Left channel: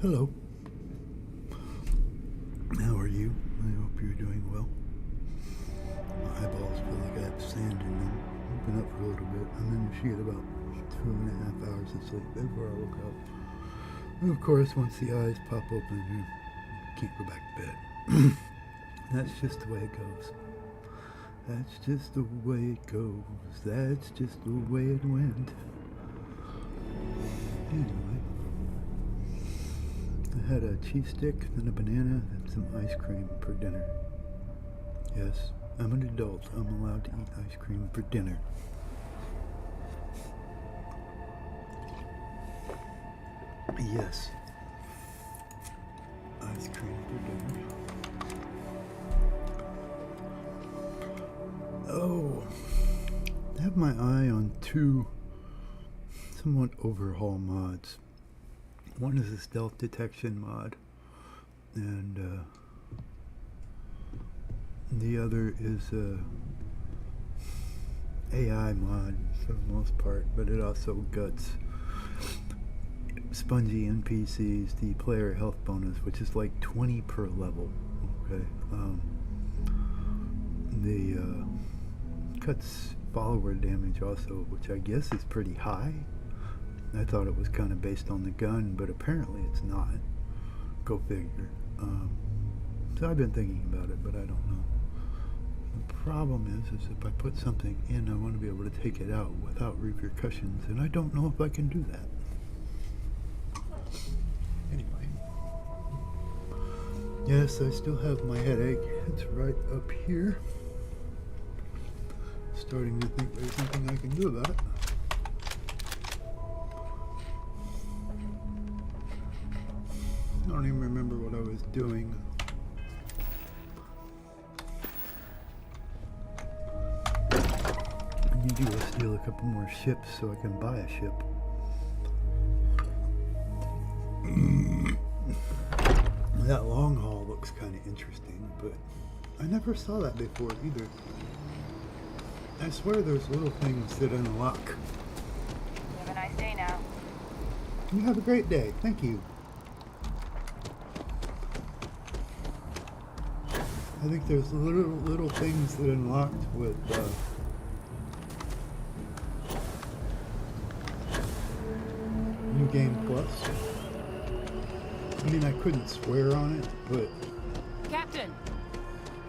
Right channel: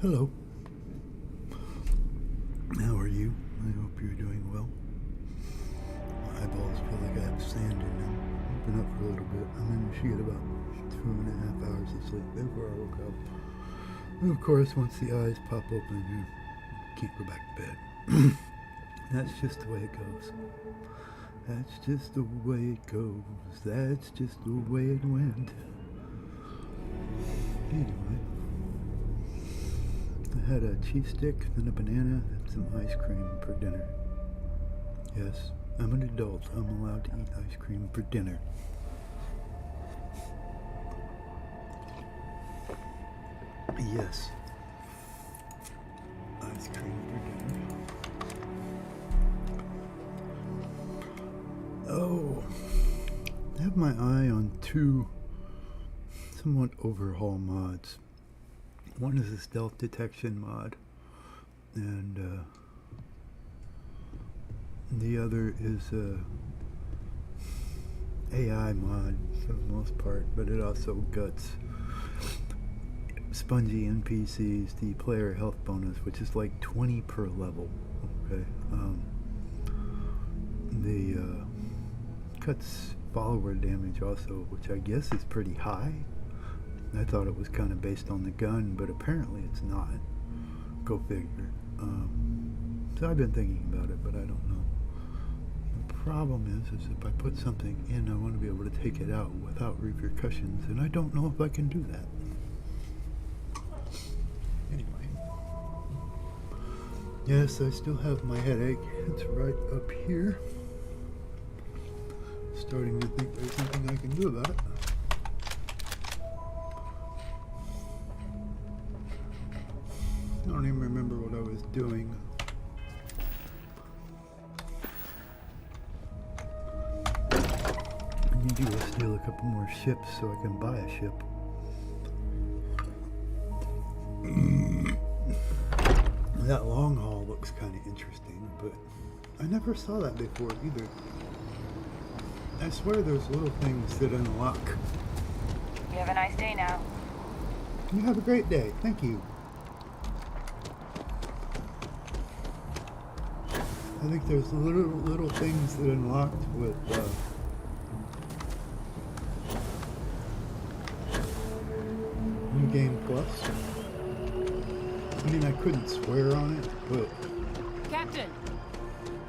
Hello. How are you? I hope you're doing well. My eyeballs feel like I have sand in them. I've been up for a little bit. I managed to get about 2.5 hours of sleep before I woke up. And of course, once the eyes pop open, you can't go back to bed. That's just the way it goes. That's just the way it goes. That's just the way it went. Anyway, I had a cheese stick, then a banana, and some ice cream for dinner. Yes, I'm an adult. I'm allowed to eat ice cream for dinner. Yes. Ice cream for dinner. Oh, I have my eye on two somewhat overhaul mods. One is a stealth detection mod, and the other is a AI mod for the most part, but it also guts spongy NPCs, the player health bonus, which is like 20 per level. Okay, the cuts follower damage also, which I guess is pretty high. I thought it was kind of based on the gun, but apparently it's not. Go figure. So I've been thinking about it, but I don't know. The problem is if I put something in, I want to be able to take it out without repercussions, and I don't know if I can do that. Anyway. Yes, I still have my headache. It's right up here. Starting to think there's something I can do about it. I don't even remember what I was doing. I need to go steal a couple more ships so I can buy a ship. That long haul looks kind of interesting, but I never saw that before either. I swear there's little things that unlock. You have a nice day now. You have a great day. Thank you. I think there's little things that unlocked with New Game Plus. I mean, I couldn't swear on it, but... Captain!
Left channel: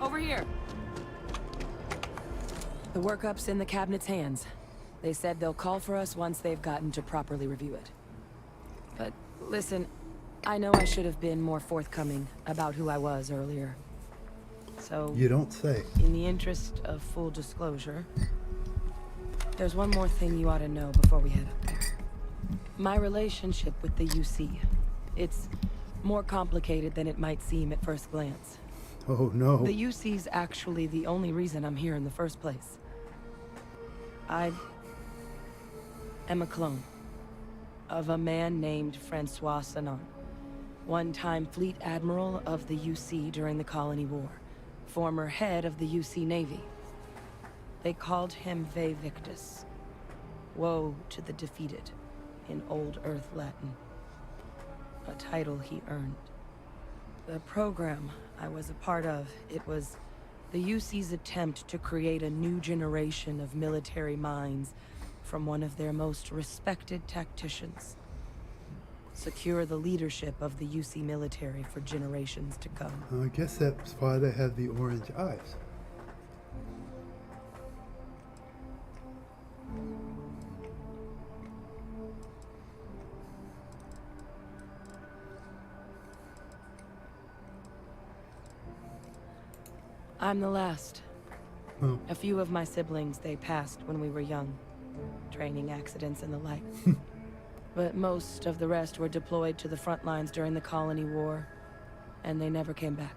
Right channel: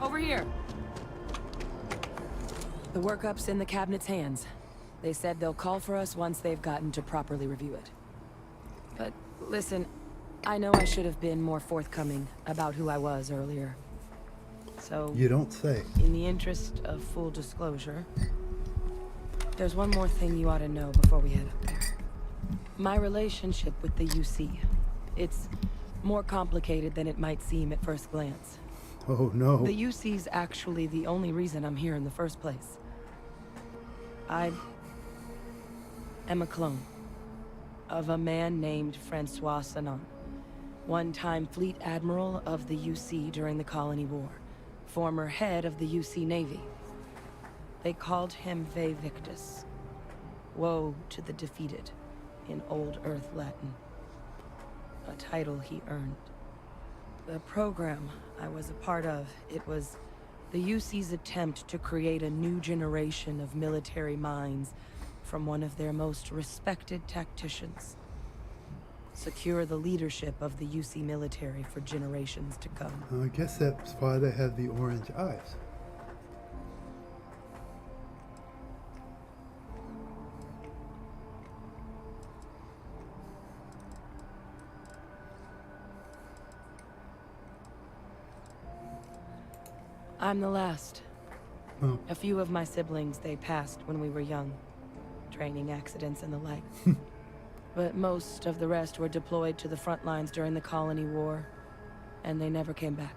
Over here! The workup's in the cabinet's hands. They said they'll call for us once they've gotten to properly review it. But listen, I know I should have been more forthcoming about who I was earlier. So... You don't say. In the interest of full disclosure, there's one more thing you ought to know before we head up there. My relationship with the UC. It's more complicated than it might seem at first glance. Oh, no. The UC's actually the only reason I'm here in the first place. I am a clone of a man named Francois Sanon, one-time fleet admiral of the UC during the Colony War, former head of the UC Navy. They called him Ve Victus, woe to the defeated, in Old Earth Latin, a title he earned. The program I was a part of, it was the UC's attempt to create a new generation of military minds from one of their most respected tacticians. Secure the leadership of the UC military for generations to come. I guess that's why they have the orange eyes. I'm the last. Oh. A few of my siblings, they passed when we were young. Training accidents and the like. But most of the rest were deployed to the front lines during the Colony War, and they never came back.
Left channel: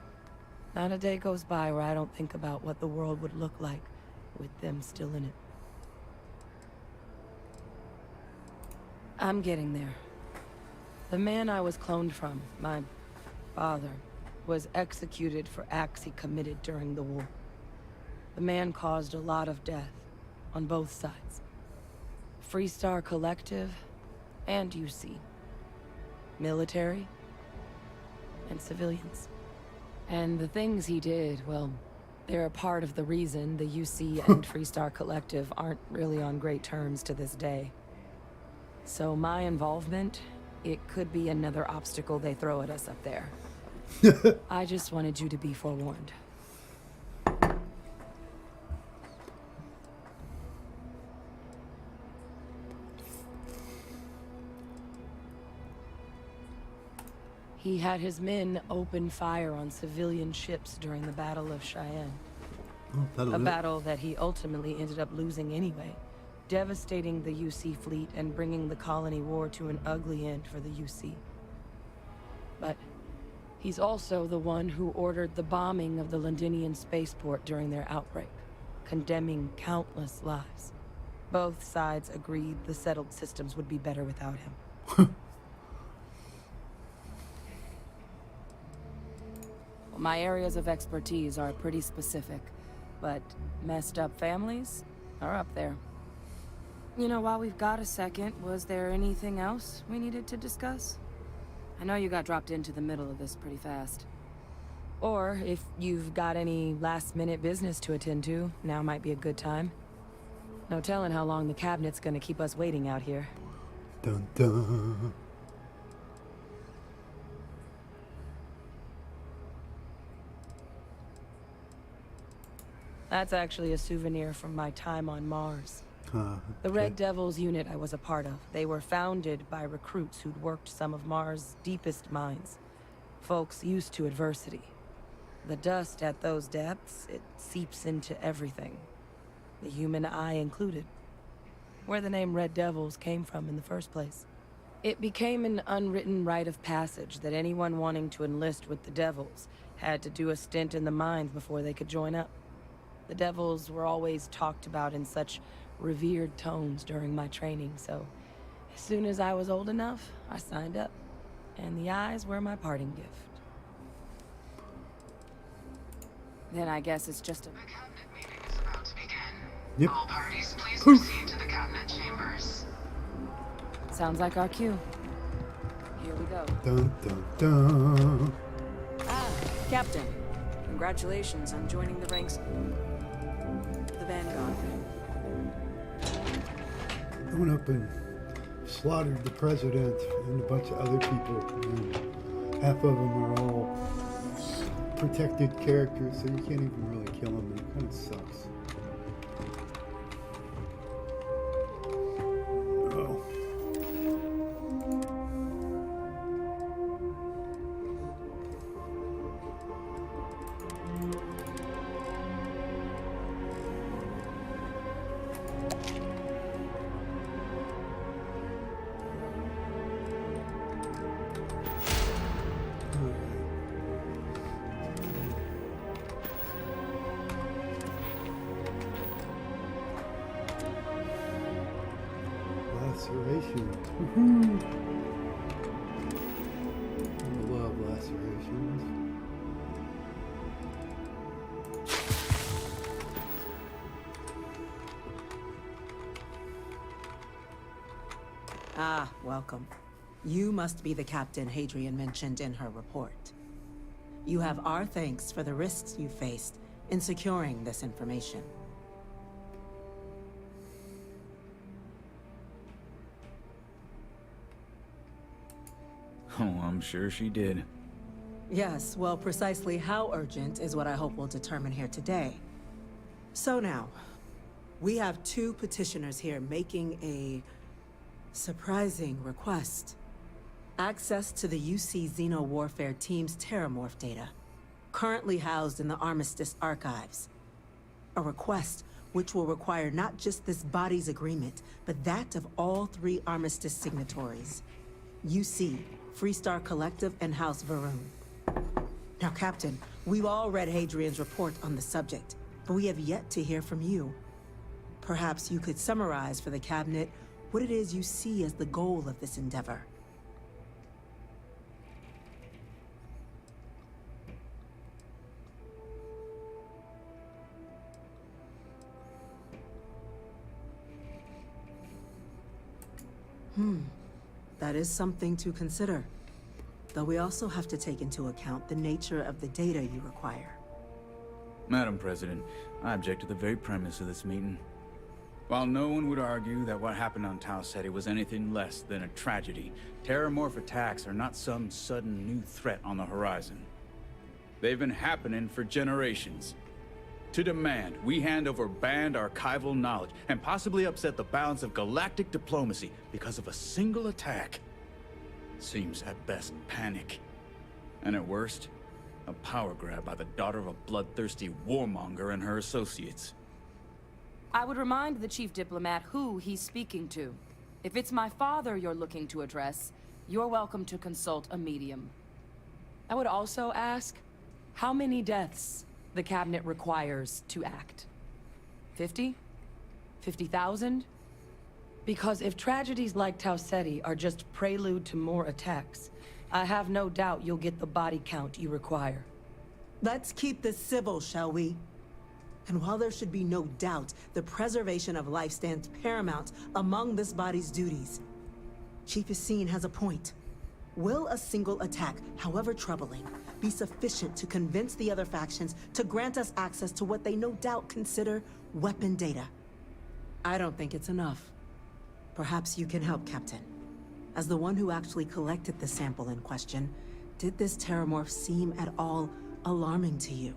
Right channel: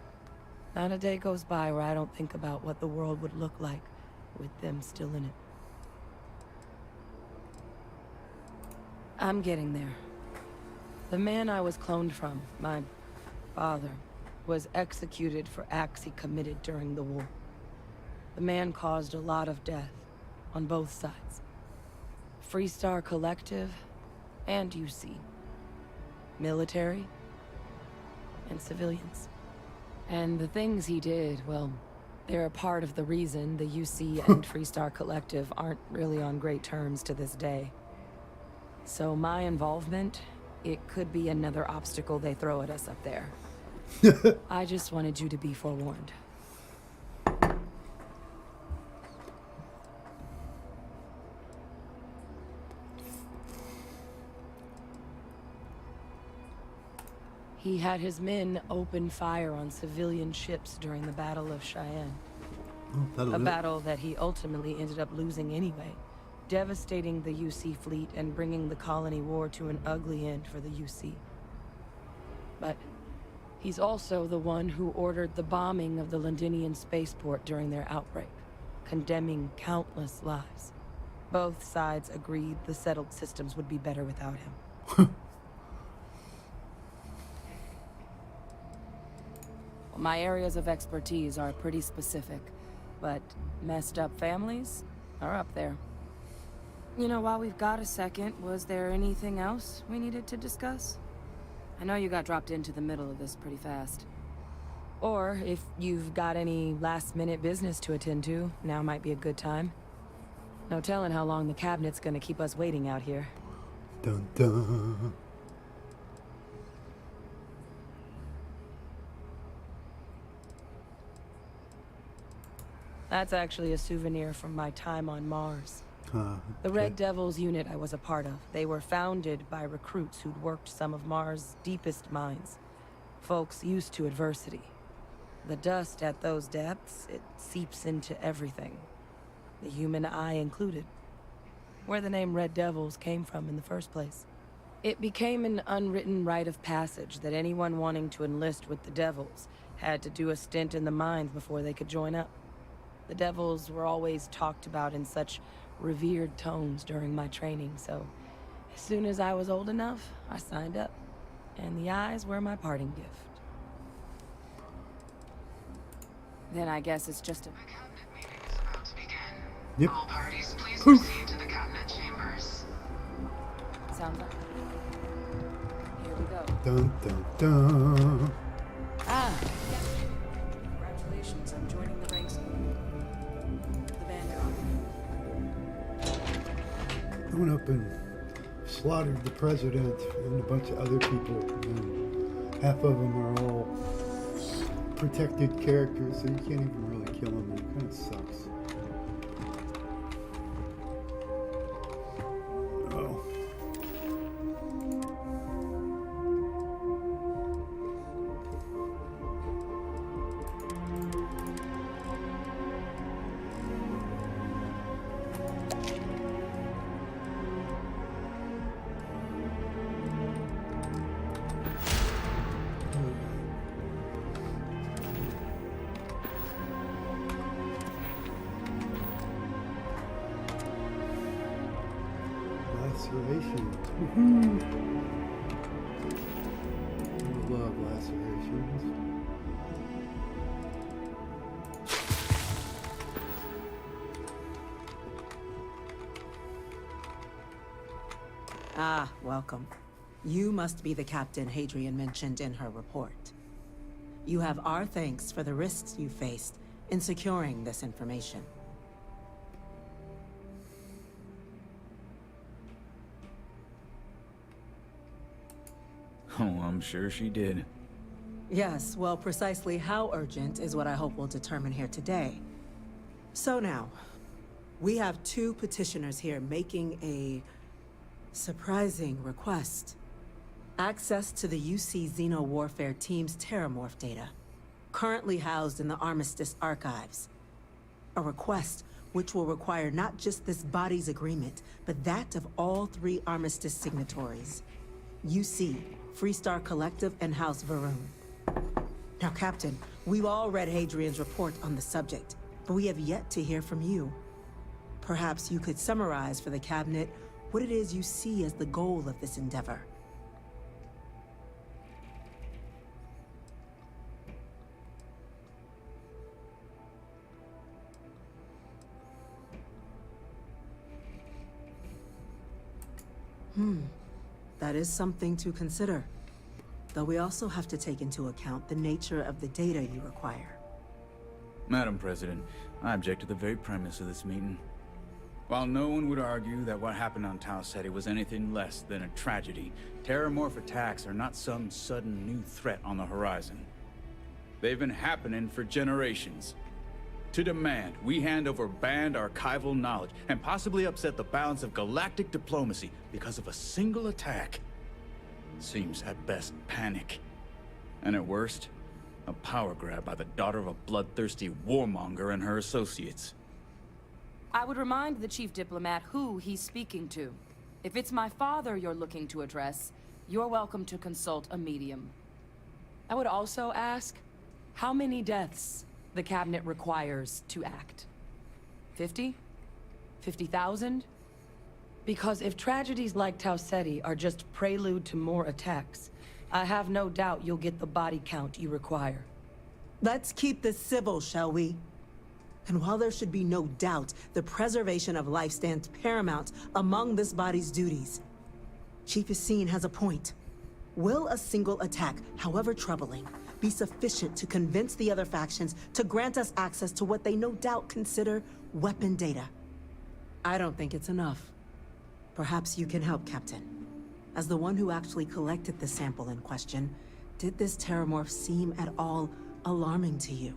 Not a day goes by where I don't think about what the world would look like with them still in it. I'm getting there. The man I was cloned from, my father, was executed for acts he committed during the war. The man caused a lot of death on both sides. Freestar Collective and UC. Military and civilians. And the things he did, well, they're a part of the reason the UC and Freestar Collective aren't really on great terms to this day. So my involvement, it could be another obstacle they throw at us up there. I just wanted you to be forewarned. He had his men open fire on civilian ships during the Battle of Cheyenne. A battle that he ultimately ended up losing anyway, devastating the UC fleet and bringing the colony war to an ugly end for the UC. But he's also the one who ordered the bombing of the Londinian spaceport during their outbreak, condemning countless lives. Both sides agreed the settled systems would be better without him. My areas of expertise are pretty specific, but messed up families are up there. You know, while we've got a second, was there anything else we needed to discuss? I know you got dropped into the middle of this pretty fast. Or if you've got any last-minute business to attend to, now might be a good time. No telling how long the cabinet's gonna keep us waiting out here. Dun dun. That's actually a souvenir from my time on Mars. Okay. The Red Devils unit I was a part of. They were founded by recruits who'd worked some of Mars' deepest mines. Folks used to adversity. The dust at those depths, it seeps into everything. The human eye included. Where the name Red Devils came from in the first place. It became an unwritten rite of passage that anyone wanting to enlist with the Devils had to do a stint in the mines before they could join up. The Devils were always talked about in such revered tones during my training, so as soon as I was old enough, I signed up. And the eyes were my parting gift. Then I guess it's just a... The cabinet meeting is about to begin. Yep. All parties, please proceed to the cabinet chambers. Sounds like our cue. Here we go. Dun dun dun. Ah, Captain. Congratulations on joining the ranks of the Vanguard. I went up and slaughtered the president and a bunch of other people, and half of them are all protected characters, so you can't even really kill them, and it kind of sucks. Oh. Lacerations. Woohoo! I love lacerations. Ah, welcome. You must be the Captain Hadrian mentioned in her report. You have our thanks for the risks you faced in securing this information. Oh, I'm sure she did. Yes, well, precisely how urgent is what I hope we'll determine here today. So now, we have two petitioners here making a surprising request. Access to the UC Xeno Warfare Team's Terramorph data, currently housed in the Armistice archives. A request which will require not just this body's agreement, but that of all three Armistice signatories. UC, Freestar Collective, and House Varun. Now, Captain, we've all read Hadrian's report on the subject, but we have yet to hear from you. Perhaps you could summarize for the Cabinet what it is you see as the goal of this endeavor. That is something to consider. Though we also have to take into account the nature of the data you require. Madam President, I object to the very premise of this meeting. While no one would argue that what happened on Tau Ceti was anything less than a tragedy, terramorph attacks are not some sudden new threat on the horizon. They've been happening for generations. To demand we hand over banned archival knowledge and possibly upset the balance of galactic diplomacy because of a single attack seems at best panic. And at worst, a power grab by the daughter of a bloodthirsty warmonger and her associates. I would remind the chief diplomat who he's speaking to. If it's my father you're looking to address, you're welcome to consult a medium. I would also ask how many deaths the cabinet requires to act. 50? 50,000? Because if tragedies like Tau Ceti are just prelude to more attacks, I have no doubt you'll get the body count you require. Let's keep this civil, shall we? And while there should be no doubt, the preservation of life stands paramount among this body's duties. Chief Yassine has a point. Will a single attack, however troubling, be sufficient to convince the other factions to grant us access to what they no doubt consider weapon data? I don't think it's enough. Perhaps you can help, Captain. As the one who actually collected the sample in question, did this terramorph seem at all alarming to you?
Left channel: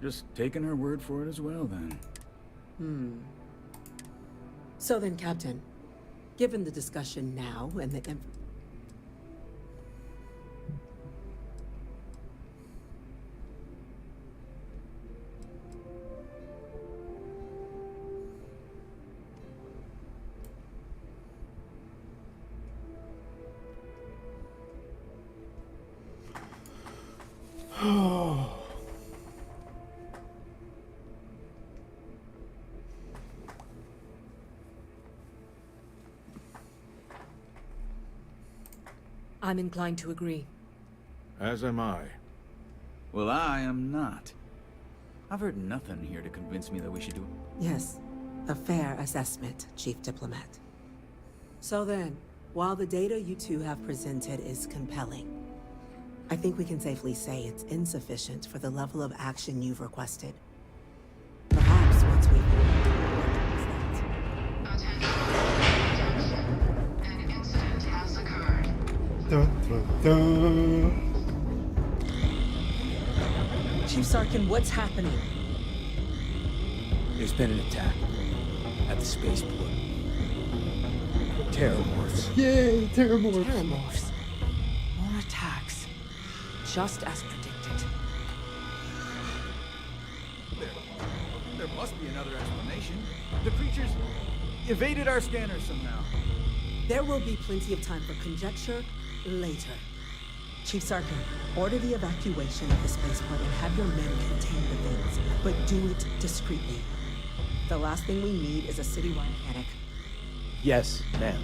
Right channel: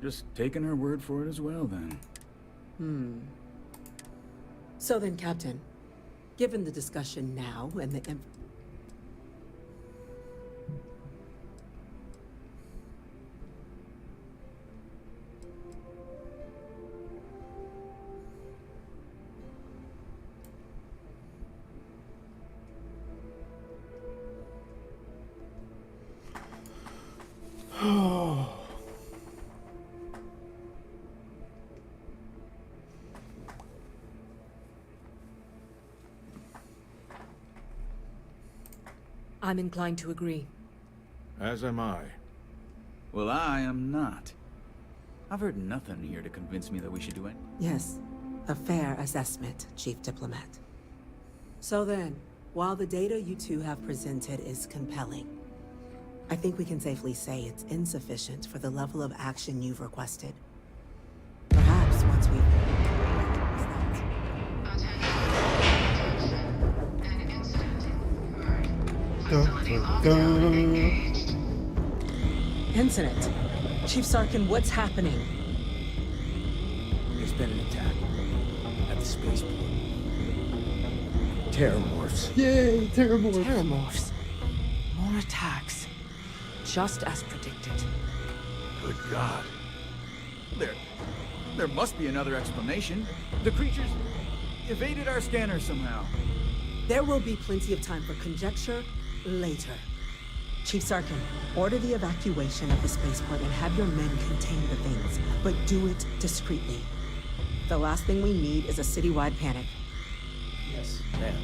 Just taking her word for it as well, then. So then, Captain, given the discussion now and the I'm inclined to agree. As am I. Well, I am not. I've heard nothing here to convince me that we should do it. Yes, a fair assessment, Chief Diplomat. So then, while the data you two have presented is compelling, I think we can safely say it's insufficient for the level of action you've requested. Perhaps once we've... Attention. An incident has occurred. Dun, dun, Incident? Chief Sarkin, what's happening? There's been an attack at the spaceport. Terramorphs. Yay, terramorph. Terramorphs. More attacks. Just as predicted. Good God. There must be another explanation. The creatures evaded our scanner somehow. There will be plenty of time for conjecture later. Chief Sarkin, order the evacuation of the spaceport and have your men contain the things, but do it discreetly. The last thing we need is a citywide panic. Yes, ma'am.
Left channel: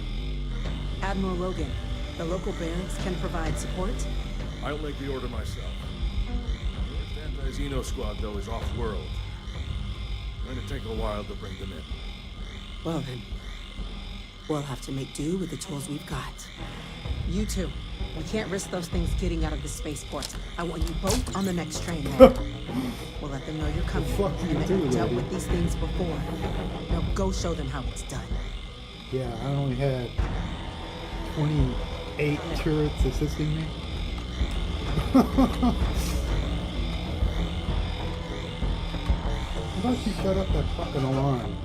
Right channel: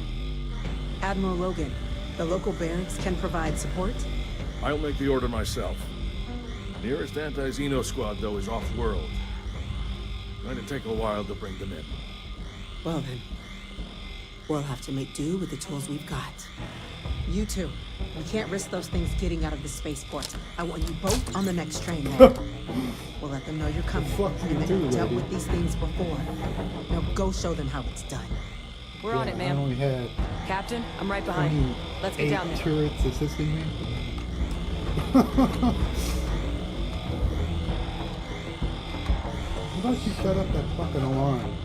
Admiral Logan, the local barracks can provide support? I'll make the order myself. Nearest anti-Xeno squad, though, is off-world. Going to take a while to bring them in. Well then, we'll have to make do with the tools we've got. You two, we can't risk those things getting out of the spaceport. I want you both on the next train there. We'll let them know you're coming, fuck you and that do, you've dealt lady? with these things before. Now go show them how it's done. We're on it, Yeah, I ma'am. only had Captain, I'm right behind you. Let's get 28 down there. turrets assisting me. How about you shut up that fucking alarm?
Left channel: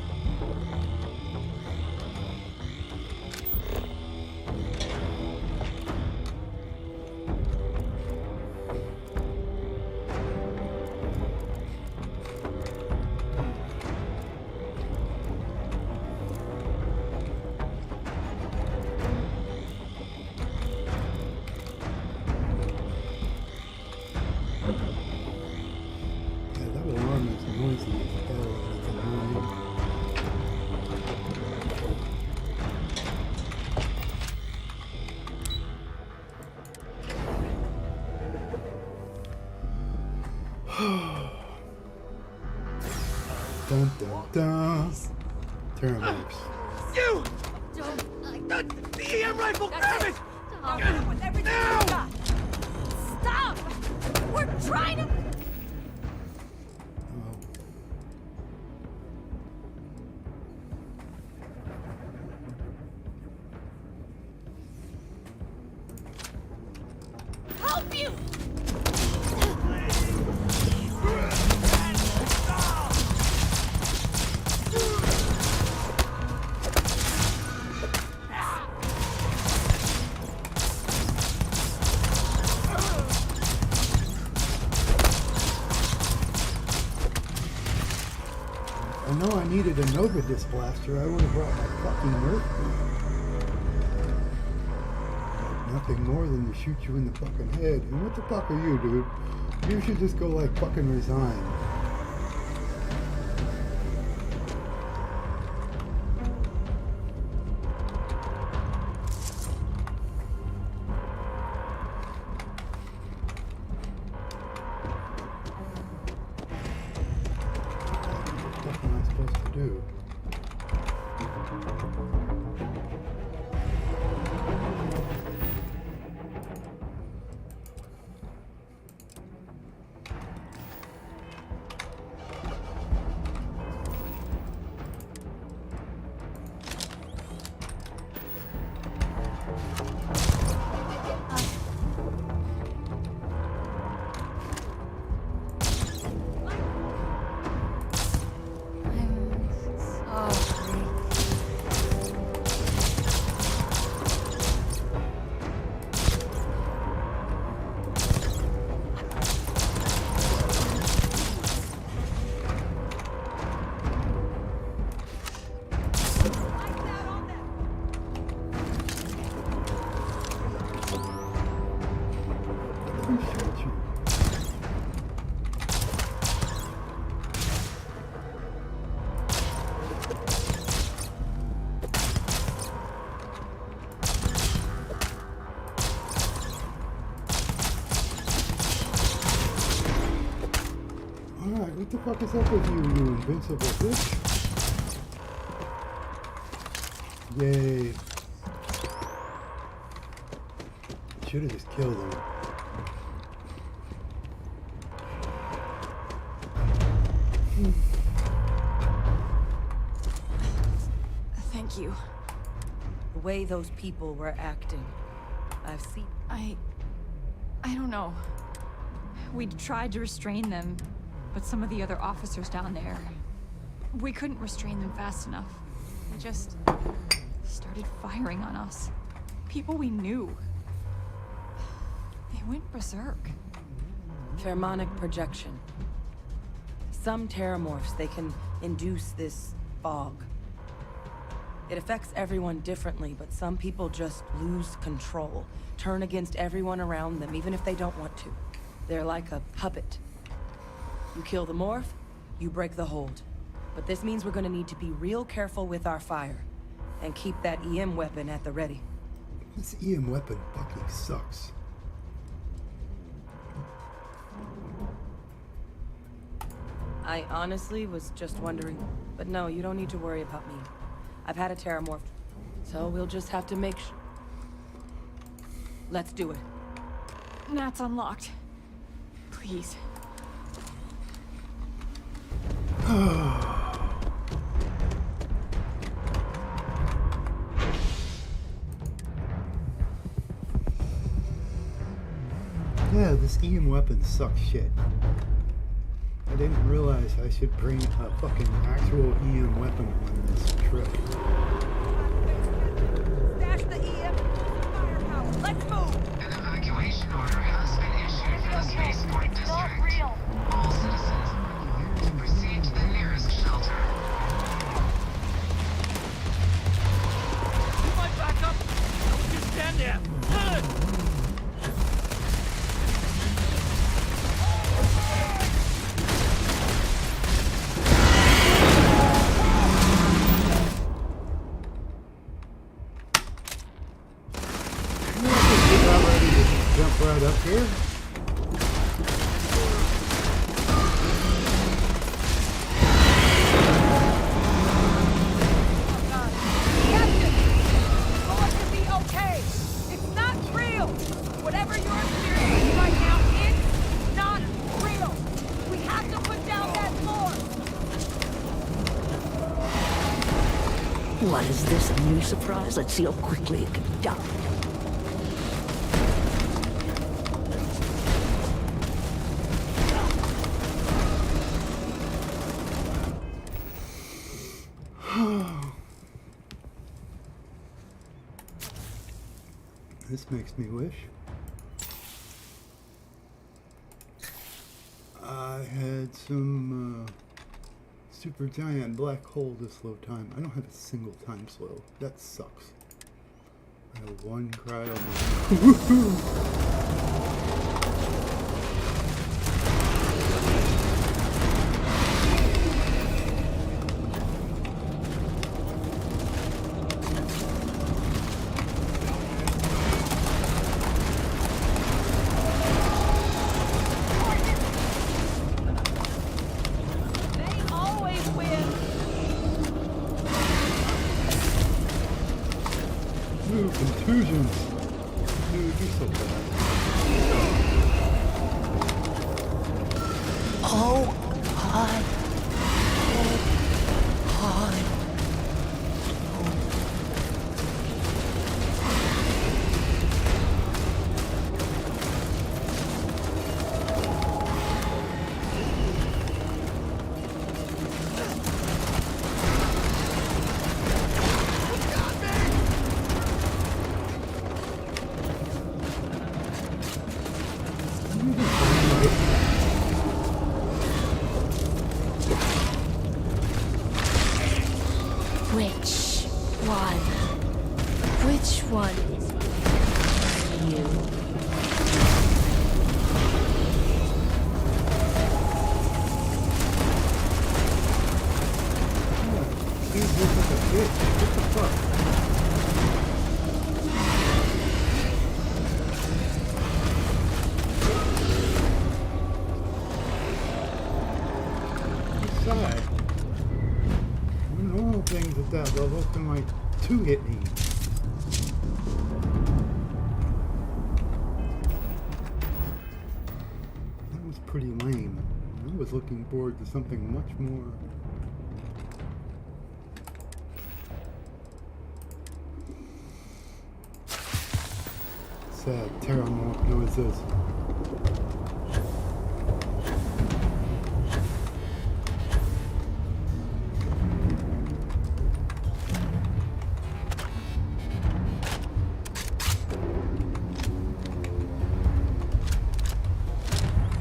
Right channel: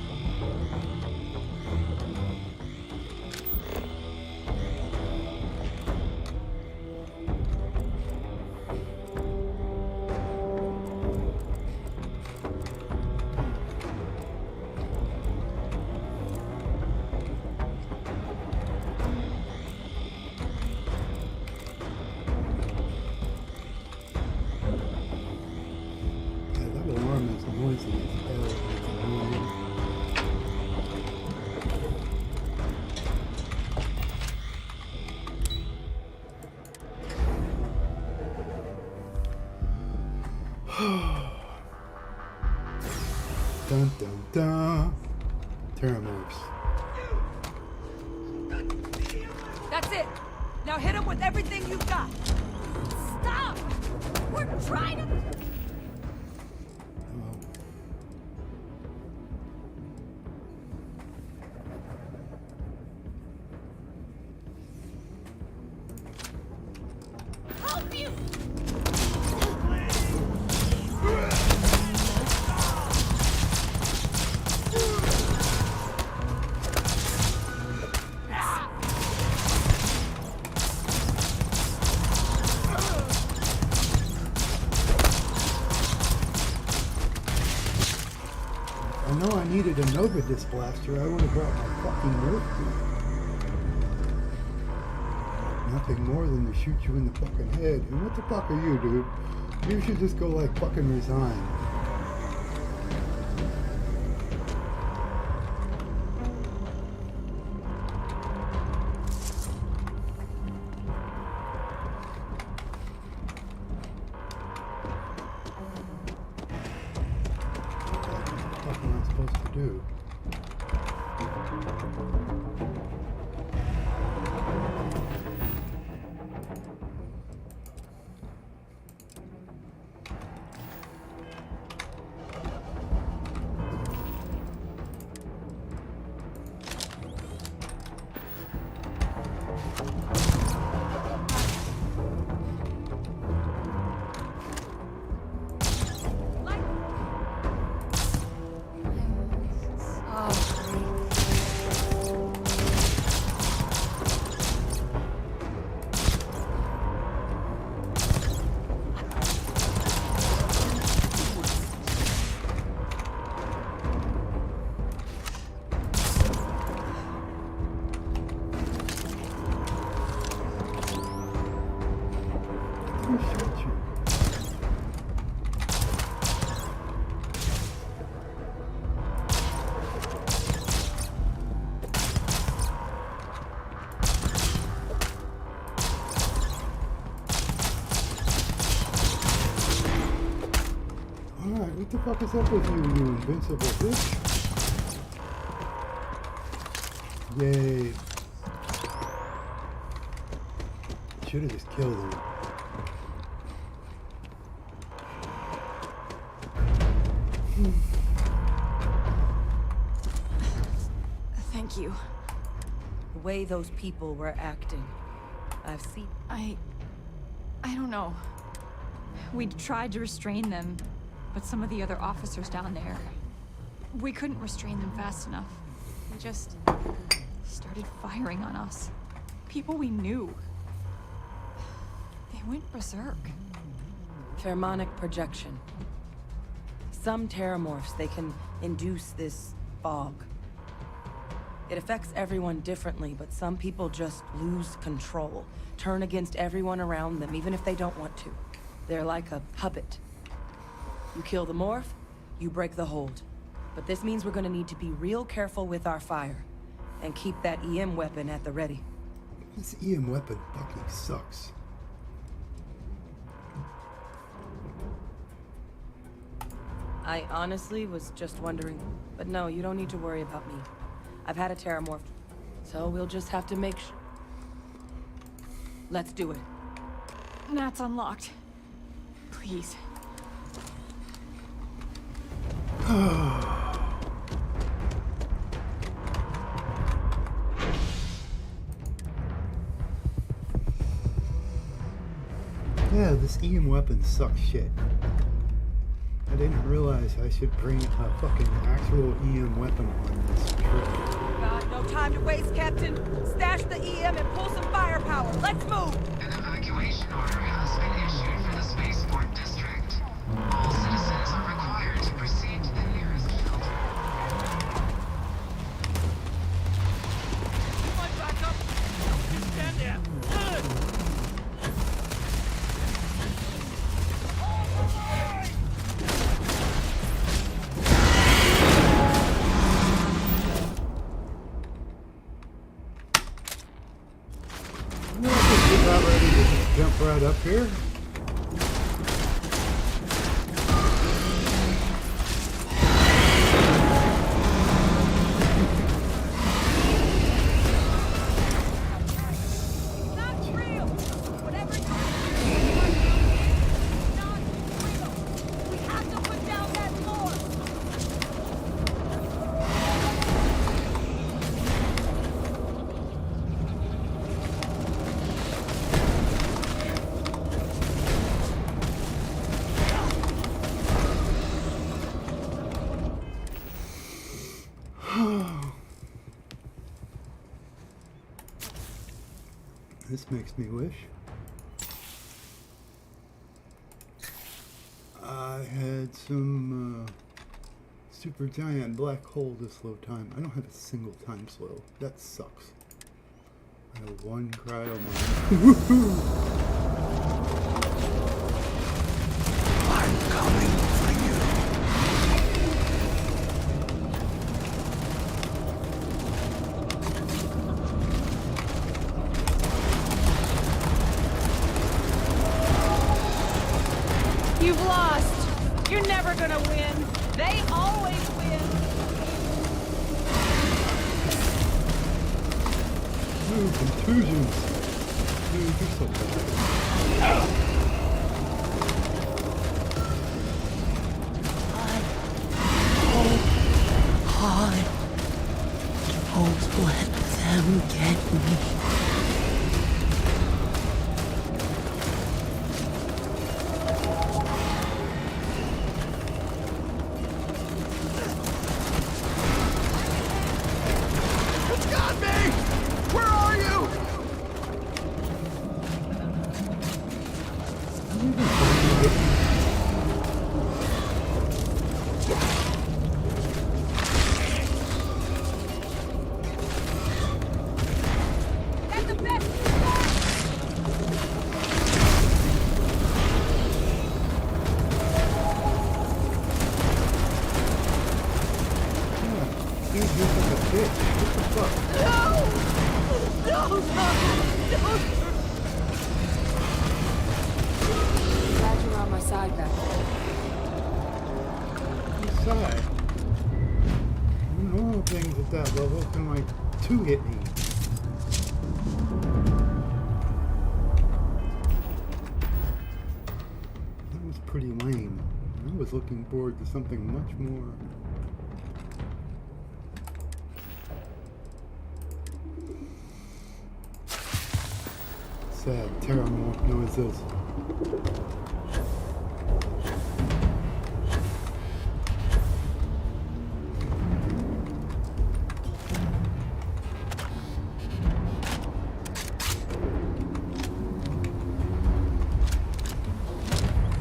Yeah, that alarm is noisy as hell. It's annoying. Dun dun dun. Terramorphs. You! The EM rifle! That's it. Now hit him with everything you've got. Stop! We're trying to... Oh. Help you! I know I needed a Nova Disc blaster. I would have brought my fucking Nerf gun. Nothing more than to shoot you in the fucking head. And what the fuck are you, dude? You should just go like fucking resign. What am I supposed to do? Who shot you? Alright, what the fuck is up with you, you invincible bitch? Yay. Should have just killed him. Thank you. The way those people were acting, I've seen. I don't know. We tried to restrain them, but some of the other officers down there, we couldn't restrain them fast enough. They just started firing on us. People we knew. They went berserk. Pheromonic projection. Some terramorphs, they can induce this fog. It affects everyone differently, but some people just lose control, turn against everyone around them, even if they don't want to. They're like a puppet. You kill the morph, you break the hold. But this means we're gonna need to be real careful with our fire, and keep that EM weapon at the ready. This EM weapon fucking sucks. I honestly was just wondering, but no, you don't need to worry about me. I've had a terramorph, so we'll just have to make sure. Let's do it. Nat's unlocked. Please. Yeah, this EM weapon sucks shit. I didn't realize I should bring a fucking actual EM weapon on this trip. No time to waste, Captain. Stash the EM and pull some firepower. Let's move! An evacuation order has been issued for the spaceport district. All citizens are required to proceed to the nearest shelter. You might back up! Don't just stand there! About ready to just jump right up here. What is this, a new surprise? Let's see how quickly it can be done. This makes me wish I had some super giant black hole to slow time. I don't have a single time slow. That sucks. I have one cryo moment. Woohoo! You've lost. You're never gonna win. They always win. Ooh, contusions. Dude, you're so bad. Hold on. Hold on. Don't let them get me. Got me! Where are you? Which one? Which one? Yeah, dude, you're like a bitch. What the fuck? On my side now. You sigh. Normal things at that level can like two hit me. That was pretty lame. I was looking forward to something much more. Sad Terramorph noises.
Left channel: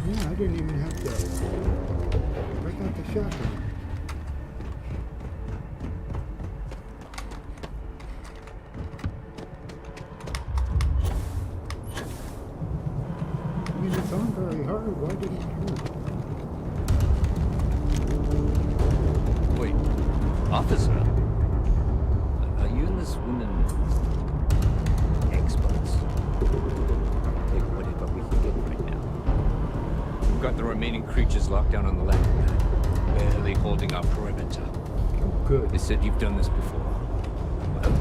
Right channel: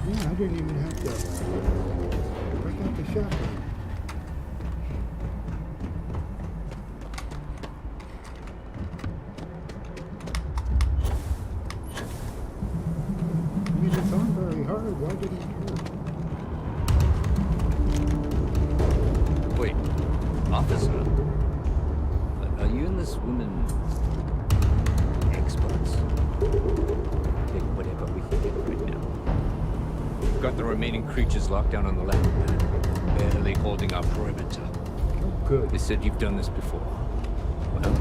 Yeah, I didn't even have to break out the shotgun. I mean, it's on very hard. Why did it hurt? Wait, officer? Are you and this woman experts? Take whatever we can get right now. We've got the remaining creatures locked down on the landing pad, barely holding our perimeter. Oh, good. They said you've done this before. Well,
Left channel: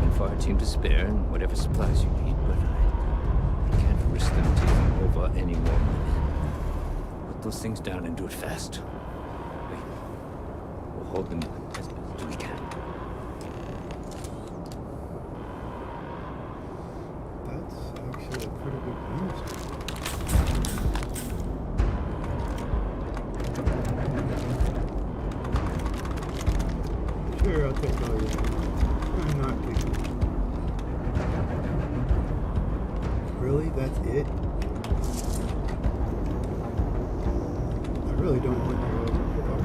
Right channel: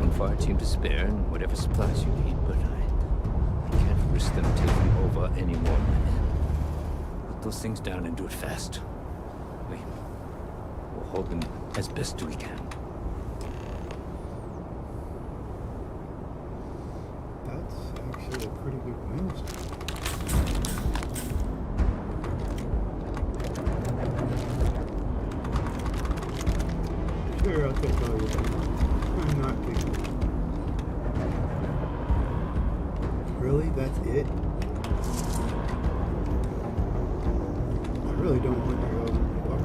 one fire team to spare and whatever supplies you need, but I can't risk them taking over any more of my men. Put those things down and do it fast. We'll hold them as best we can. That's actually a pretty good news. Sure, I'll take all your money. I'm not picking. Really? That's it? I really don't want to go. Fuck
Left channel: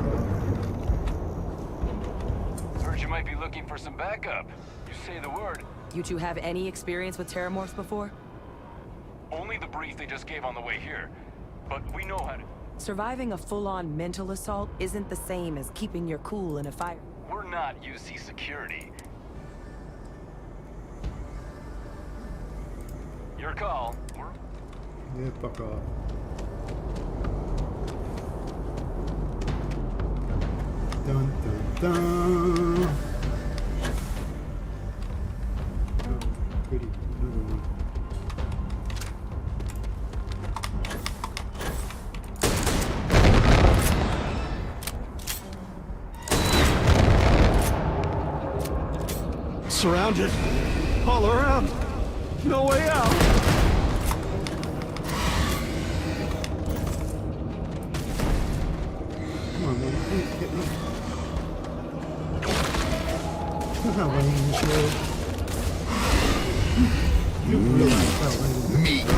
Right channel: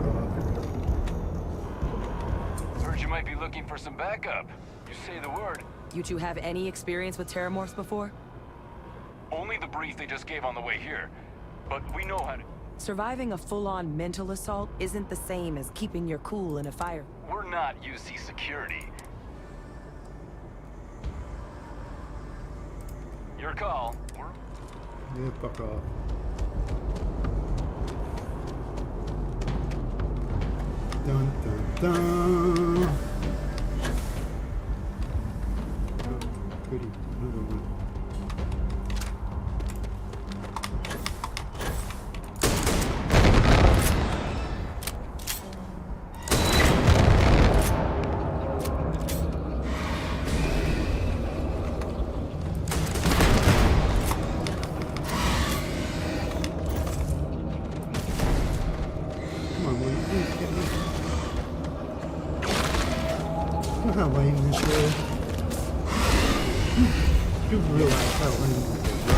off. Heard you might be looking for some backup. You say the word. You two have any experience with Terramorphs before? Only the brief they just gave on the way here. But we know how to... Surviving a full-on mental assault isn't the same as keeping your cool in a fire. We're not UC security. Your call. Yeah, fuck off. Dun dun dun. Oh, goody, another one. Surrounded. All around. No way out. Come on, will you please hit me? I'm not letting this go. You realize how letting this go.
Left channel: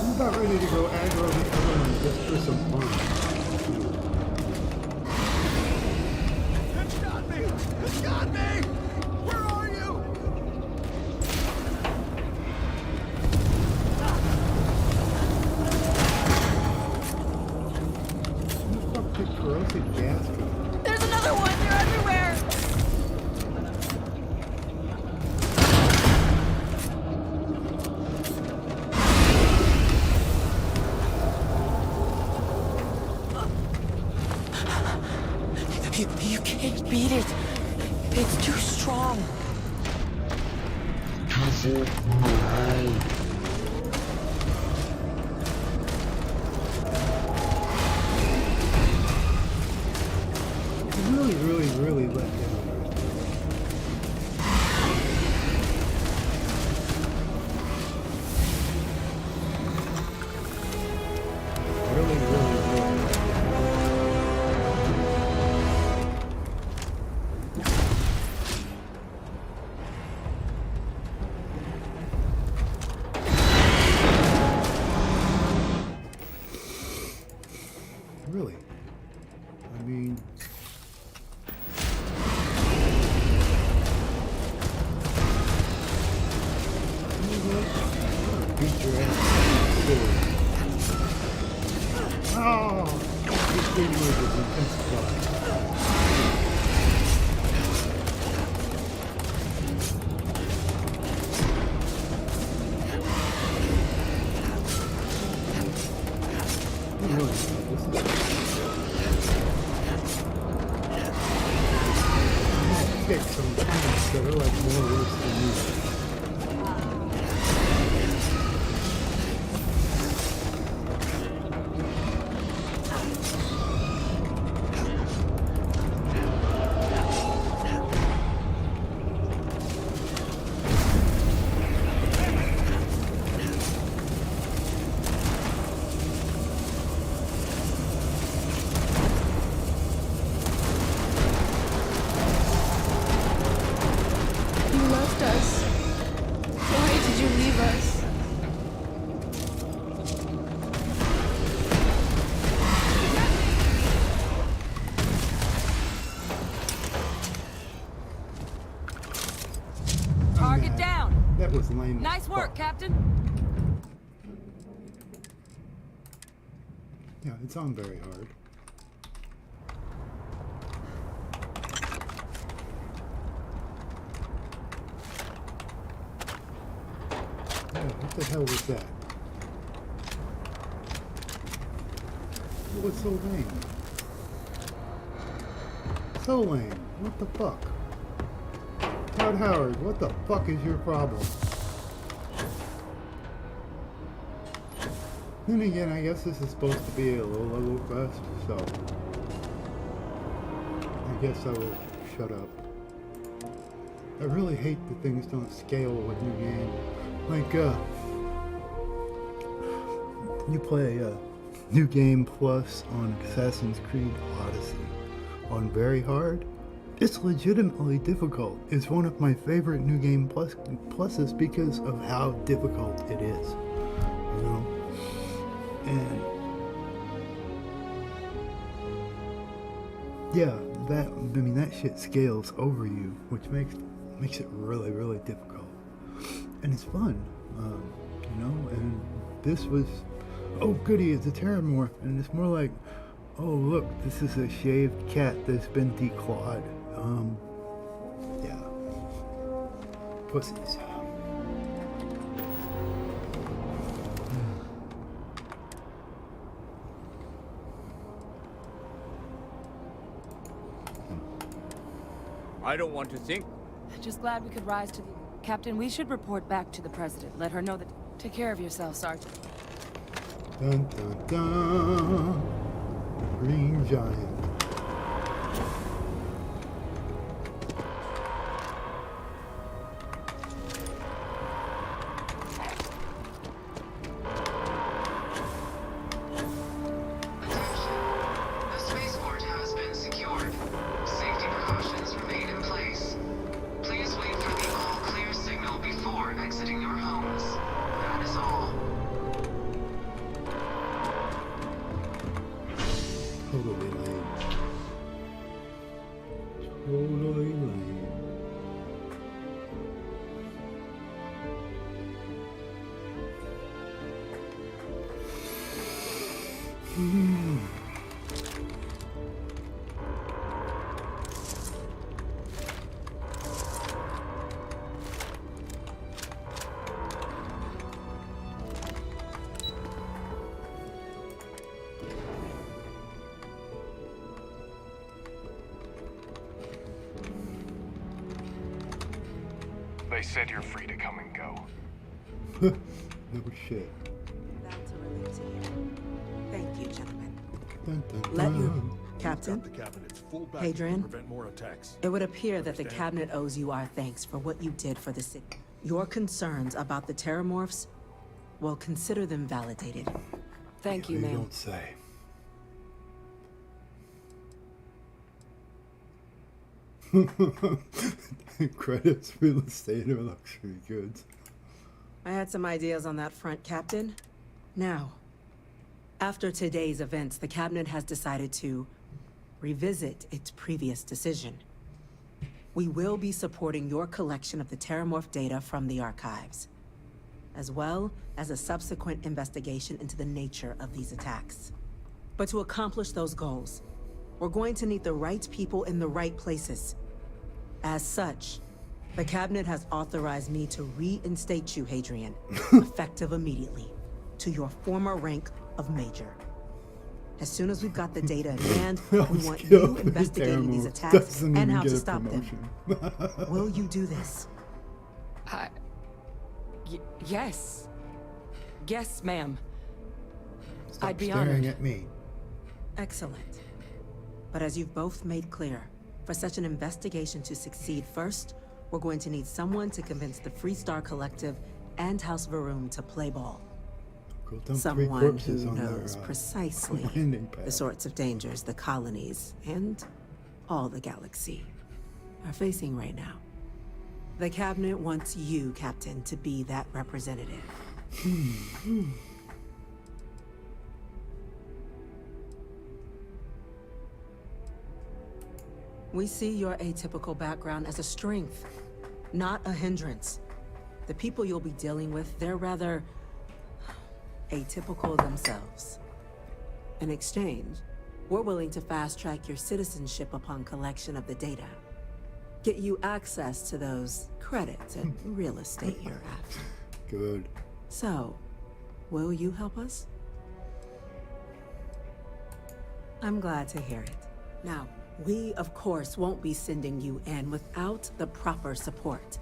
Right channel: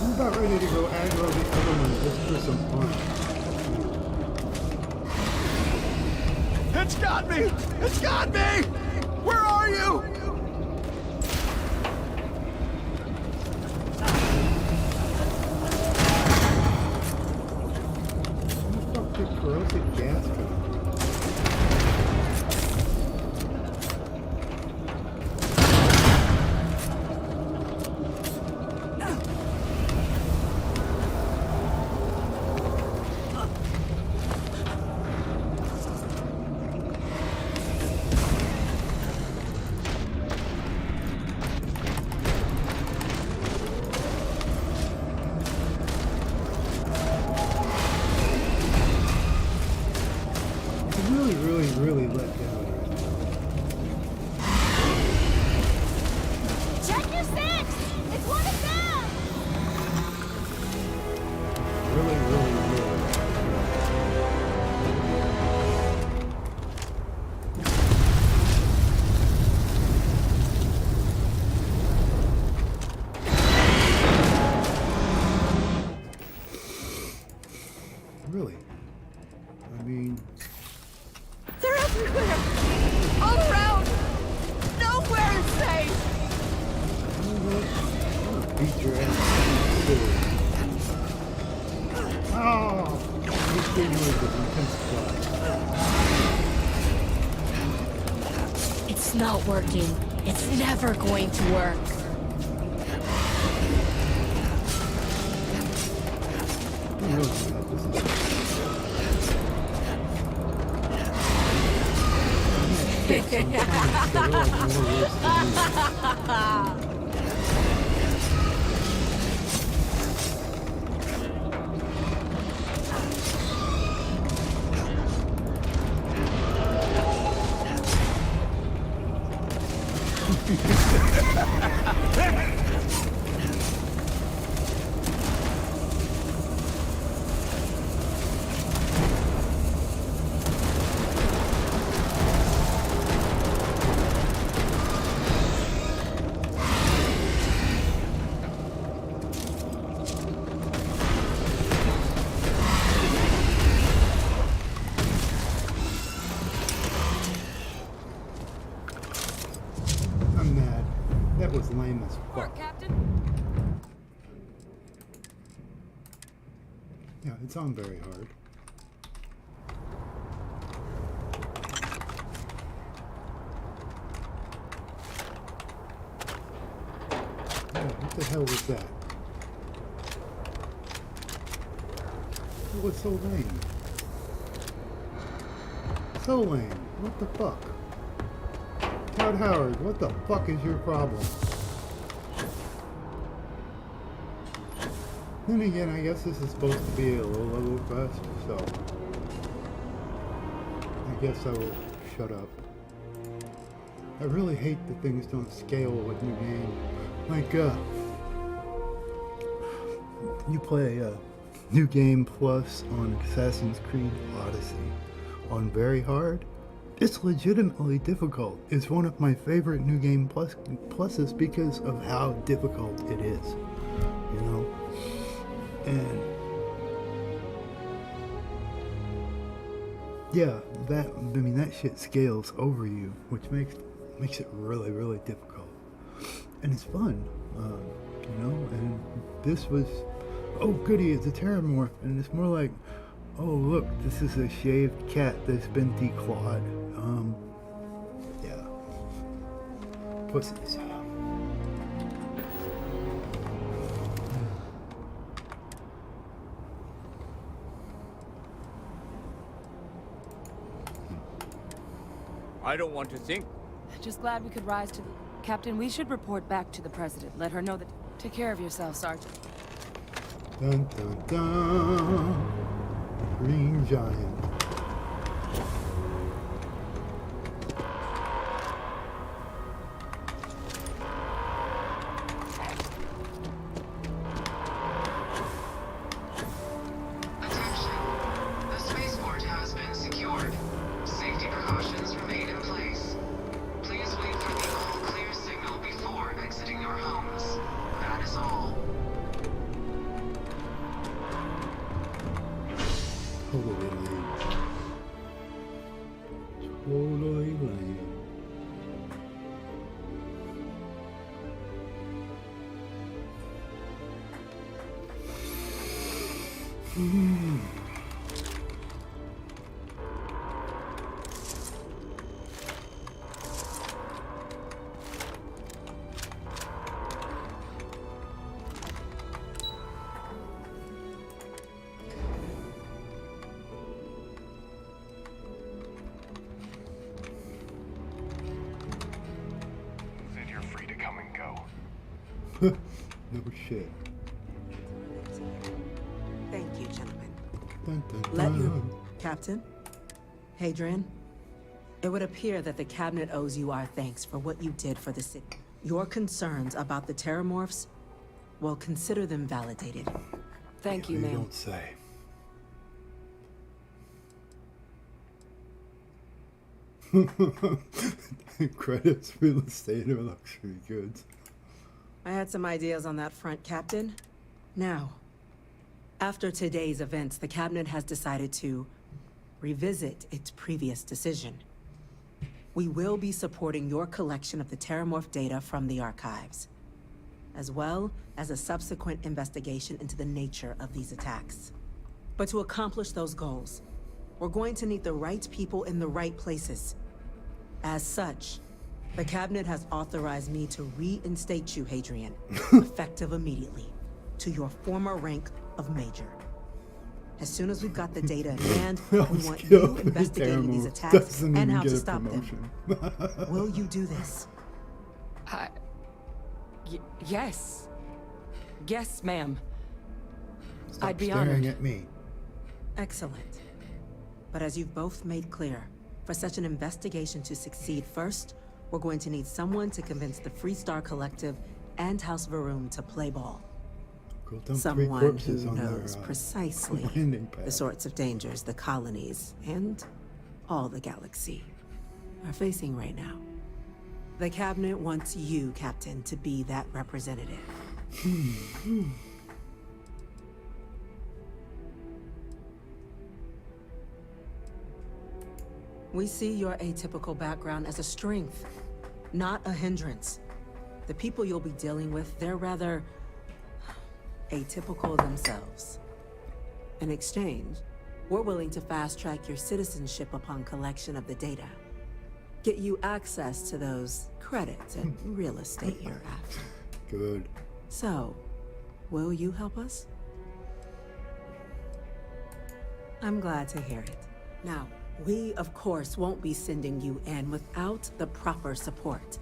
I'm about ready to go aggro the other one just for some fun. It's got me! It's got me! Where are you? Where the fuck did corrosive gas come from? There's another one! You're everywhere! You can't beat it. It's too strong. Really let down right now. Check your six! It's one of them! Really let down. Really? I mean, They're everywhere! All around! Nowhere is safe! you know what? I'm gonna beat your ass. Oh! These three noises intensify. It's not working. It's never going to work. I don't really know how this is. I'm not fixed on comments that are like more worse than me. That was lame. Nice as work, fuck. Captain. Yeah, it's on very hard. Yeah, what the hell was that? It was so lame. So lame. What the fuck? Todd Howard, what the fuck is your problem? Then again, I guess this is supposed to be a low-level quest, so I guess I will shut up. I really hate that things don't scale with new game. Like, you play New Game Plus on Assassin's Creed Odyssey on very hard. It's legitimately difficult. It's one of my favorite New Game Pluses because of how difficult it is, you know? And Yeah, that shit scales over you, which makes it really, really difficult. And it's fun, and this was, oh goody, it's a terramorph, and it's more like, oh look, this is a shaved cat that's been declawed. Yeah. Pussies. I don't want to think. Just glad we could rise to the... Captain, we should report back to the President. Let her know that... Take care of yourself, Sergeant. Dun dun dun. Green Giant. Attention. The spaceport has been secured. Safety precautions remain in place. Please wait for the all-clear signal before exiting your homes. That is all. Totally lame. Totally lame. They said you're free to come and go. No shit. That's a relief to hear. Thank you, gentlemen. Dun, dun, dun. Let you, Captain. Hadrian, it would appear that the Cabinet owes you our thanks for what you did for the city. Your concerns about the terramorphs, well, consider them validated. Thank you, You ma'am. don't say. Credits, real estate, or luxury goods. I had some ideas on that front, Captain. Now, after today's events, the Cabinet has decided to revisit its previous decision. We will be supporting your collection of the terramorph data from the archives, as well as a subsequent investigation into the nature of these attacks. But to accomplish those goals, we're going to need the right people in the right places. As such, the Cabinet has authorized me to reinstate you, Hadrian, effective immediately, to your former rank of Major. As soon as we've got the data in hand, we want you investigating these attacks and how to stop them. Will you do this? Yes. Yes, ma'am. Stop I'd be staring honored. at me. Excellent. But as you've both made clear, for such an investigation to succeed, first, we're going to need someone to convince the Freestar Collective and House Varoom to play ball. Go dump 3 Someone corpses who on their, knows precisely landing pad. the sorts of dangers the colonies and all the galaxy are facing right now. The Cabinet wants you, Captain, to be that representative. We see your atypical background as a strength, not a hindrance. The people you'll be dealing with, they're rather atypical themselves. In exchange, we're willing to fast-track your citizenship upon collection of the data. Get you access to those credits and real estate you're after. Good. So, will you help us? I'm glad to hear it. Now, we, of course, won't be sending you in without the proper support.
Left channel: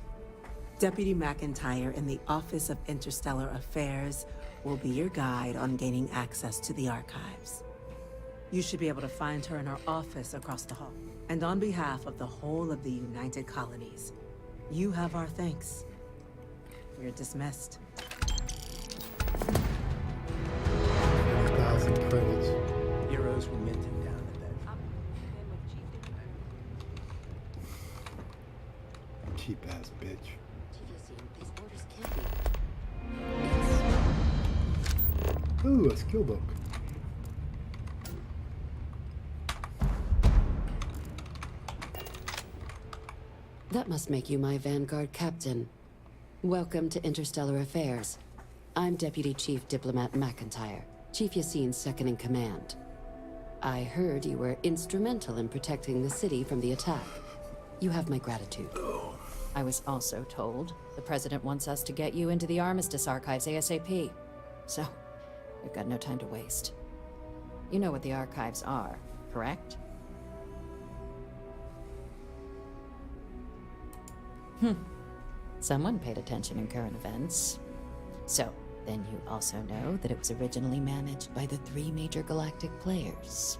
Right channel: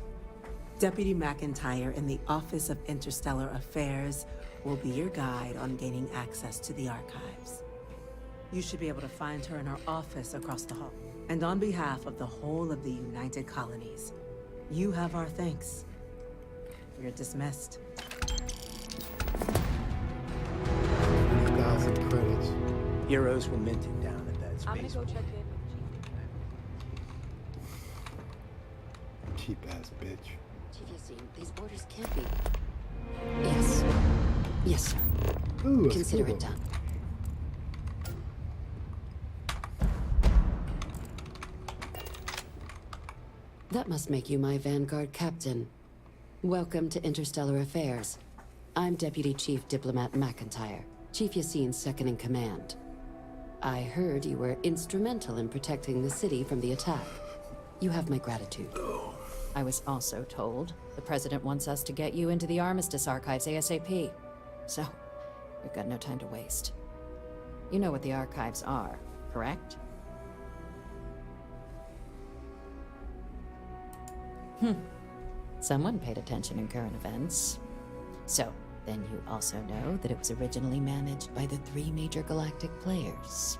Deputy McIntyre in the Office of Interstellar Affairs will be your guide on gaining access to the archives. You should be able to find her in her office across the hall. And on behalf of the whole of the United Colonies, you have our thanks. You're dismissed. 1,000 credits. Heroes were minted down at that I'm gonna space. go check in with Chief. Cheap ass bitch. These orders can't be. Yes. Yes, sir. Ooh, a Consider scuba. it done. That must make you my Vanguard captain. Welcome to Interstellar Affairs. I'm Deputy Chief Diplomat McIntyre, Chief Yassine's second-in-command. I heard you were instrumental in protecting the city from the attack. You have my gratitude. I was also told the President wants us to get you into the Armistice archives ASAP. So, we've got no time to waste. You know what the archives are, correct? Someone paid attention in current events. So, then you also know that it was originally managed by the 3 major galactic players.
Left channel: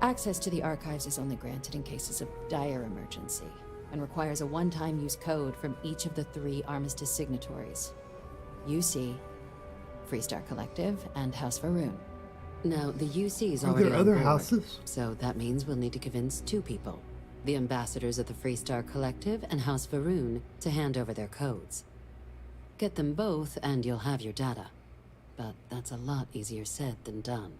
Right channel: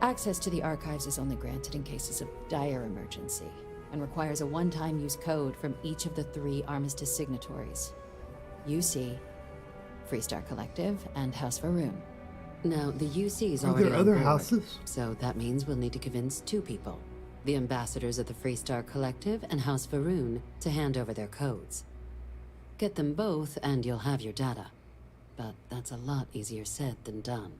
Access to the archives is only granted in cases of dire emergency, and requires a one-time use code from each of the 3 Armistice signatories. UC, Freestar Collective, and House Varun. Now, the UC is Are already there on other board, houses? so that means we'll need to convince 2 people. The ambassadors of the Freestar Collective and House Varun to hand over their codes. Get them both and you'll have your data. But that's a lot easier said than done.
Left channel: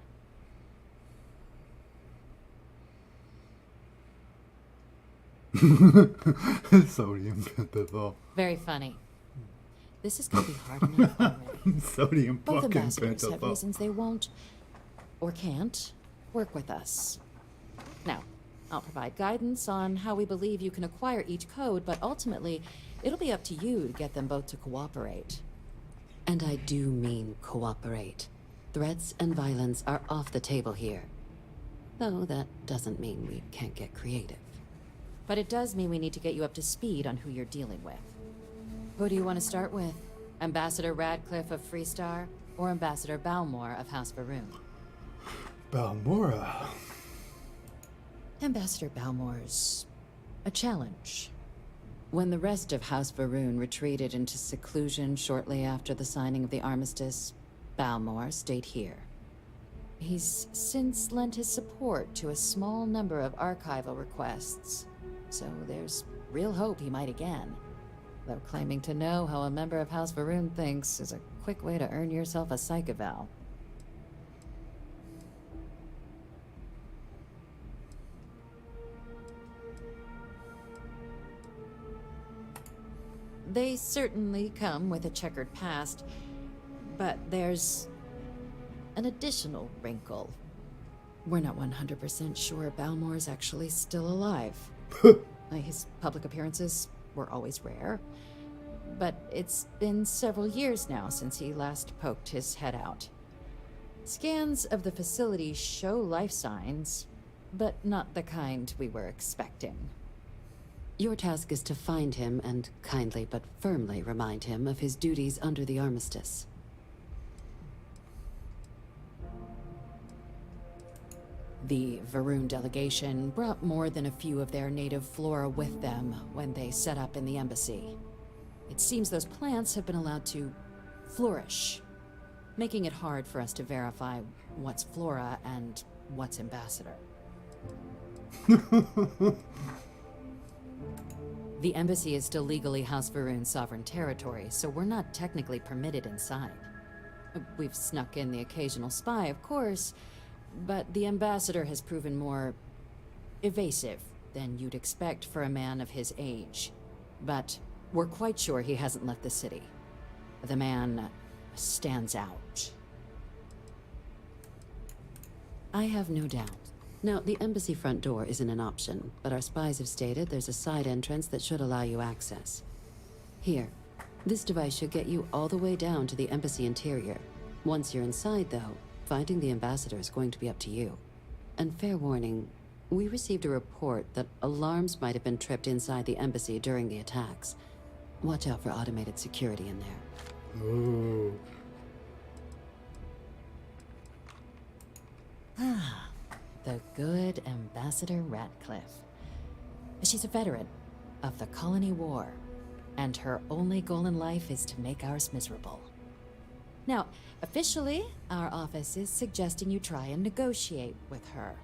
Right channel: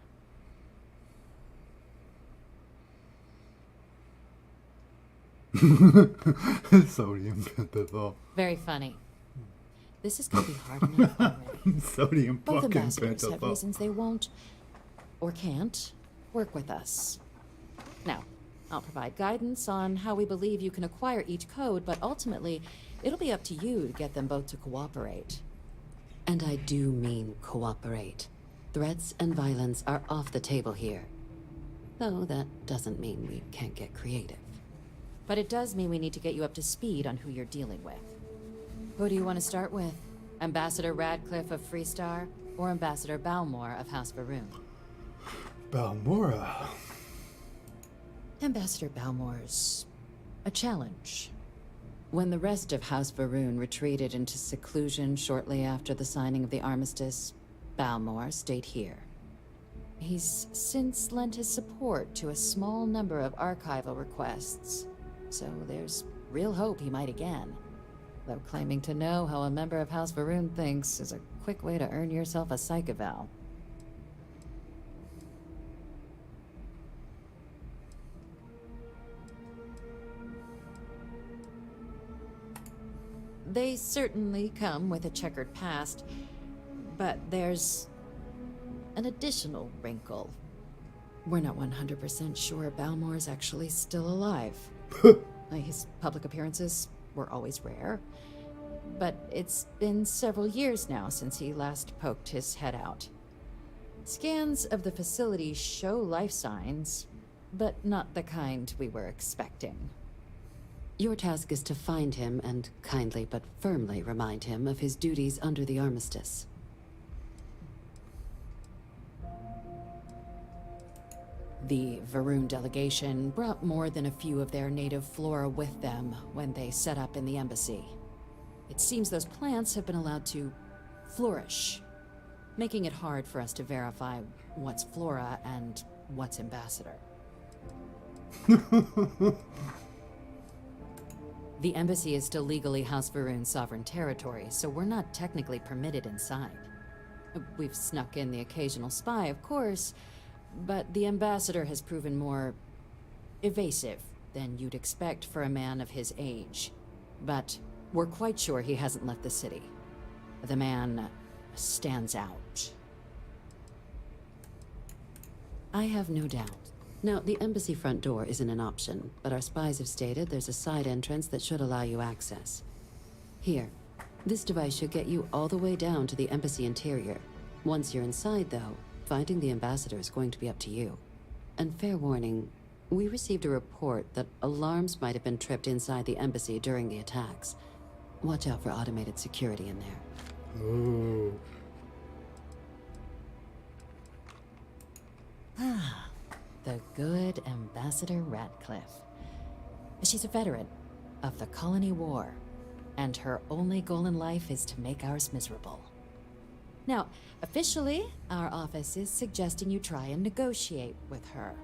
Sodium pentothal. Very funny. This is gonna be hard enough already. Sodium Both fucking ambassadors have pentothal. reasons they won't, or can't, work with us. Now, I'll provide guidance on how we believe you can acquire each code, but ultimately, it'll be up to you to get them both to cooperate. And I do mean cooperate. Threats and violence are off the table here. Though that doesn't mean we can't get creative. But it does mean we need to get you up to speed on who you're dealing with. Who do you want to start with? Ambassador Radcliffe of Freestar, or Ambassador Balmore of House Varun? Balmora. Ambassador Balmore's a challenge. When the rest of House Varun retreated into seclusion shortly after the signing of the armistice, Balmore stayed here. He's since lent his support to a small number of archival requests, so there's real hope he might again. Though claiming to know how a member of House Varun thinks is a quick way to earn yourself a psych eval. They certainly come with a checkered past, but there's an additional wrinkle. We're not 100% sure Balmore's actually still alive. His public appearances were always rare, but it's been several years now since he last poked his head out. Scans of the facility show life signs, but not the kind we were expecting. Your task is to find him and kindly but firmly remind him of his duties under the armistice. The Varun delegation brought more than a few of their native flora with them when they set up in the embassy. It seems those plants have been allowed to flourish, making it hard for us to verify what's flora and what's ambassador. The embassy is still legally House Varun's sovereign territory, so we're not technically permitted inside. We've snuck in the occasional spy, of course, but the ambassador has proven more evasive than you'd expect for a man of his age. But we're quite sure he hasn't left the city. The man stands out. I have no doubt. Now, the embassy front door isn't an option, but our spies have stated there's a side entrance that should allow you access. Here, this device should get you all the way down to the embassy interior. Once you're inside, though, finding the ambassador is going to be up to you. And fair warning, we received a report that alarms might have been tripped inside the embassy during the attacks. Watch out for automated security in there. Oh. The good Ambassador Radcliffe. She's a veteran of the Colony War, and her only goal in life is to make ours miserable. Now, officially, our office is suggesting you try and negotiate with her.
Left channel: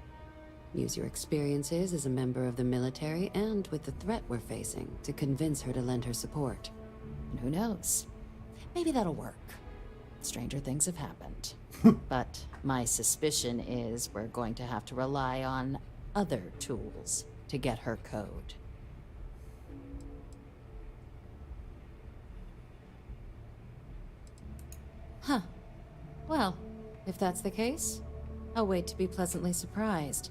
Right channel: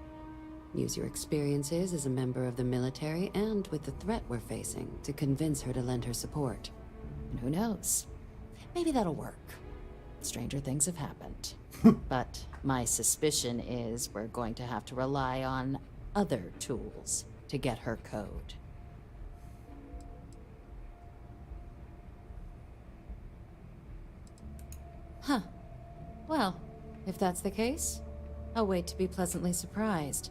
Use your experiences as a member of the military and with the threat we're facing to convince her to lend her support. And who knows? Maybe that'll work. Stranger things have happened. But my suspicion is we're going to have to rely on other tools to get her code. Huh. Well, if that's the case, I'll wait to be pleasantly surprised.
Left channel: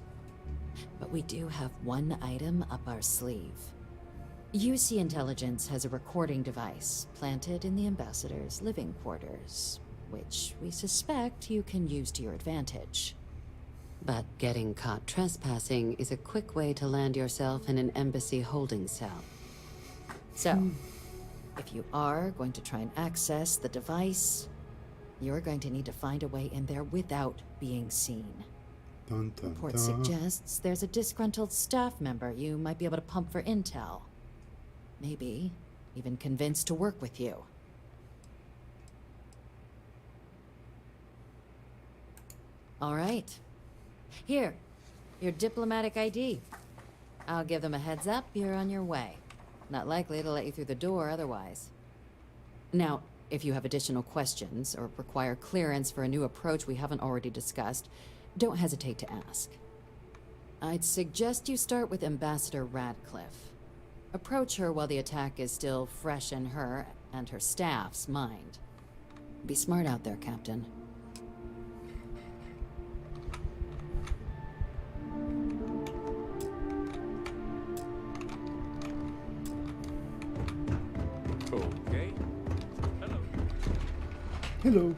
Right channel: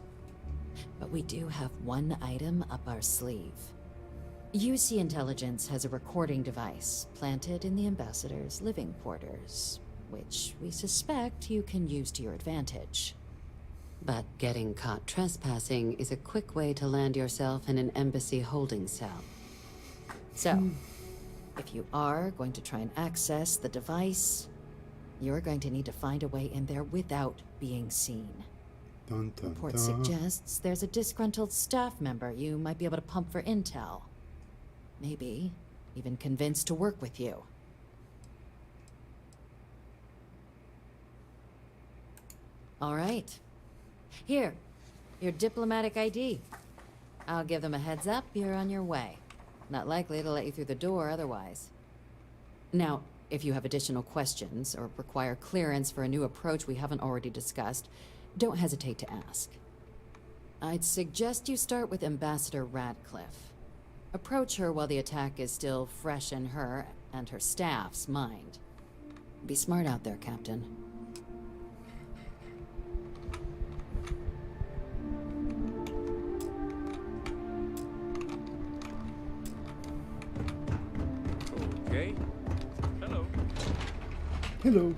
But we do have one item up our sleeve. UC Intelligence has a recording device planted in the Ambassador's living quarters, which we suspect you can use to your advantage. But getting caught trespassing is a quick way to land yourself in an embassy holding cell. So, if you are going to try and access the device, you're going to need to find a way in there without being seen. Dun, dun, Report dun. suggests there's a disgruntled staff member you might be able to pump for intel. Maybe even convince to work with you. All right. Here, your diplomatic ID. I'll give them a heads up you're on your way. Not likely to let you through the door otherwise. Now, if you have additional questions or require clearance for a new approach we haven't already discussed, don't hesitate to ask. I'd suggest you start with Ambassador Radcliffe. Approach her while the attack is still fresh in her and her staff's mind. Be smart out there, Captain. Okay. Hello. Hello.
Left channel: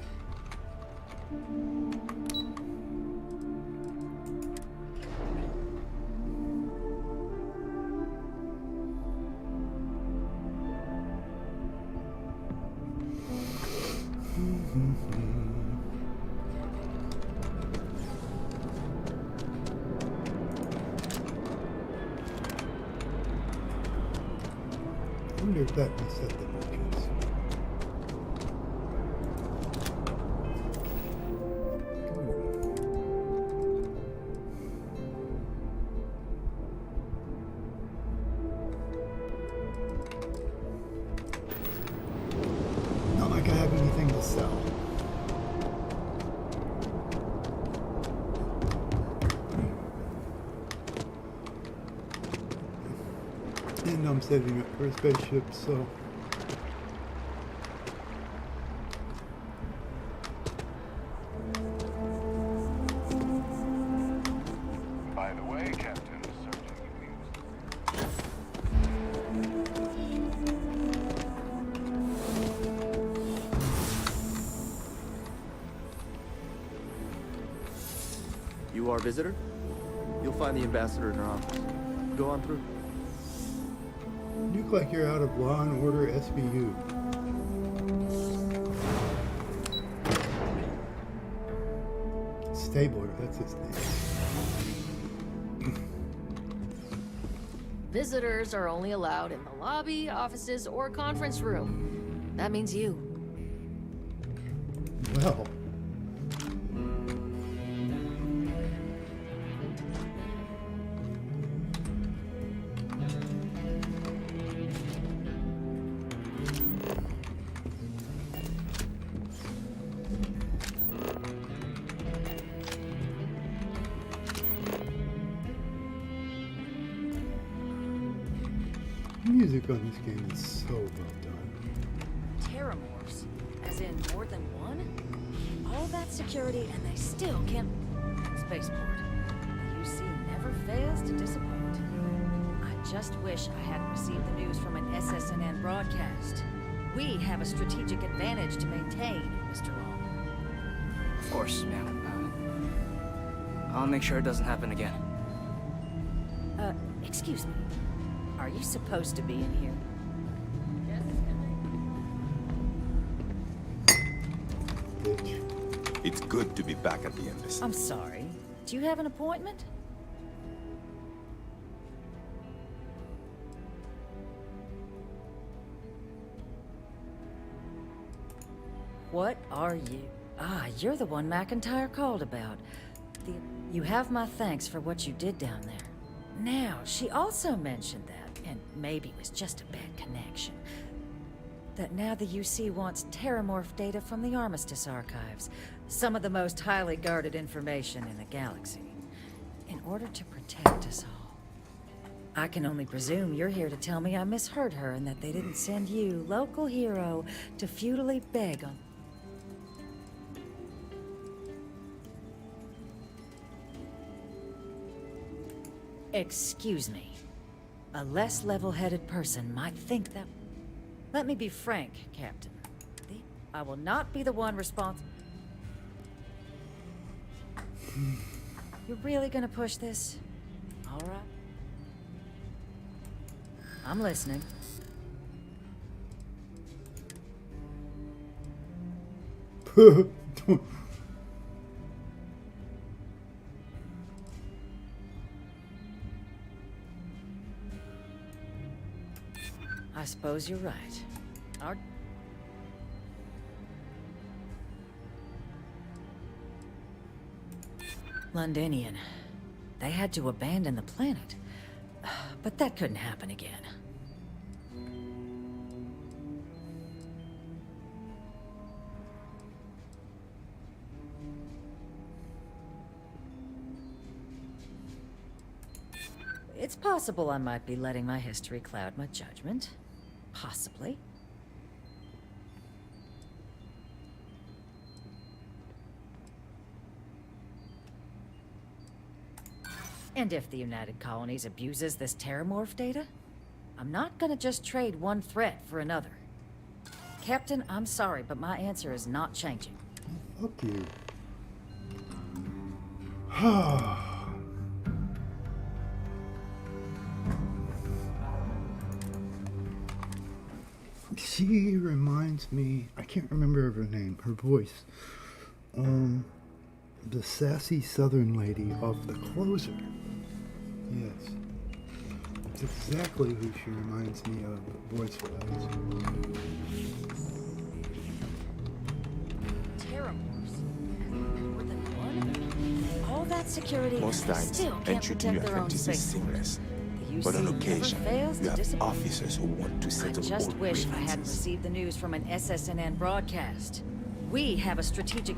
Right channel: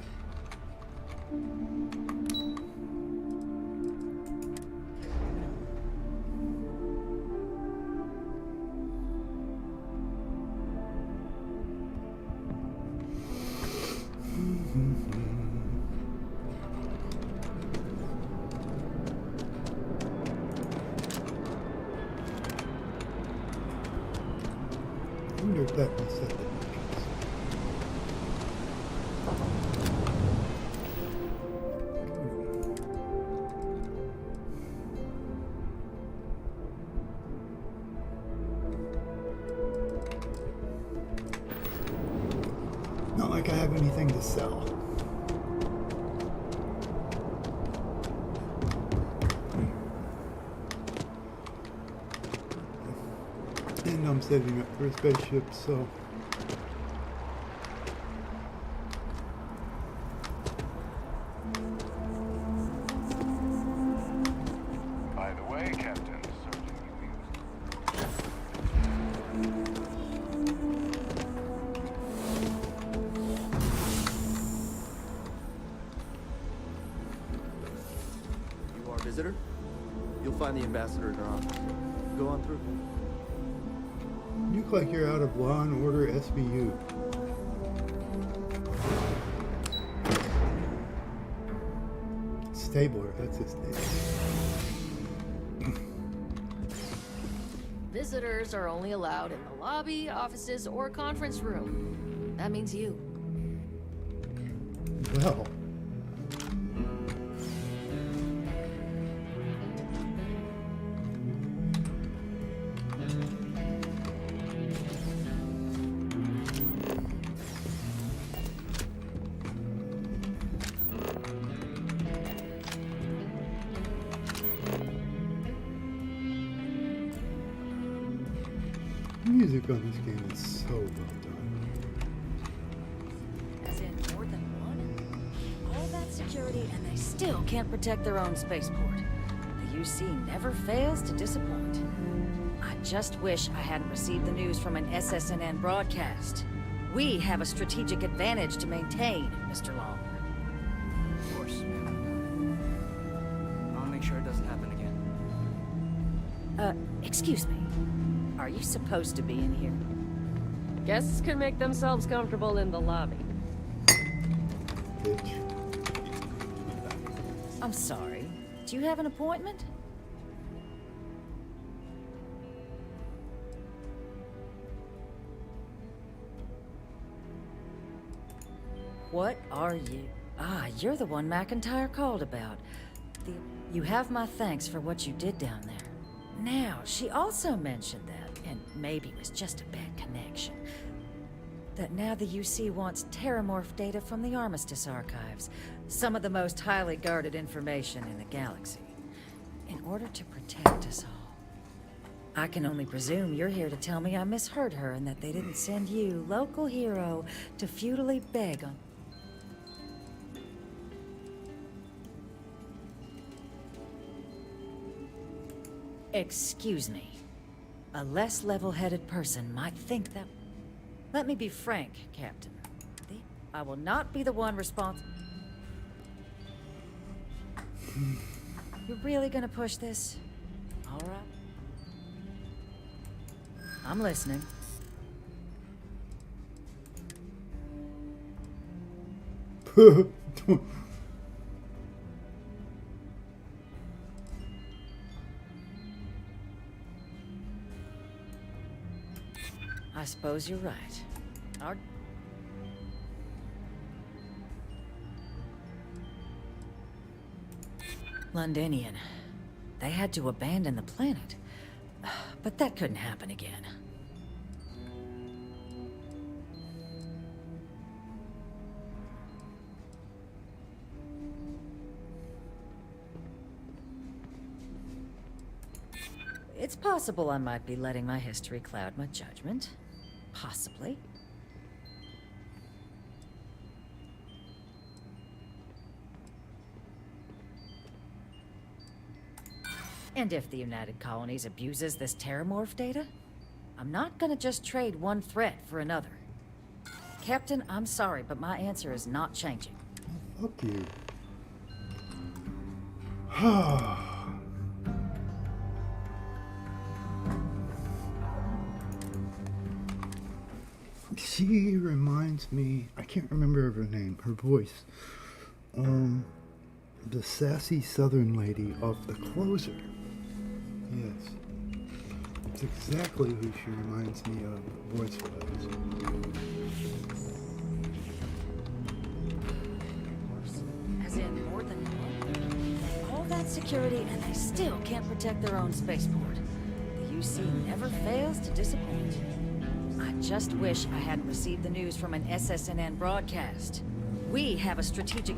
I wonder if that reset the entrance. Not like I have anything to sell. And I'm setting up for a spaceship, so By the way, Captain, Sergeant, you used. You are a visitor? You'll find the ambassador in her office. Go on through. you look like you're out of Law and Order SVU. Stabler, that's his name. Visitors are only allowed in the lobby, offices, or conference room. That means you. Well, the music on this game is so well done. Terramorphs? As in more than one? All that security and they still can't protect their own spaceport. The UC never fails to disappoint. I just wish I hadn't received the news from an SSNN broadcast. We have a strategic advantage to maintain, Mr. Long. Of course, ma'am. I'll make sure it doesn't happen again. Excuse me. Are you supposed to be in here? Guests can make themselves comfortable in the lobby. Bitch. It's good to be back at the embassy. I'm sorry. Do you have an appointment? What are you? Ah, you're the one McIntyre called about. You have my thanks for what you did down there. Now, she also mentioned that, and maybe it was just a bad connection, that now the UC wants Terramorph data from the Armistice archives, some of the most highly guarded information in the galaxy, in order to protect us all. I can only presume you're here to tell me I misheard her and that they didn't send you, local hero, to futilely beg on... Excuse me. A less level-headed person might think that... Let me be frank, Captain. I will not be the one responsible. You're really gonna push this? All right. I'm listening. I suppose you're right. Our... Londonian. They had to abandon the planet. But that couldn't happen again. It's possible I might be letting my history cloud my judgment. Possibly. And if the United Colonies abuses this Terramorph data, I'm not gonna just trade one threat for another. Captain, I'm sorry, but my answer is not changing. Fuck you. She reminds me, I can't remember her name, her voice. The sassy southern lady of The Closer. Yes. It's exactly who she reminds me of voice-wise. As in more than one? All that security and they still can't protect their own spaceport. The UC never fails to disappoint. I just wish I hadn't received the news from an SSNN broadcast. We have a strategic...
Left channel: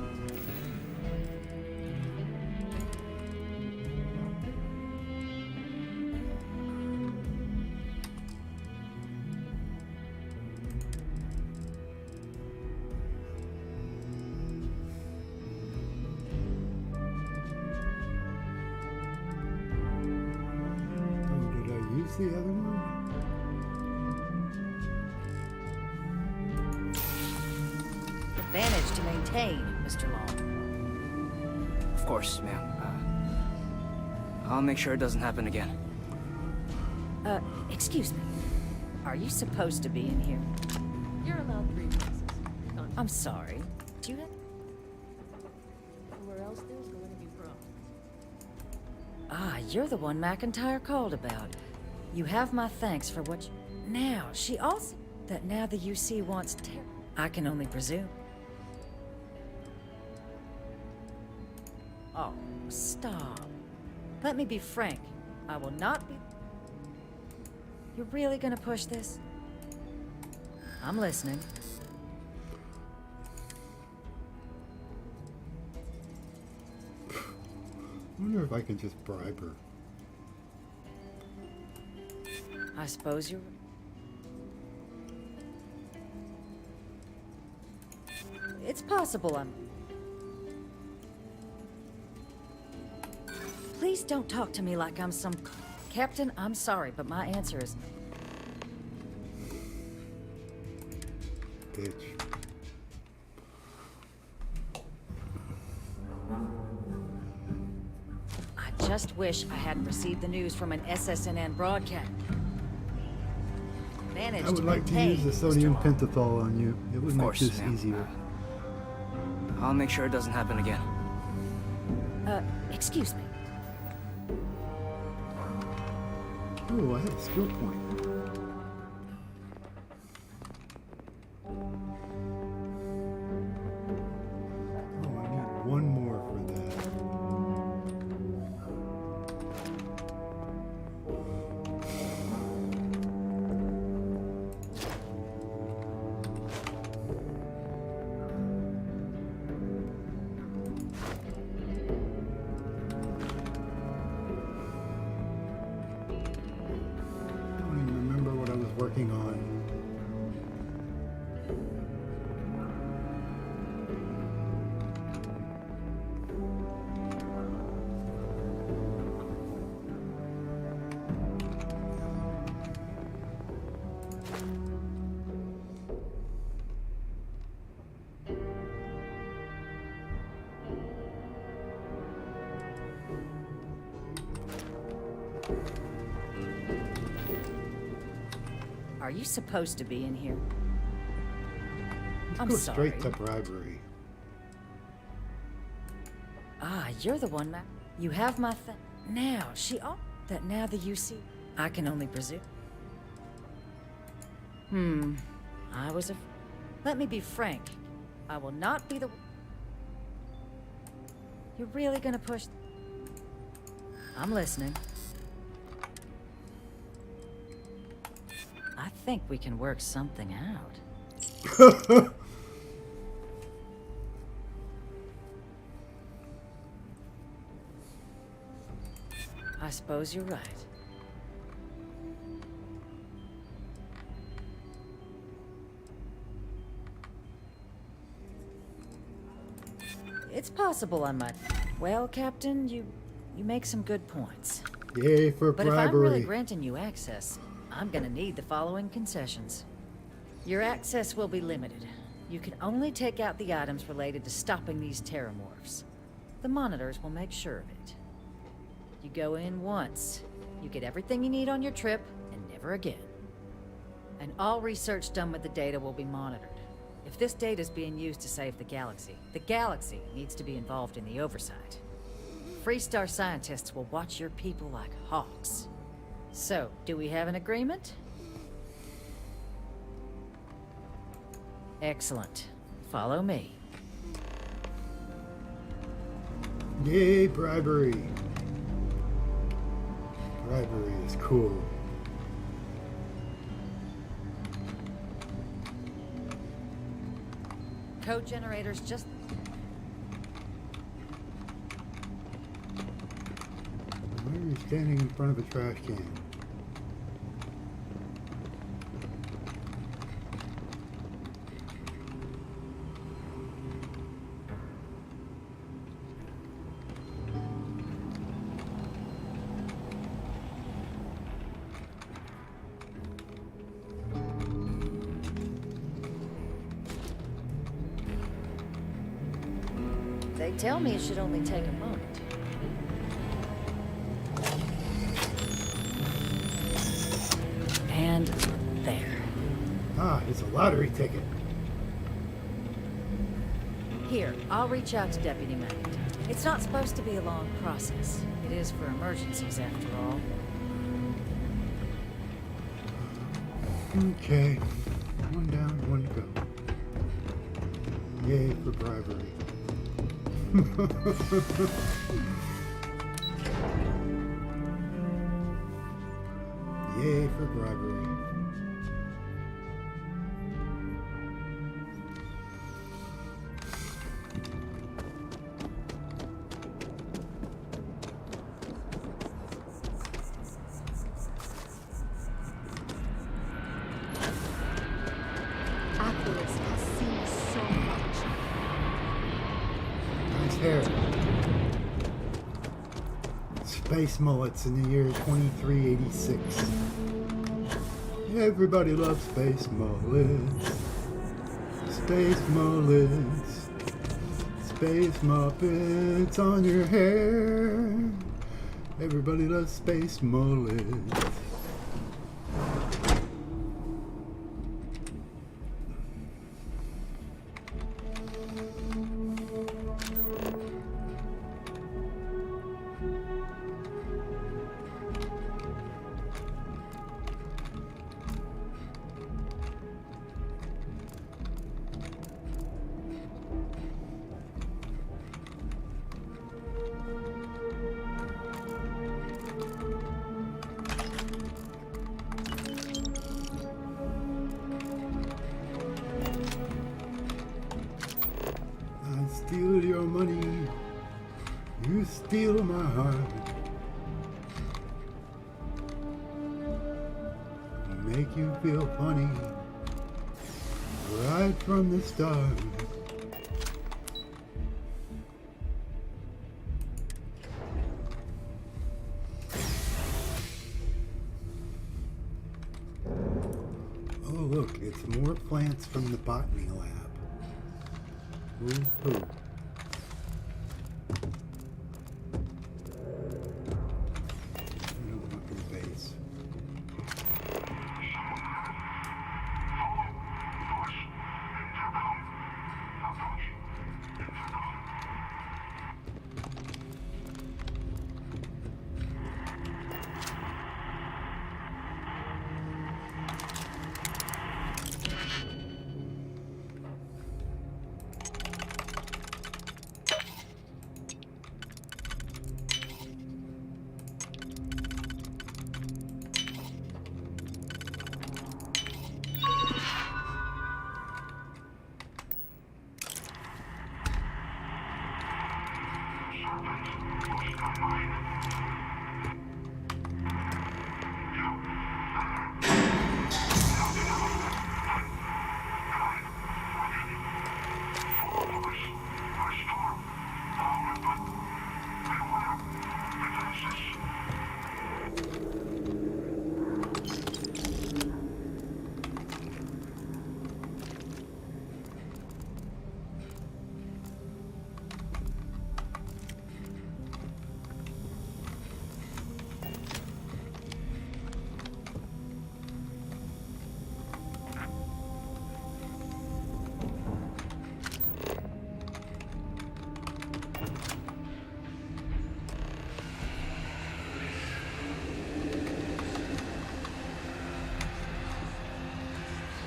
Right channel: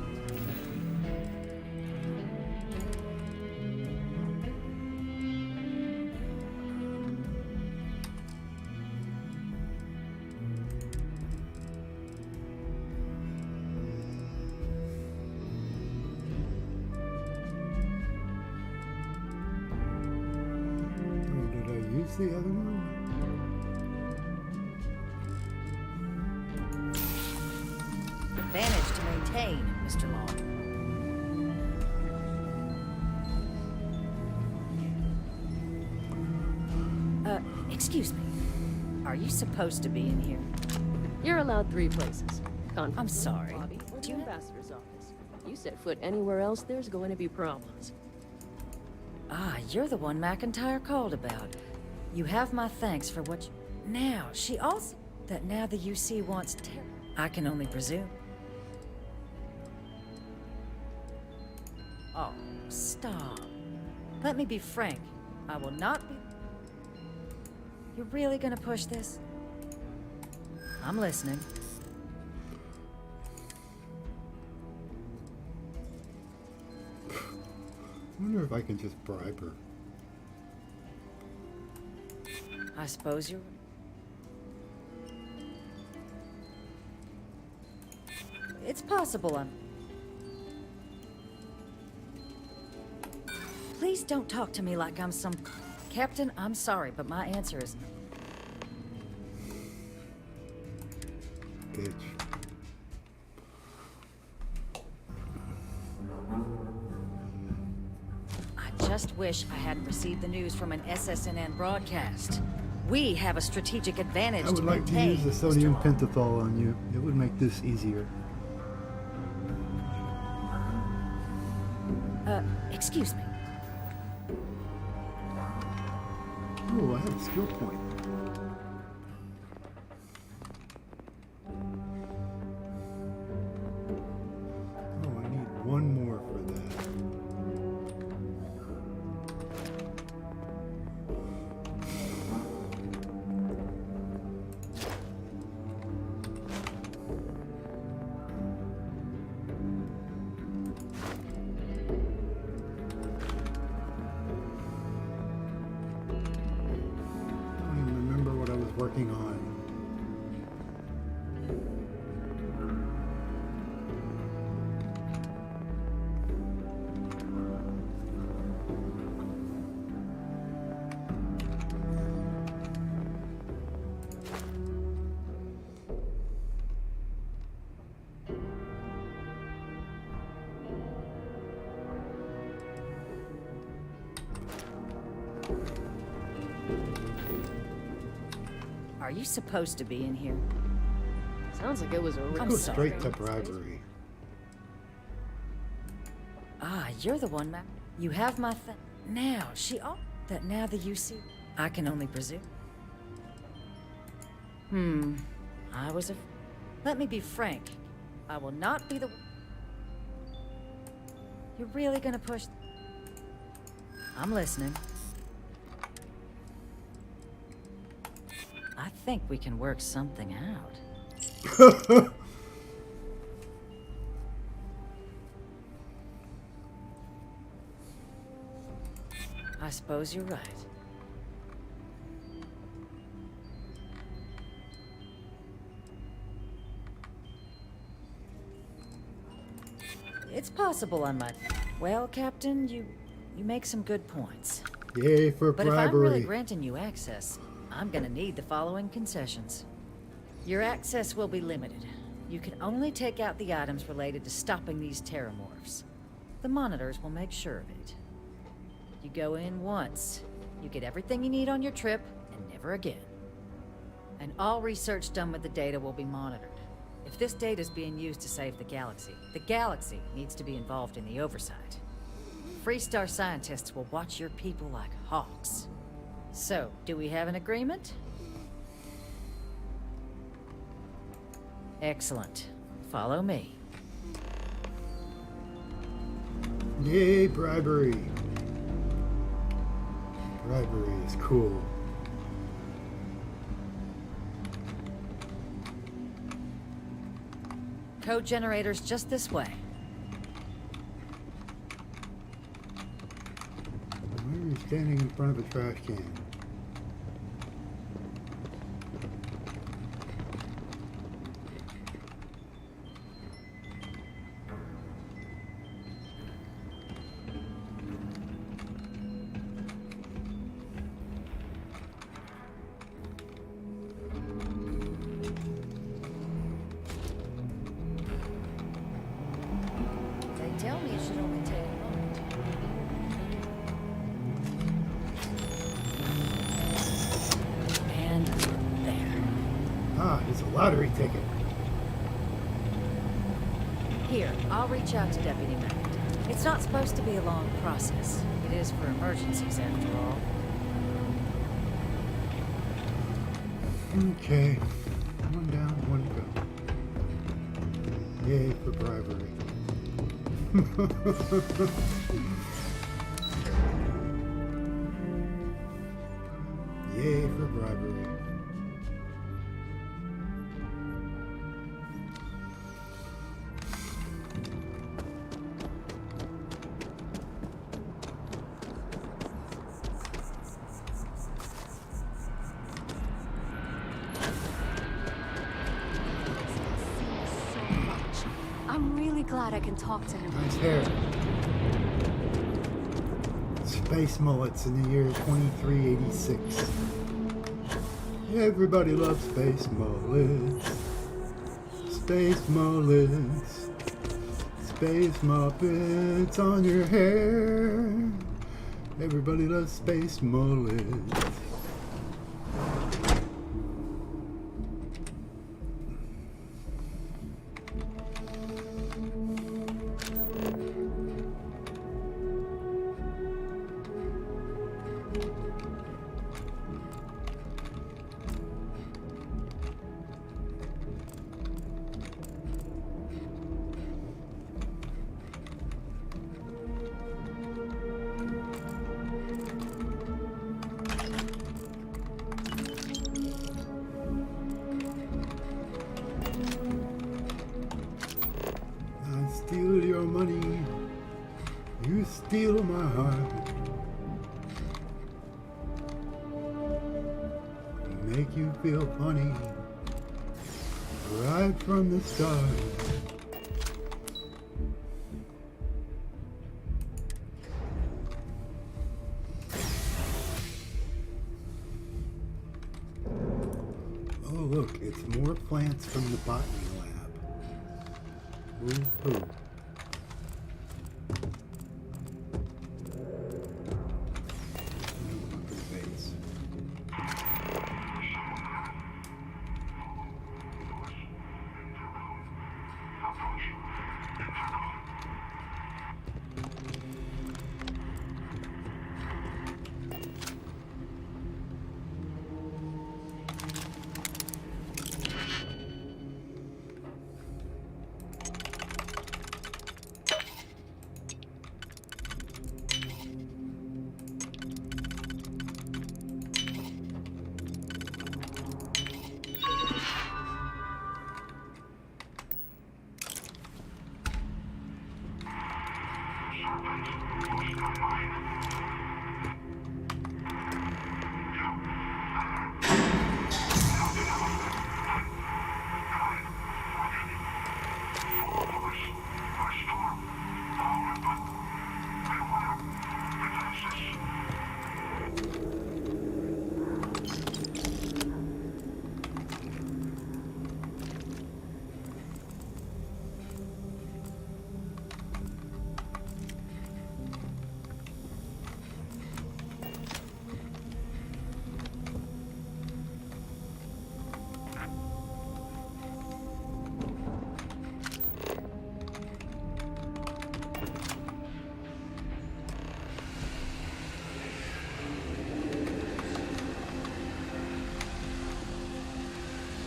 The other one? Advantage to maintain, Mr. Long. Of course, ma'am. I'll make sure it doesn't happen again. Excuse me. Are you supposed to be in here? You're allowed 3 places. I'm sorry. Do you Ambassador's office. If you set foot anywhere else, there's going to be problems. Ah, you're the one McIntyre called about. You have my thanks for what you... Now, she also... That now the UC wants I can only presume. Oh, stop. Let me be frank. I will not be... You're really gonna push this? I'm listening. I wonder if I can just bribe her. I suppose you're... It's possible I'm... Please don't talk to me like I'm some... Captain, I'm sorry, but my answer is... Bitch. I just wish I hadn't received the news from an SSNN broadcast. We have a strategic advantage I would like to use the sodium pentothal on you. It would make this easier. I'll make sure it doesn't happen again. Excuse me. Oh, I have a skill point. Oh, I need one more for that. Working on. Are you supposed to be in here? Sounds like it was a I'm Go sorry. straight to bribery. Ah, you're the one, Mac. You have my thing. Now, that now the UC... I can only presume. I was Let me be frank. I will not be the... You're really gonna push... I'm listening. I think we can work something out. I suppose you're right. It's possible I might. Well, Captain, you make some good points. Yay for But bribery. if I'm really granting you access, I'm gonna need the following concessions. Your access will be limited. You can only take out the items related to stopping these terramorphs. The monitors will make sure of it. You go in once, you get everything you need on your trip, and never again. And all research done with the data will be monitored. If this data is being used to save the galaxy needs to be involved in the oversight. Freestar scientists will watch your people like hawks. So, do we have an agreement? Excellent. Follow me. Yay, bribery. Bribery is cool. Code generators just this way. Why are you standing in front of a trash can? They tell me it should only take a moment. And there. Ah, it's a lottery ticket. Here, I'll reach out to Deputy Matt. It's not supposed to be a long process. It is for emergencies, after all. Okay. One down, one to go. Yay for bribery. Yay for bribery. Nice hair. Space mullets in the year 2386. Everybody loves space mullets. Space mullets. Space muppets on your hair. Everybody loves space mullets. I steal your money, you steal my heart. Make you feel funny, right from the start. Oh look, it's more plants from the botany lab. Woo-hoo. I don't want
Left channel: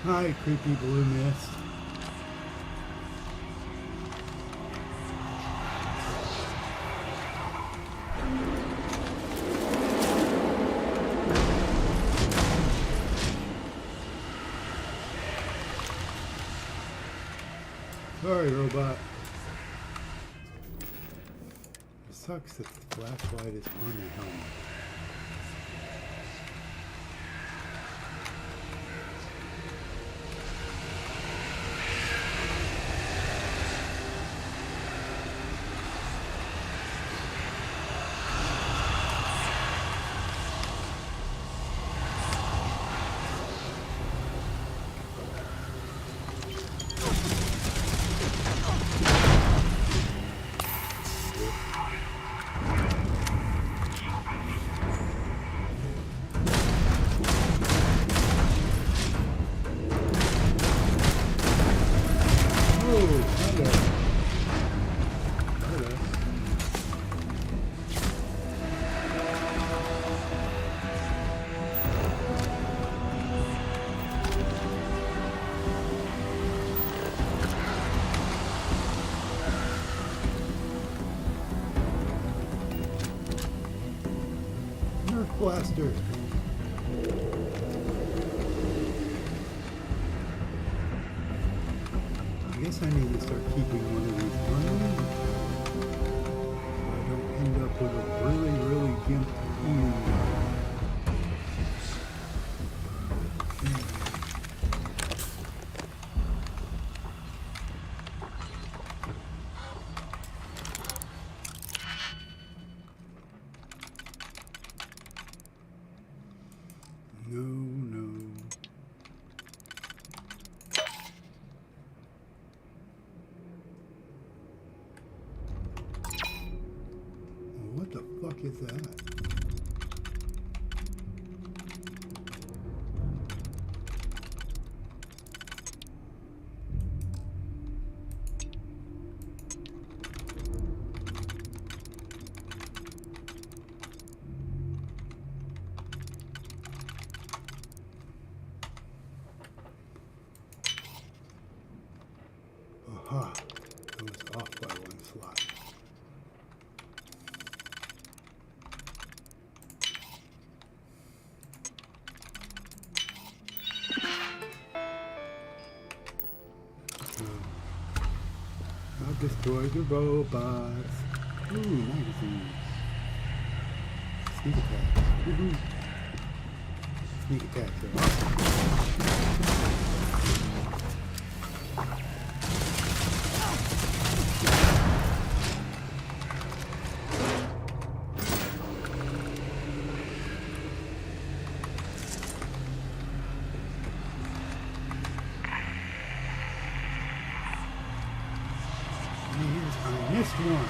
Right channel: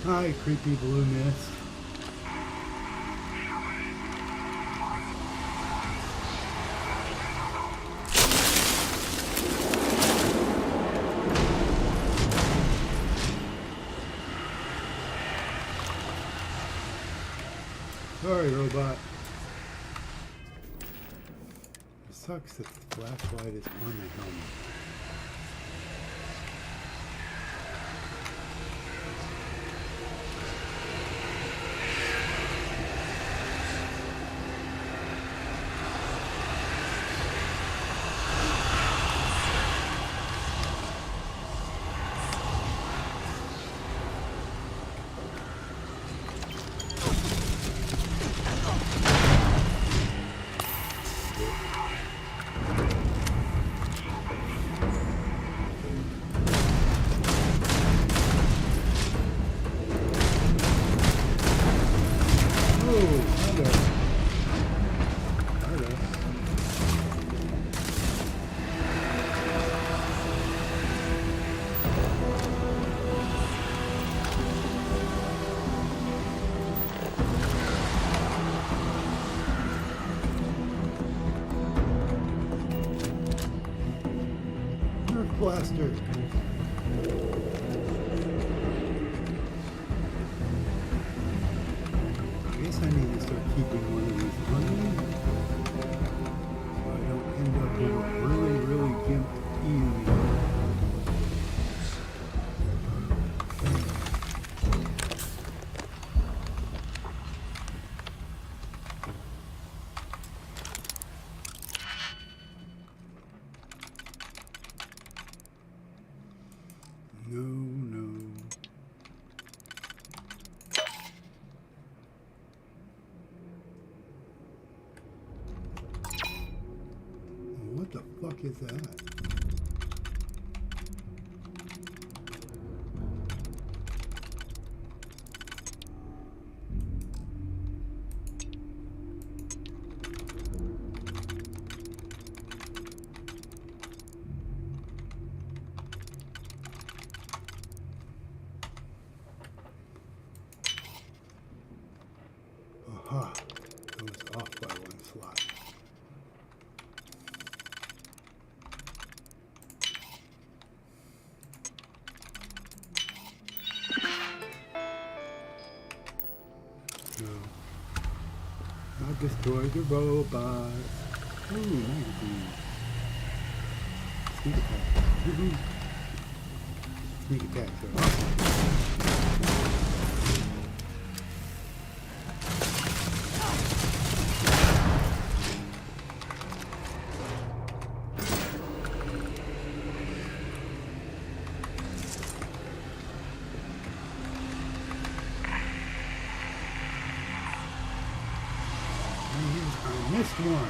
Hi, creepy blue mist. Sorry, robot. It sucks that the flashlight is on the helmet. Blaster. I guess I need to start keeping one of these on me so I don't end up with a really gimped eating. What the fuck is that? Aha, it was off by one slot. I'll destroy the robots. Ooh, magazines. Sneak attacks. Woohoo. Sneak attacks are awesome. I missed one.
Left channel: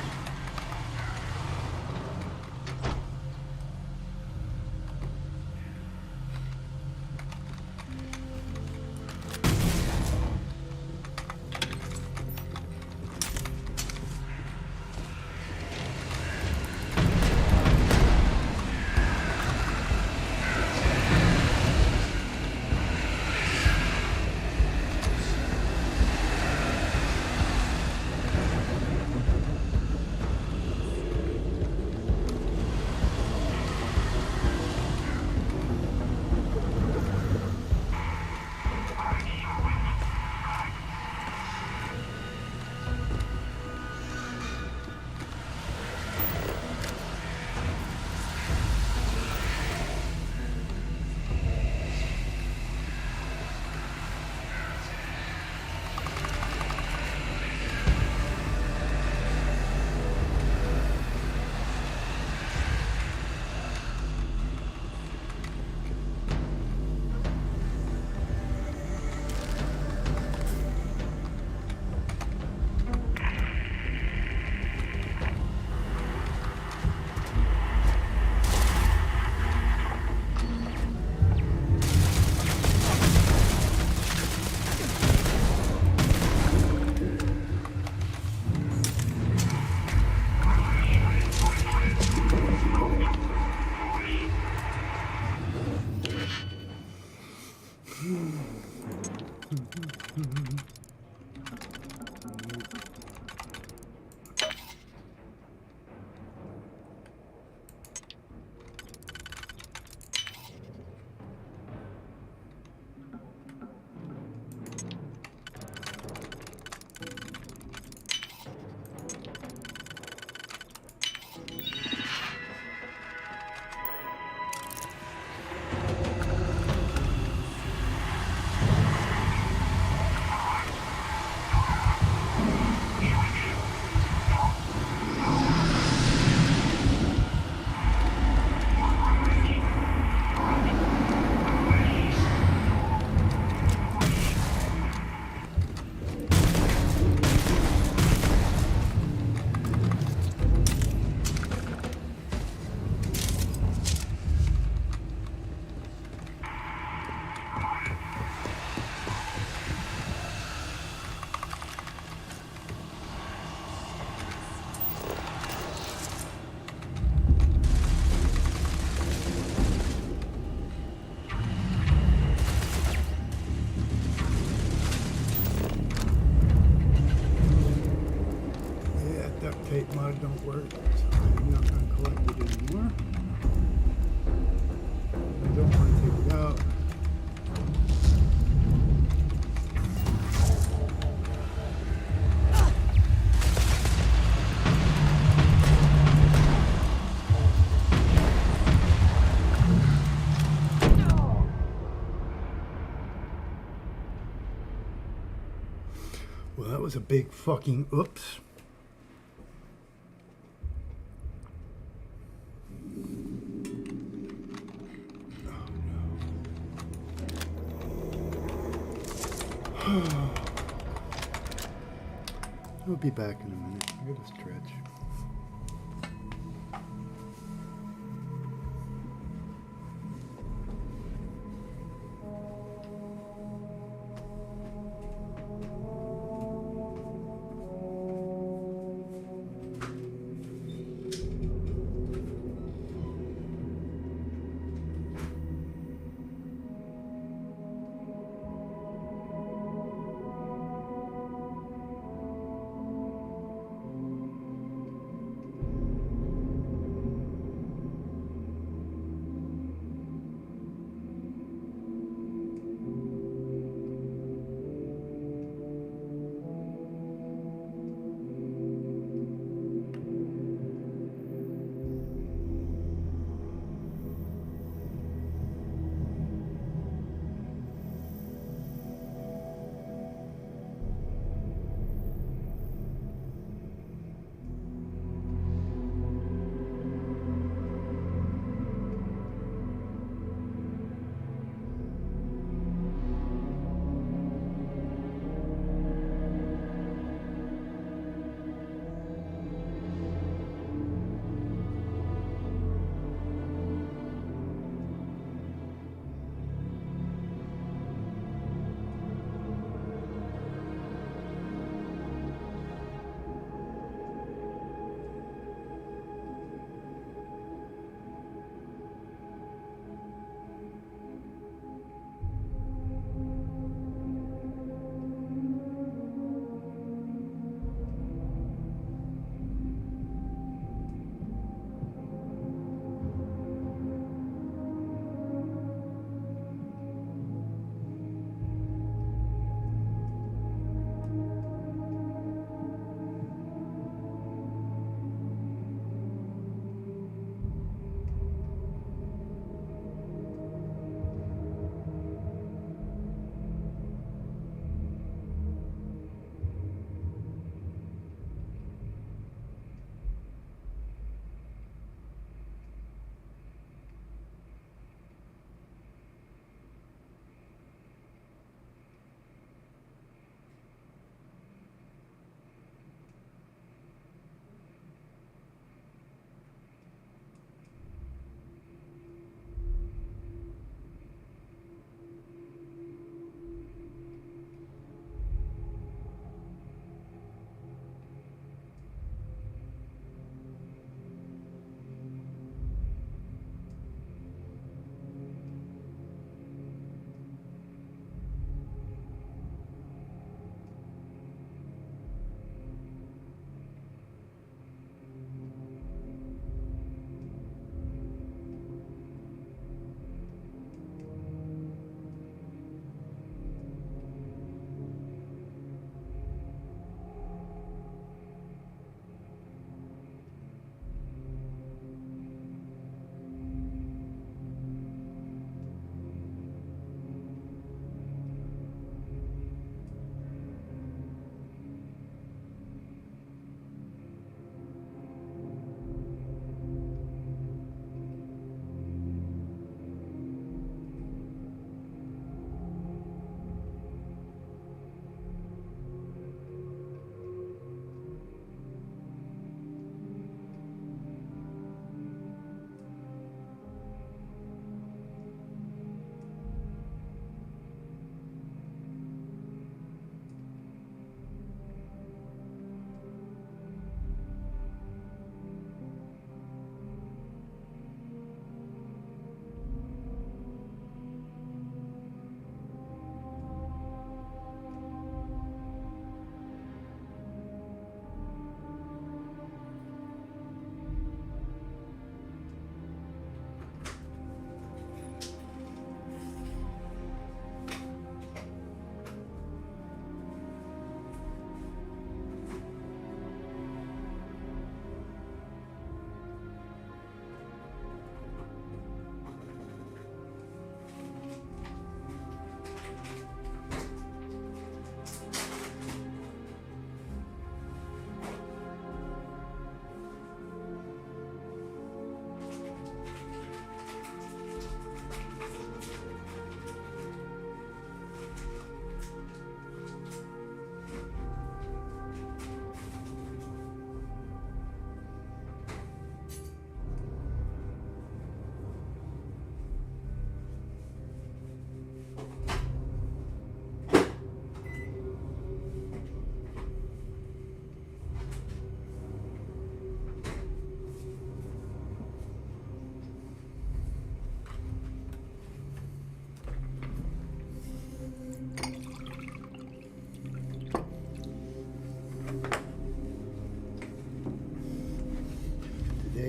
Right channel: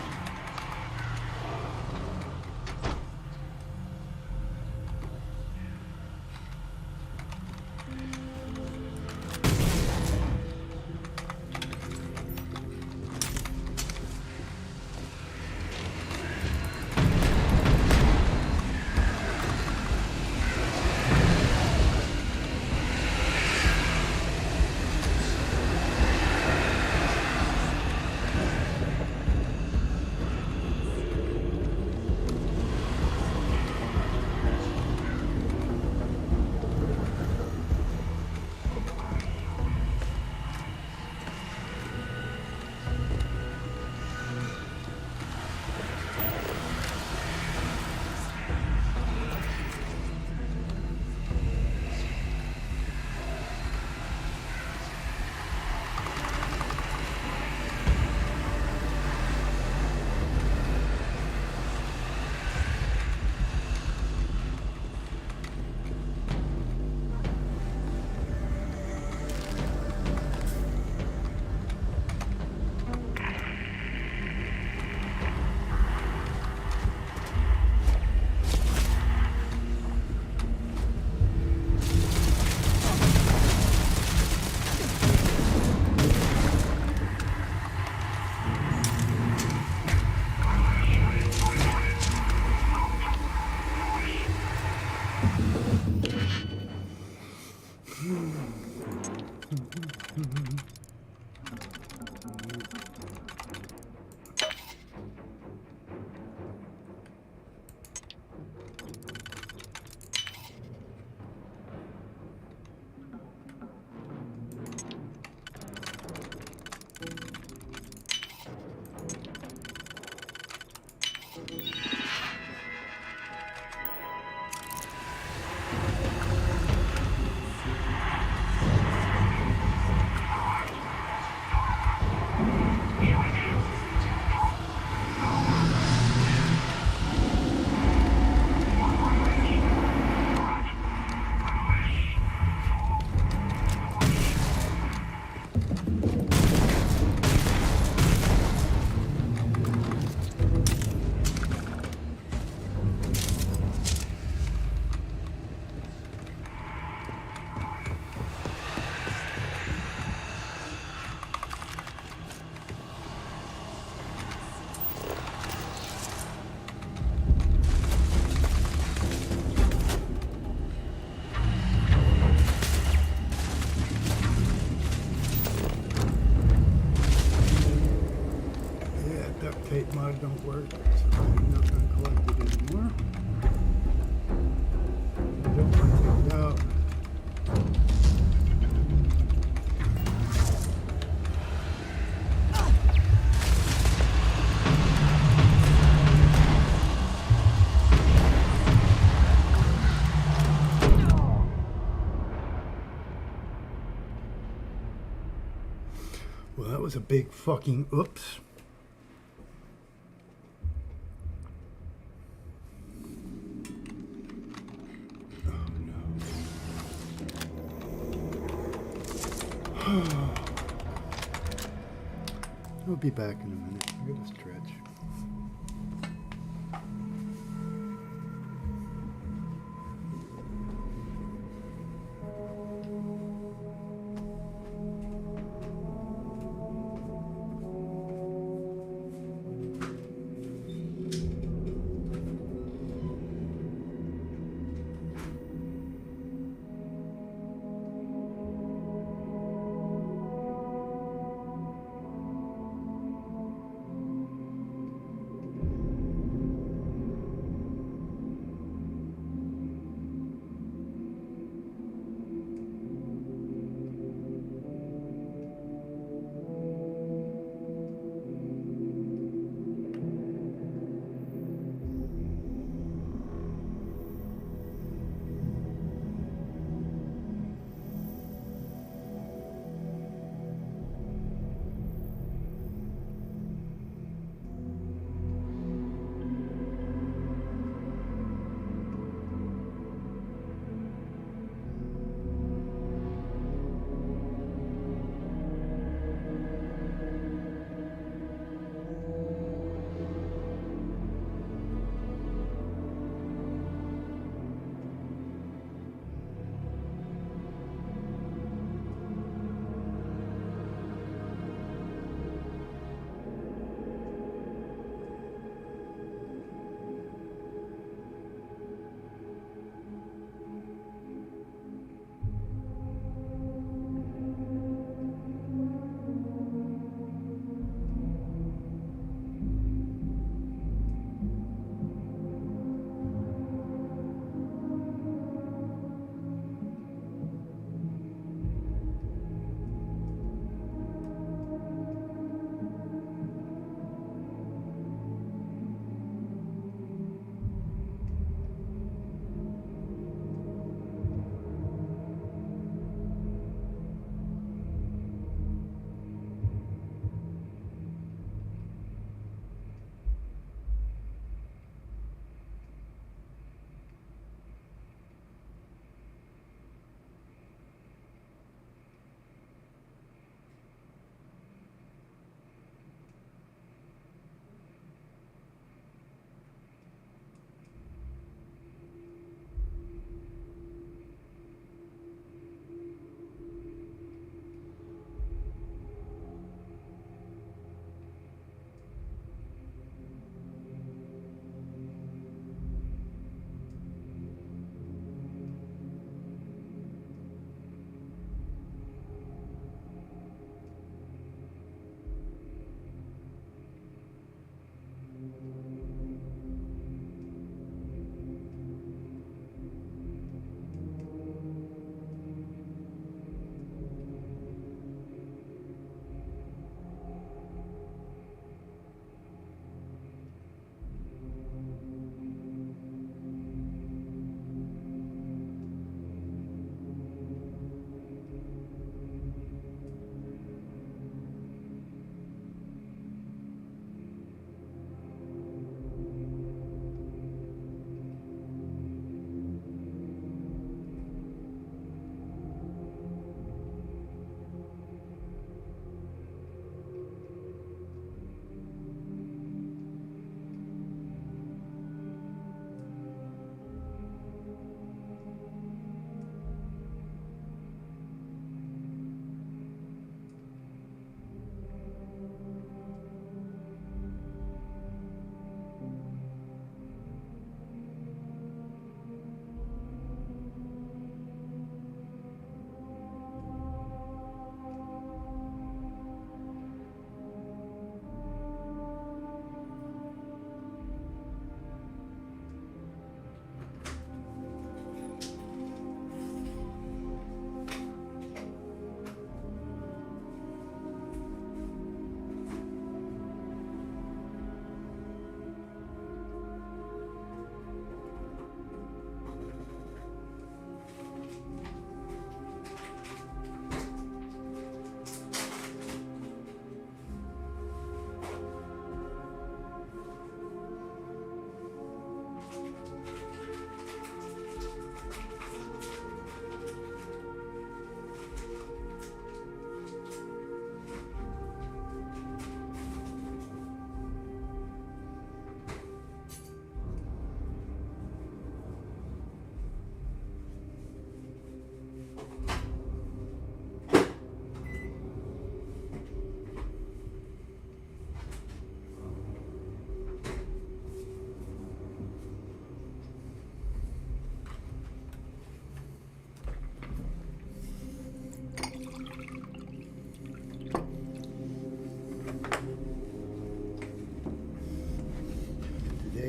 squad don't work, so I'm not going to collect it anymore. I don't want to take it out. Well, that was a big fucking oops. I'll be back in a minute. I gotta stretch.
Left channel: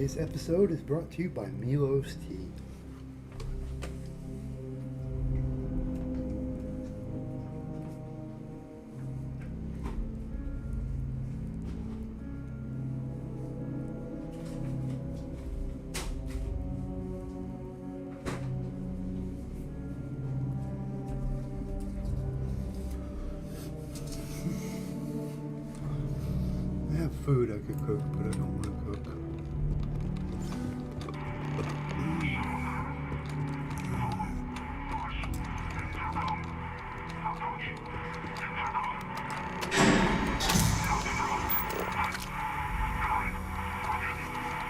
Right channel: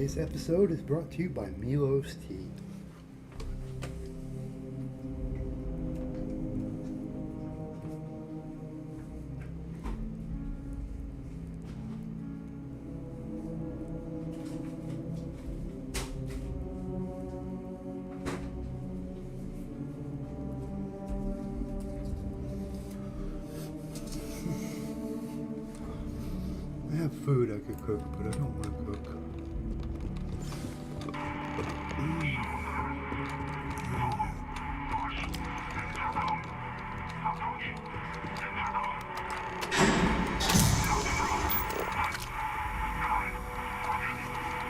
Today's episode is brought to you by Milo's Tea. I have food I could cook, but I don't want to cook.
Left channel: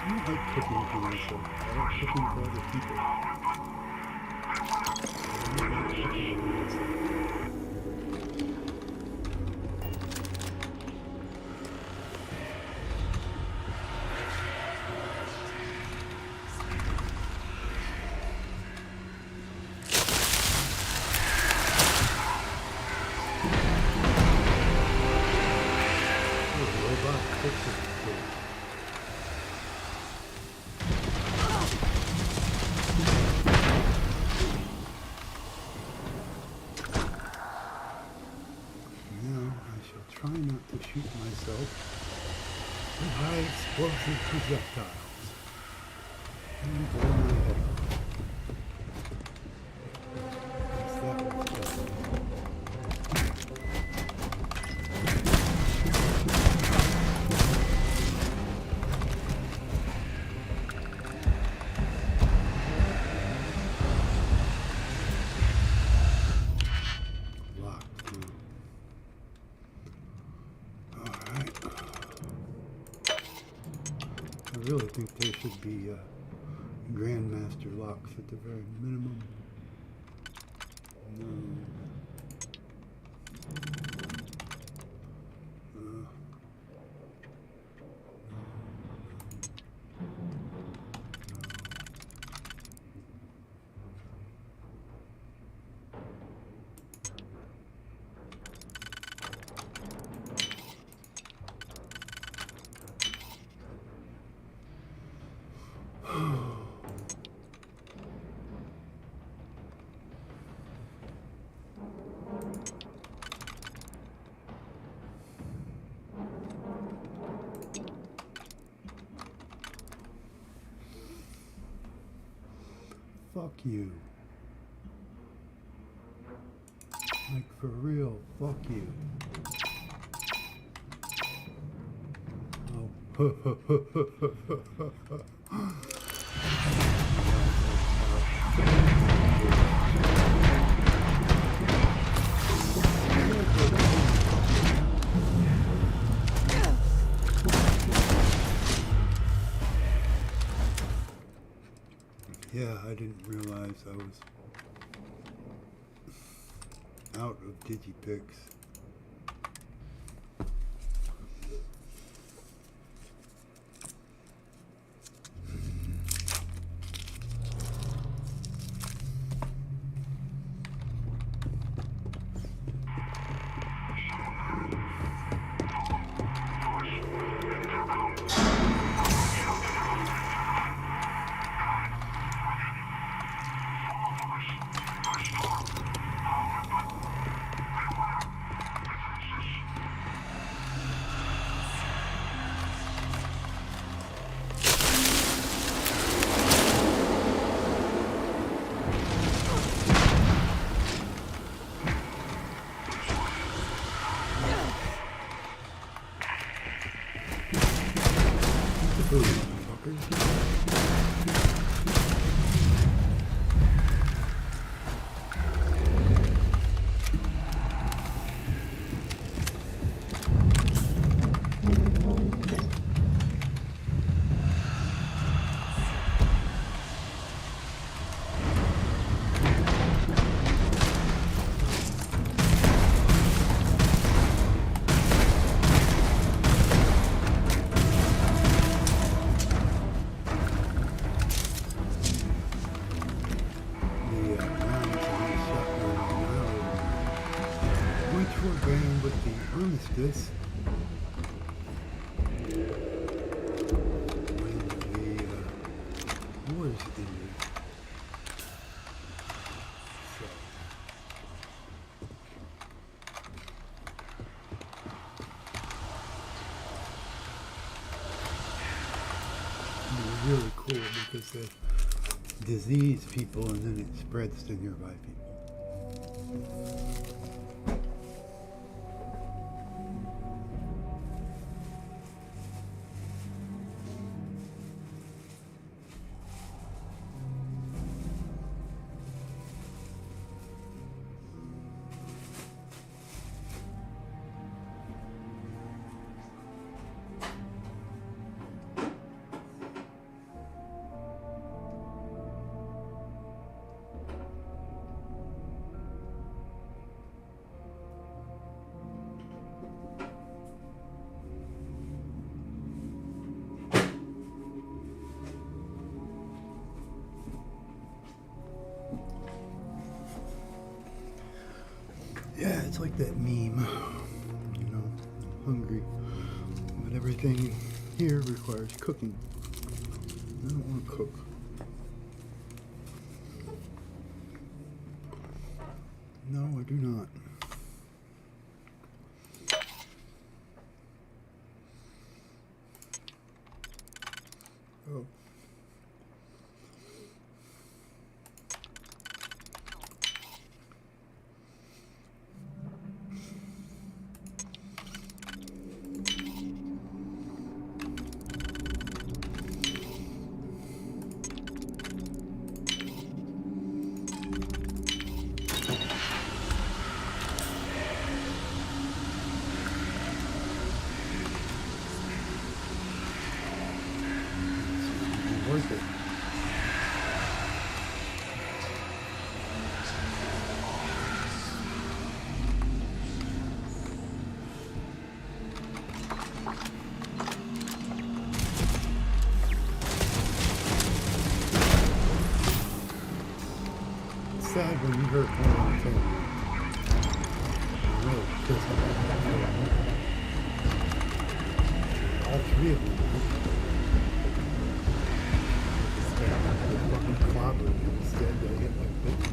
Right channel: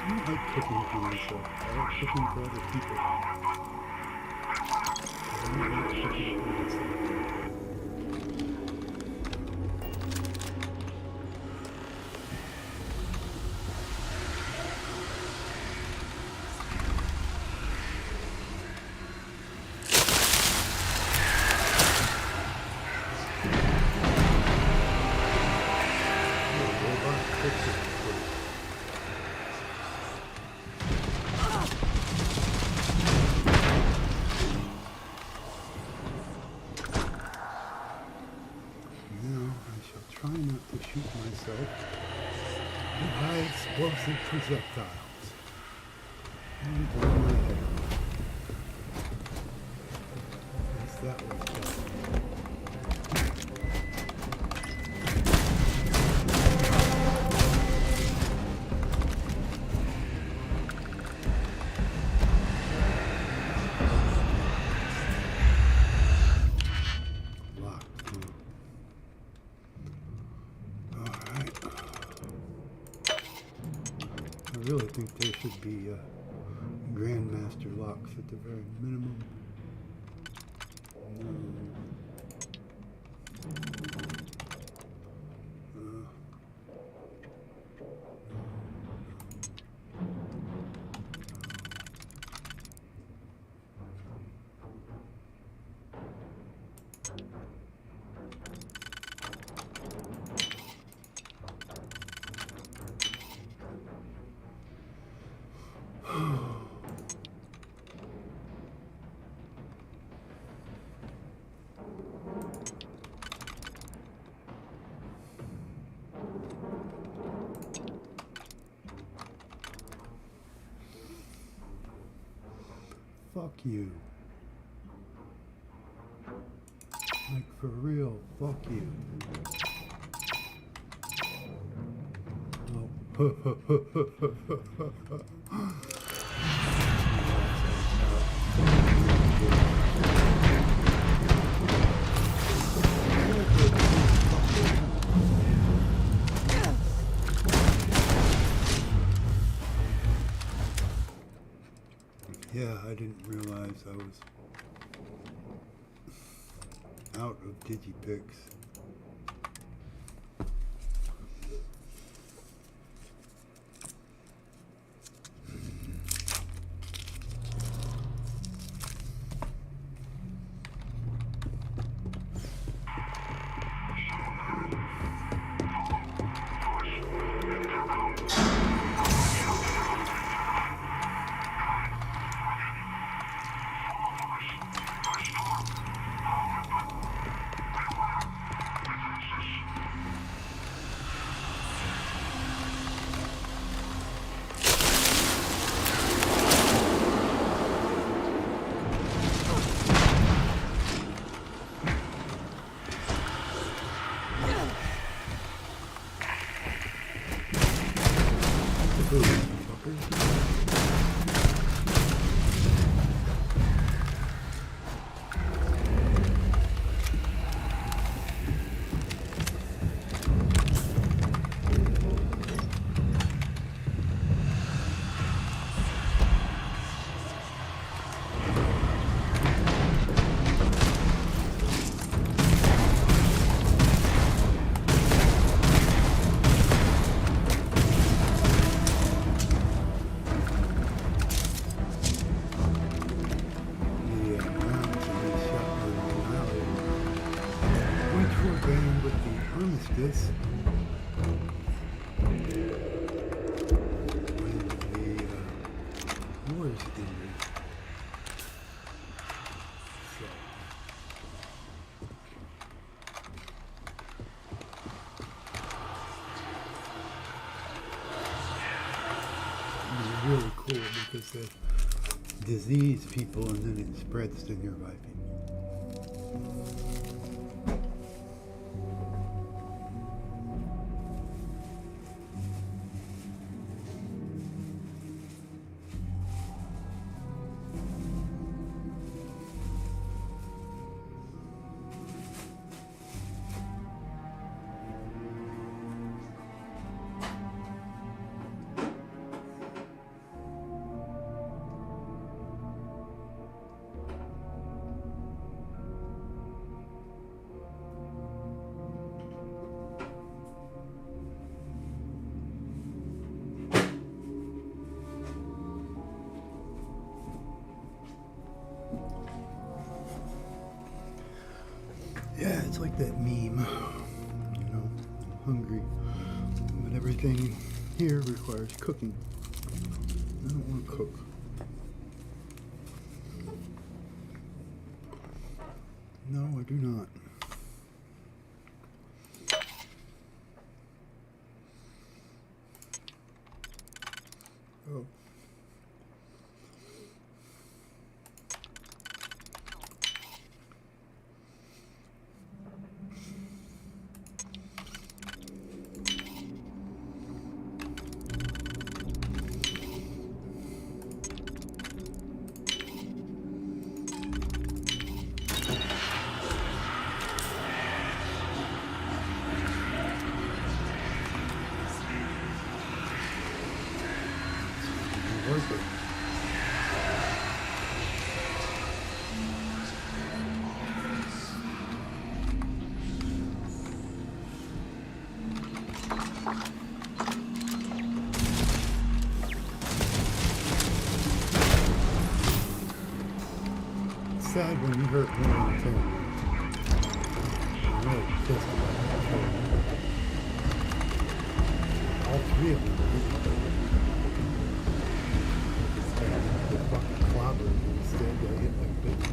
I don't like cooking for myself. I like cooking for other people. I don't like cooking for myself. Try not to shoot myself with high explosive projectiles and blow my head off. Yes, that was done. I really think there should be Grandmaster locks at the very minimum. No. Fuck you. Like, for real, fuck you. Oh. Yeah, I didn't realize I was out of Digipix. Armistice when the the disease people, and then it spreads to nearby people. Yeah, it's like that meme, you know, I'm hungry, but everything here requires cooking. I don't want to cook. No, I do not. Oh. Worth it. It's sad when you hurt more than 10. I'm really pissed about that. All three of them are the fucking clobber instead got hit like bitch.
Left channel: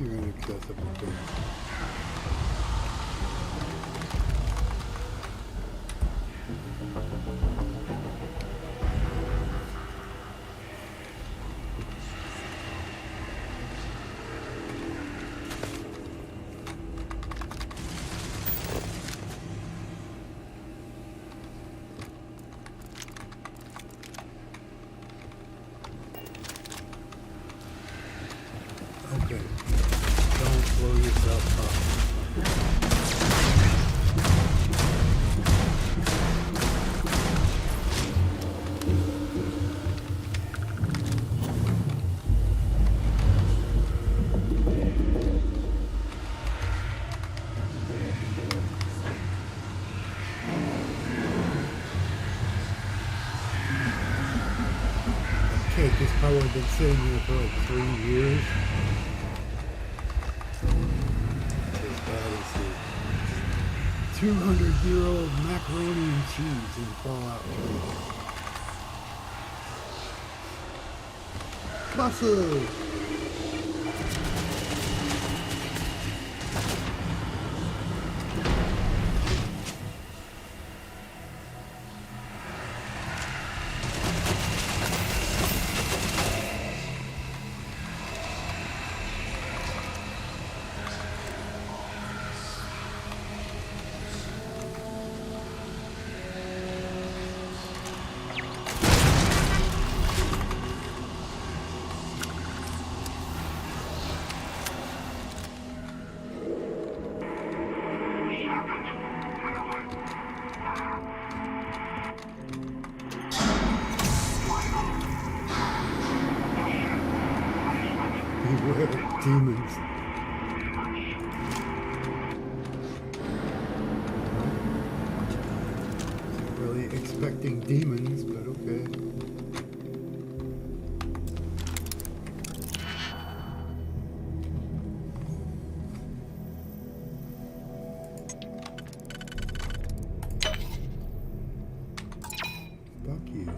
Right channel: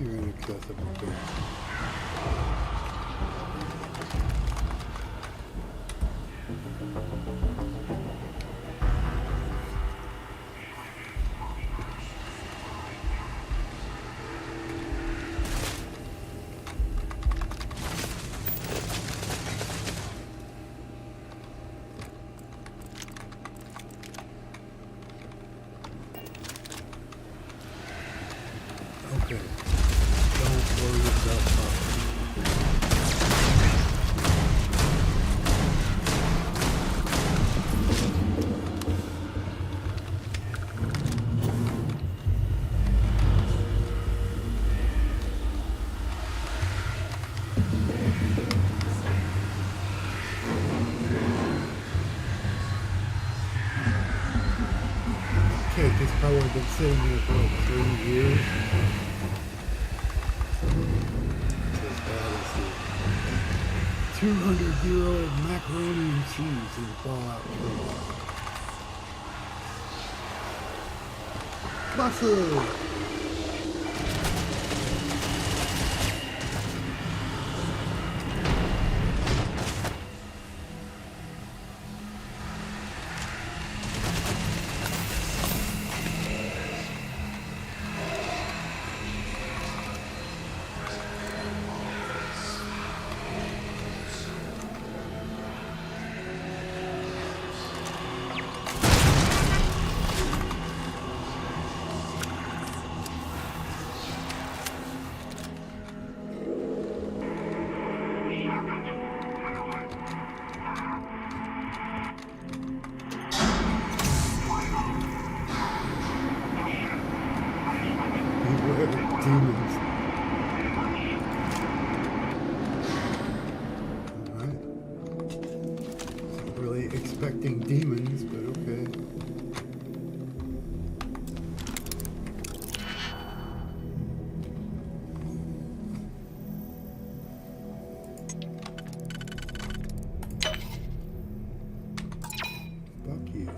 You're inaccessible there. Okay. Don't blow yourself up. Cake has probably been sitting here for like 3 years. As bad as the 200-year-old macaroni and cheese in Fallout 3. Muscle! swear, demons. Wasn't really expecting demons, but okay. Fuck you.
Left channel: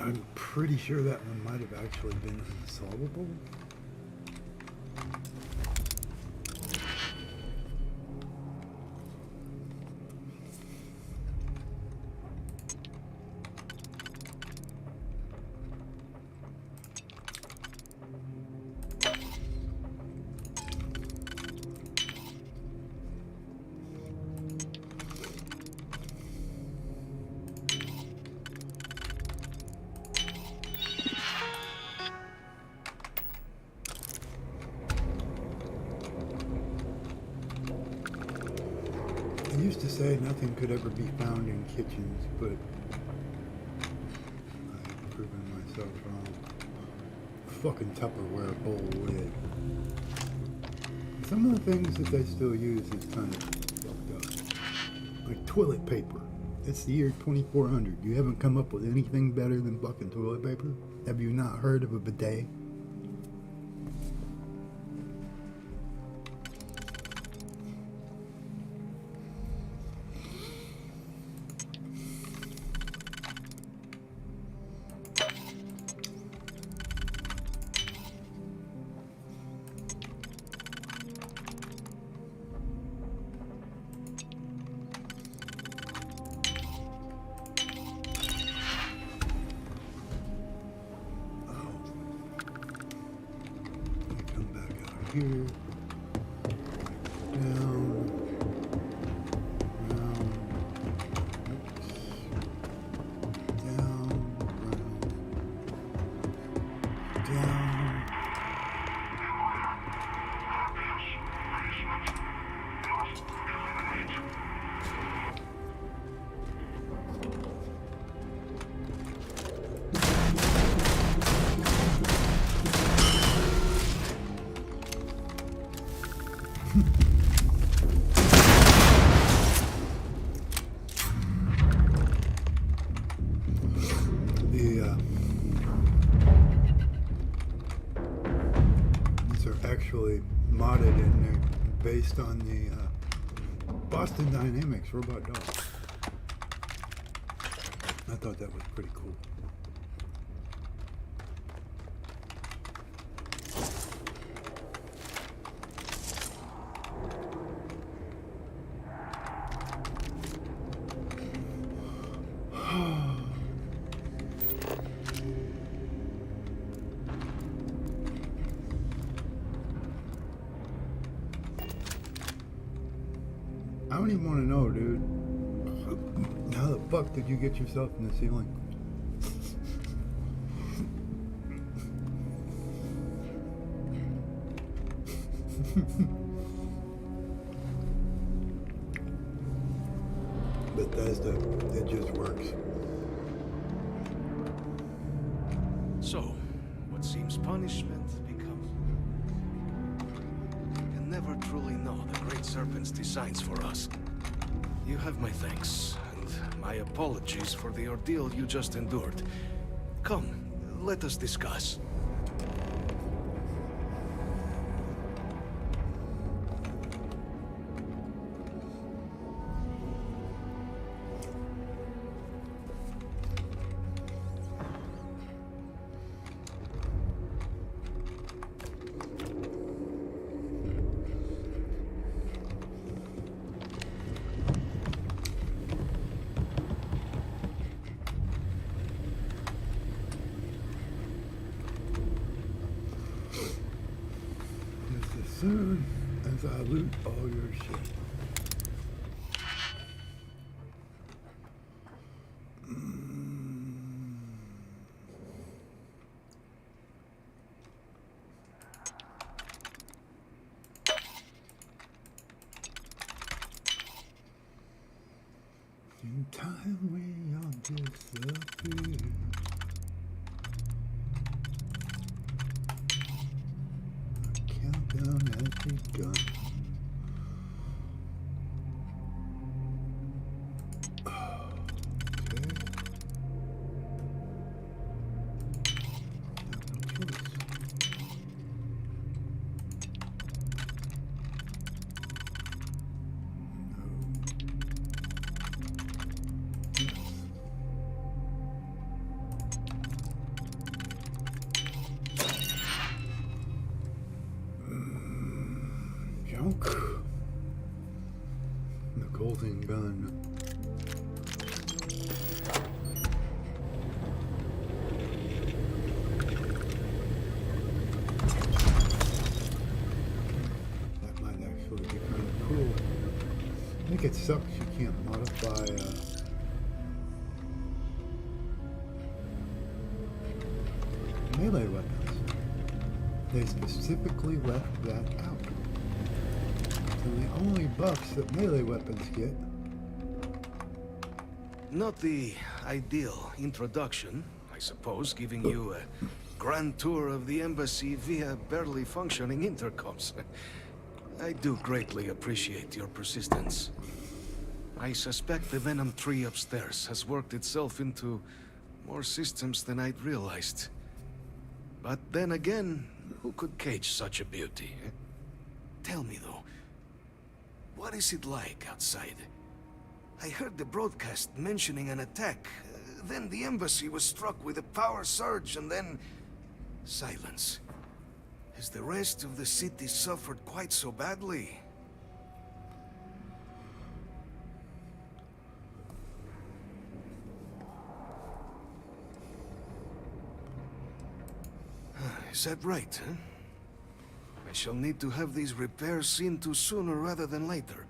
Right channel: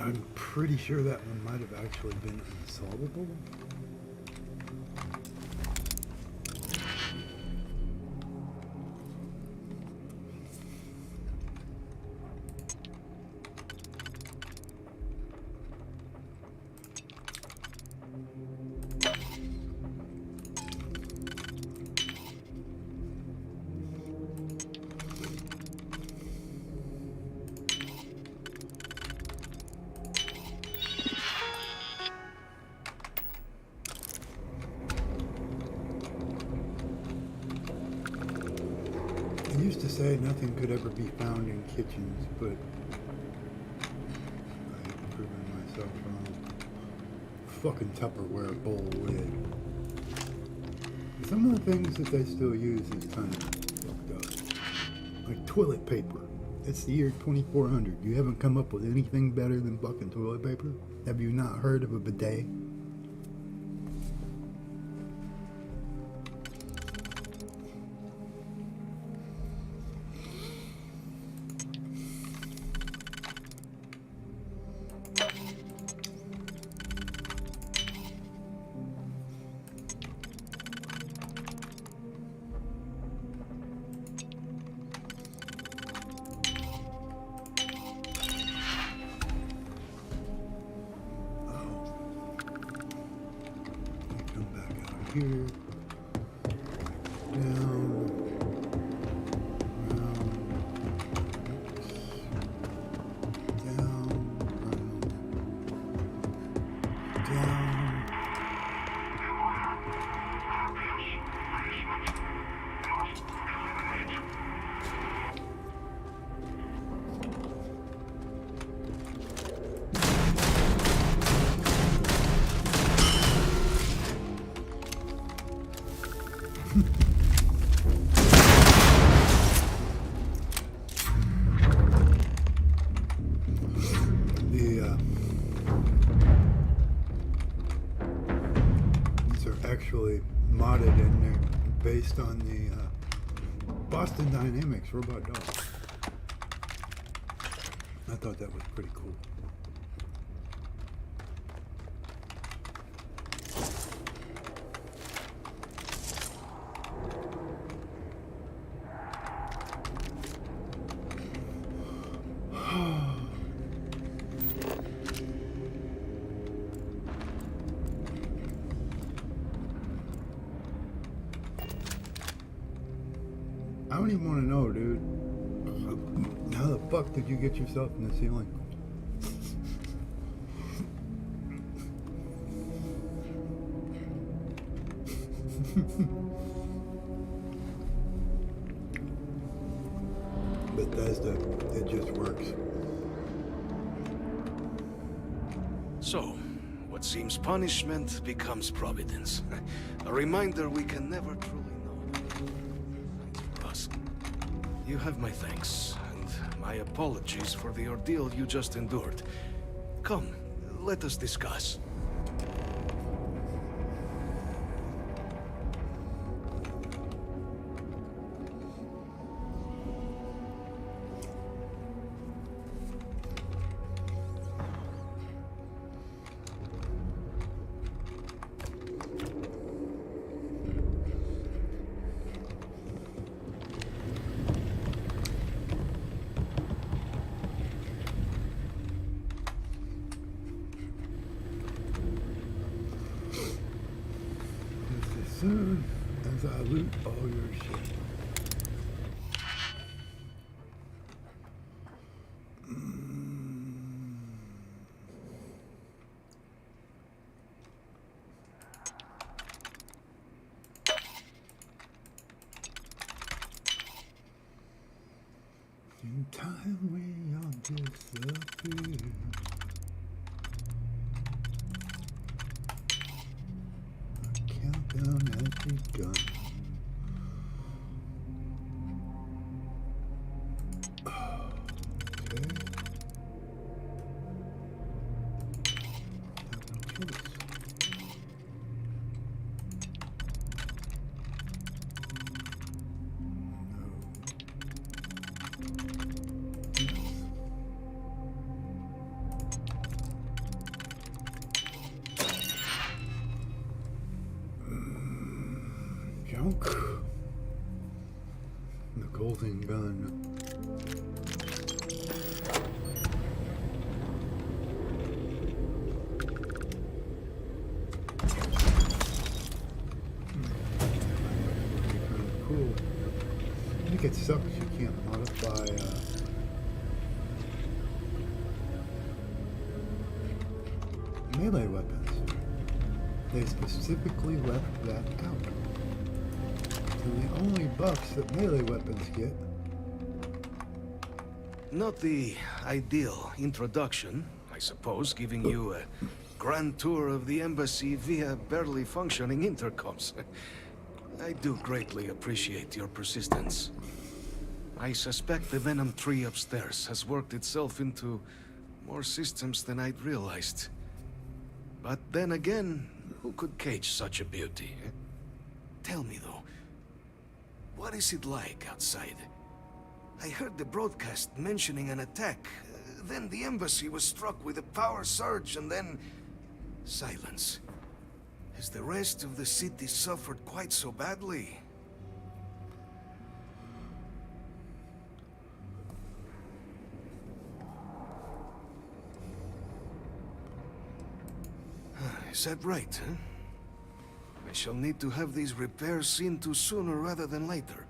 I'm pretty sure that one might have actually been unsolvable. They used to say nothing could ever be found in kitchens, but I've proven myself wrong. Fucking Tupperware bowl lid. Some of the things that they still use is kind of fucked up. Like toilet paper. It's the year 2400. You haven't come up with anything better than fucking toilet paper? Have you not heard of a bidet? Here, down, round, oops, down, round, down. These are actually modded and they're based on the Boston Dynamics robot dog. I thought that was pretty cool. I don't even want to know, dude. How the fuck did you get yourself in the ceiling? Bethesda, it just works. So, what seems punishment becomes providence. A reminder we can never truly know the Great Serpent's designs for us. You have my thanks, and my apologies for the ordeal you just endured. Come, let us discuss. As soon as I loot all your shit. In time we all disappear. Countdown has begun. Okay. Have no choice. Junk. The golden gun. That might actually be kind of cool. I think it sucks you can't modify melee weapons. They specifically left that out. So the only buffs that melee weapons get. Not the ideal introduction, I suppose, giving you a grand tour of the embassy via barely functioning intercoms. I do greatly appreciate your persistence. I suspect the Venom tree upstairs has worked itself into more systems than I'd realized. But then again, who could cage such a beauty? Tell me though, what is it like outside? I heard the broadcast mentioning an attack. Then the embassy was struck with a power surge and then silence. Has the rest of the city suffered quite so badly? Is that right, huh? I shall need to have these repairs seen to sooner rather than later.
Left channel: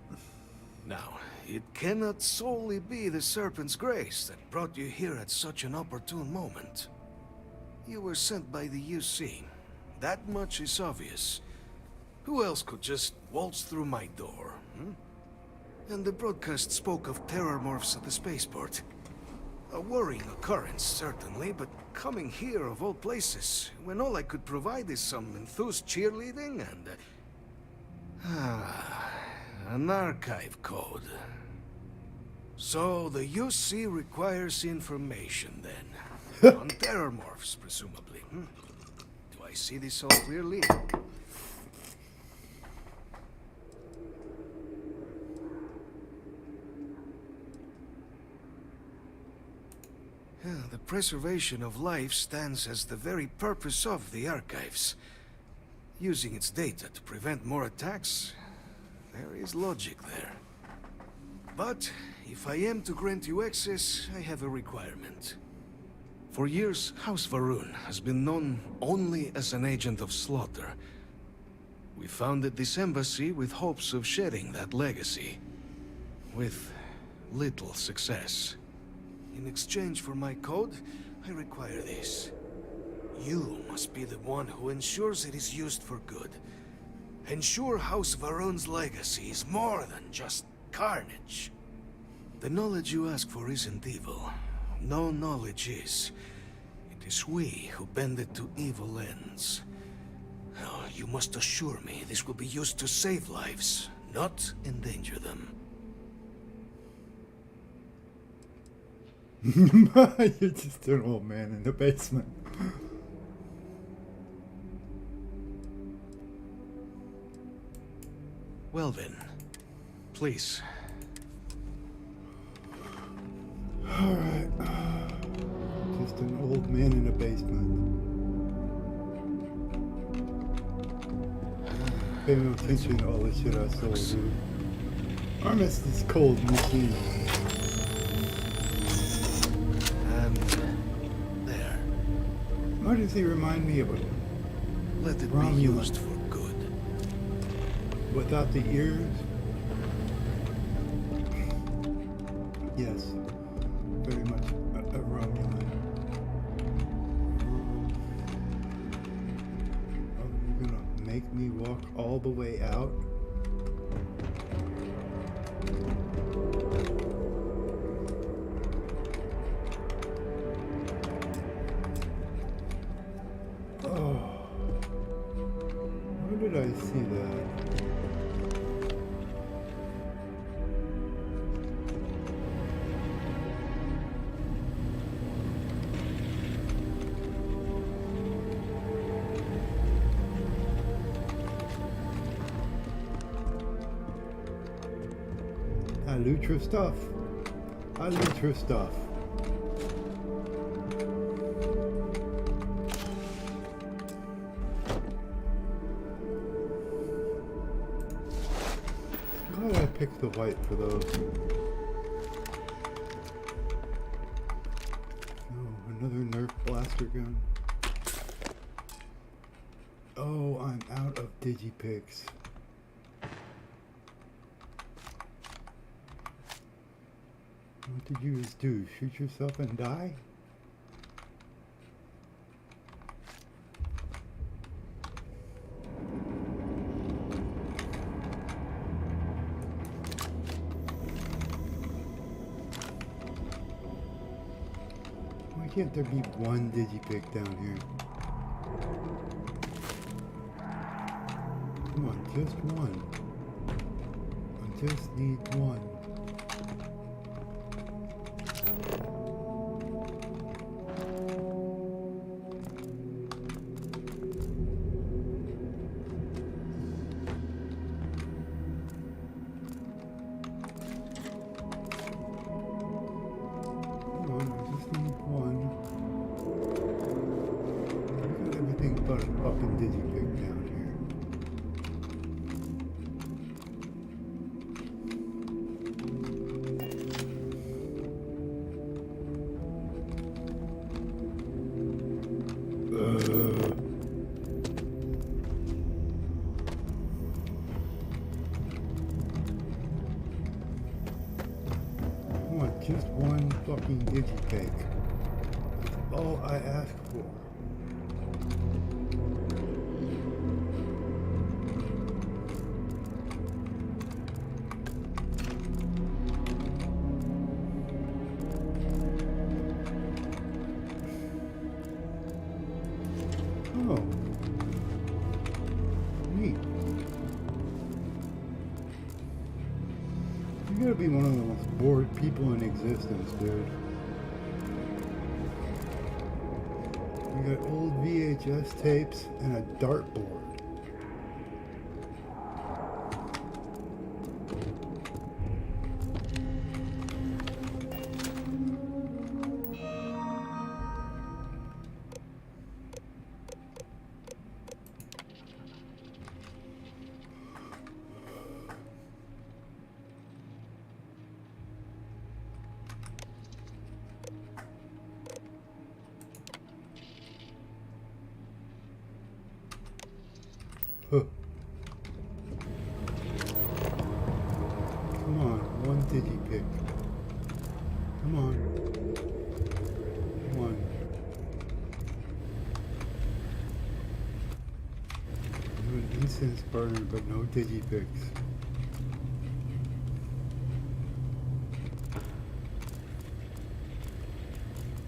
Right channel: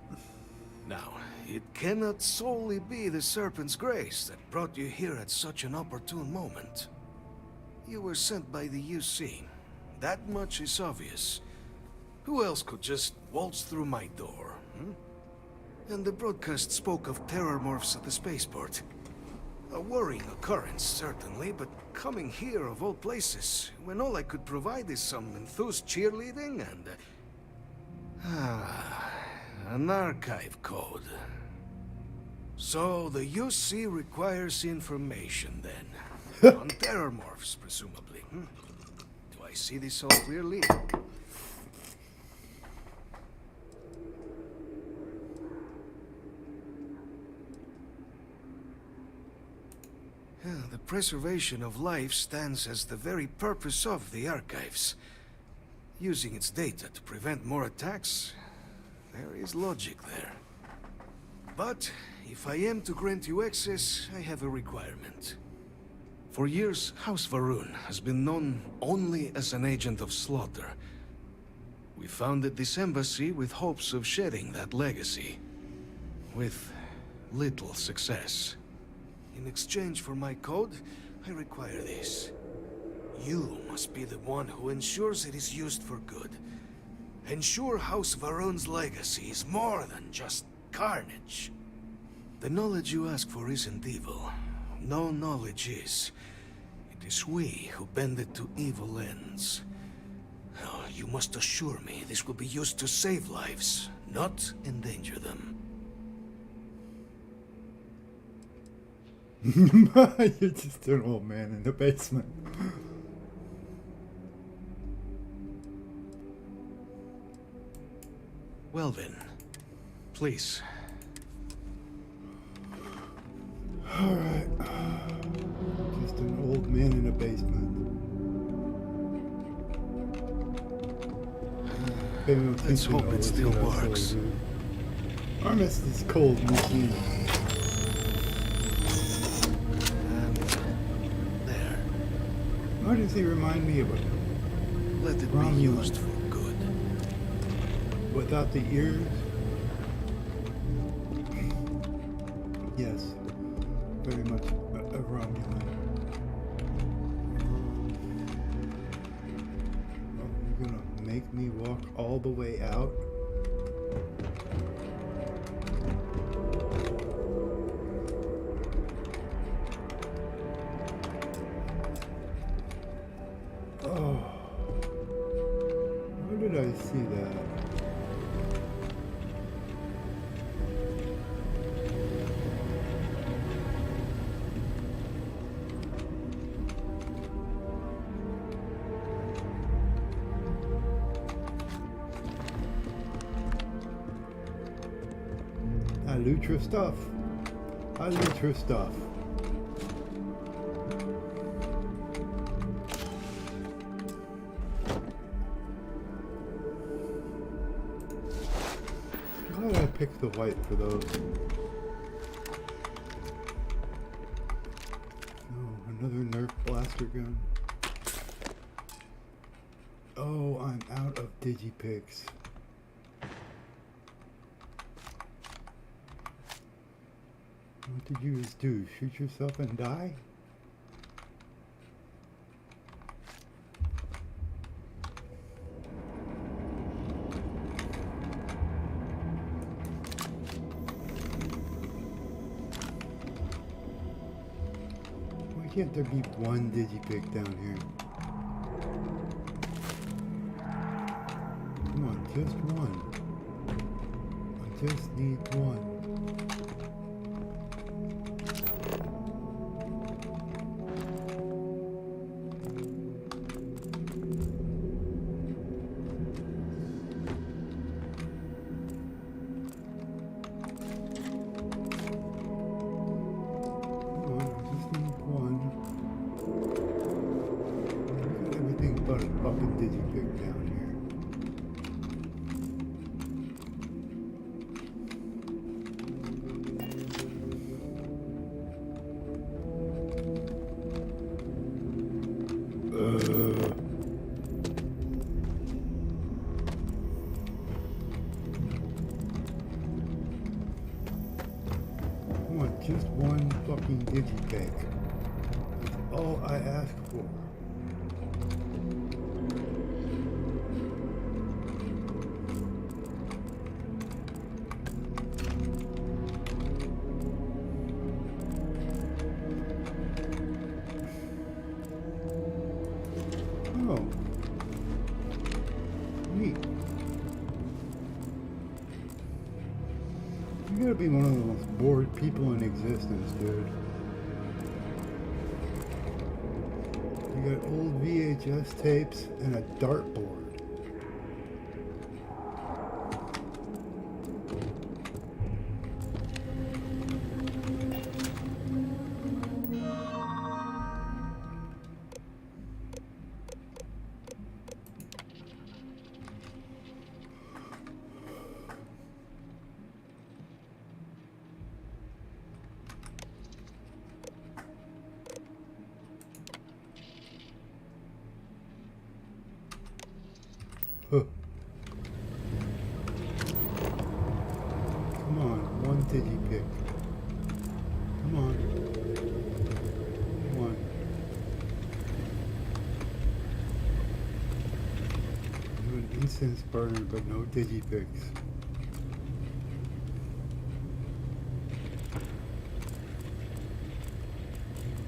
Now, it cannot solely be the Serpent's grace that brought you here at such an opportune moment. You were sent by the UC. That much is obvious. Who else could just waltz through my door, hmm? And the broadcast spoke of terror morphs at the spaceport. A worrying occurrence, certainly, but coming here of all places, when all I could provide is some enthused cheerleading and... an archive code. So the UC requires information, then. On terror morphs, presumably. Do I see this all clearly? The preservation of life stands as the very purpose of the archives. Using its data to prevent more attacks, there is logic there. But if I am to grant you access, I have a requirement. For years, House Varun has been known only as an agent of slaughter. We founded this embassy with hopes of shedding that legacy. with little success. In exchange for my code, I require this. You must be the one who ensures it is used for good. Ensure House Varun's legacy is more than just carnage. The knowledge you ask for isn't evil. No knowledge is. It is we who bend it to evil ends. Oh, you must assure me this will be used to save lives, not endanger them. You're just an old man in the basement. Well then, please. Alright. Just an old man in a basement. Pay no attention to all this shit I sold, dude. I miss this cold machine. And there. Why does he remind me of a Let it Romulan? be used for good. Without the ears? Yes. Very much a Romulan. Oh, you're gonna make me walk all the way out? Oh. Where did I see that? I loot your stuff. I loot your stuff. Glad I picked the white for those. Oh, another Nerf blaster gun. Oh, I'm out of digipicks. What did you just do? Shoot yourself and die? Why can't there be one digipick down here? Come on, just one. I just need one. Digipick down here. I want just one fucking digipick. That's all I ask for. Oh. Neat. You gotta be one of the most bored people in existence, dude. You got old VHS tapes and a dartboard. Huh. Come on, one digipick. Come on. Come on. Do an incense burner, but no digipicks.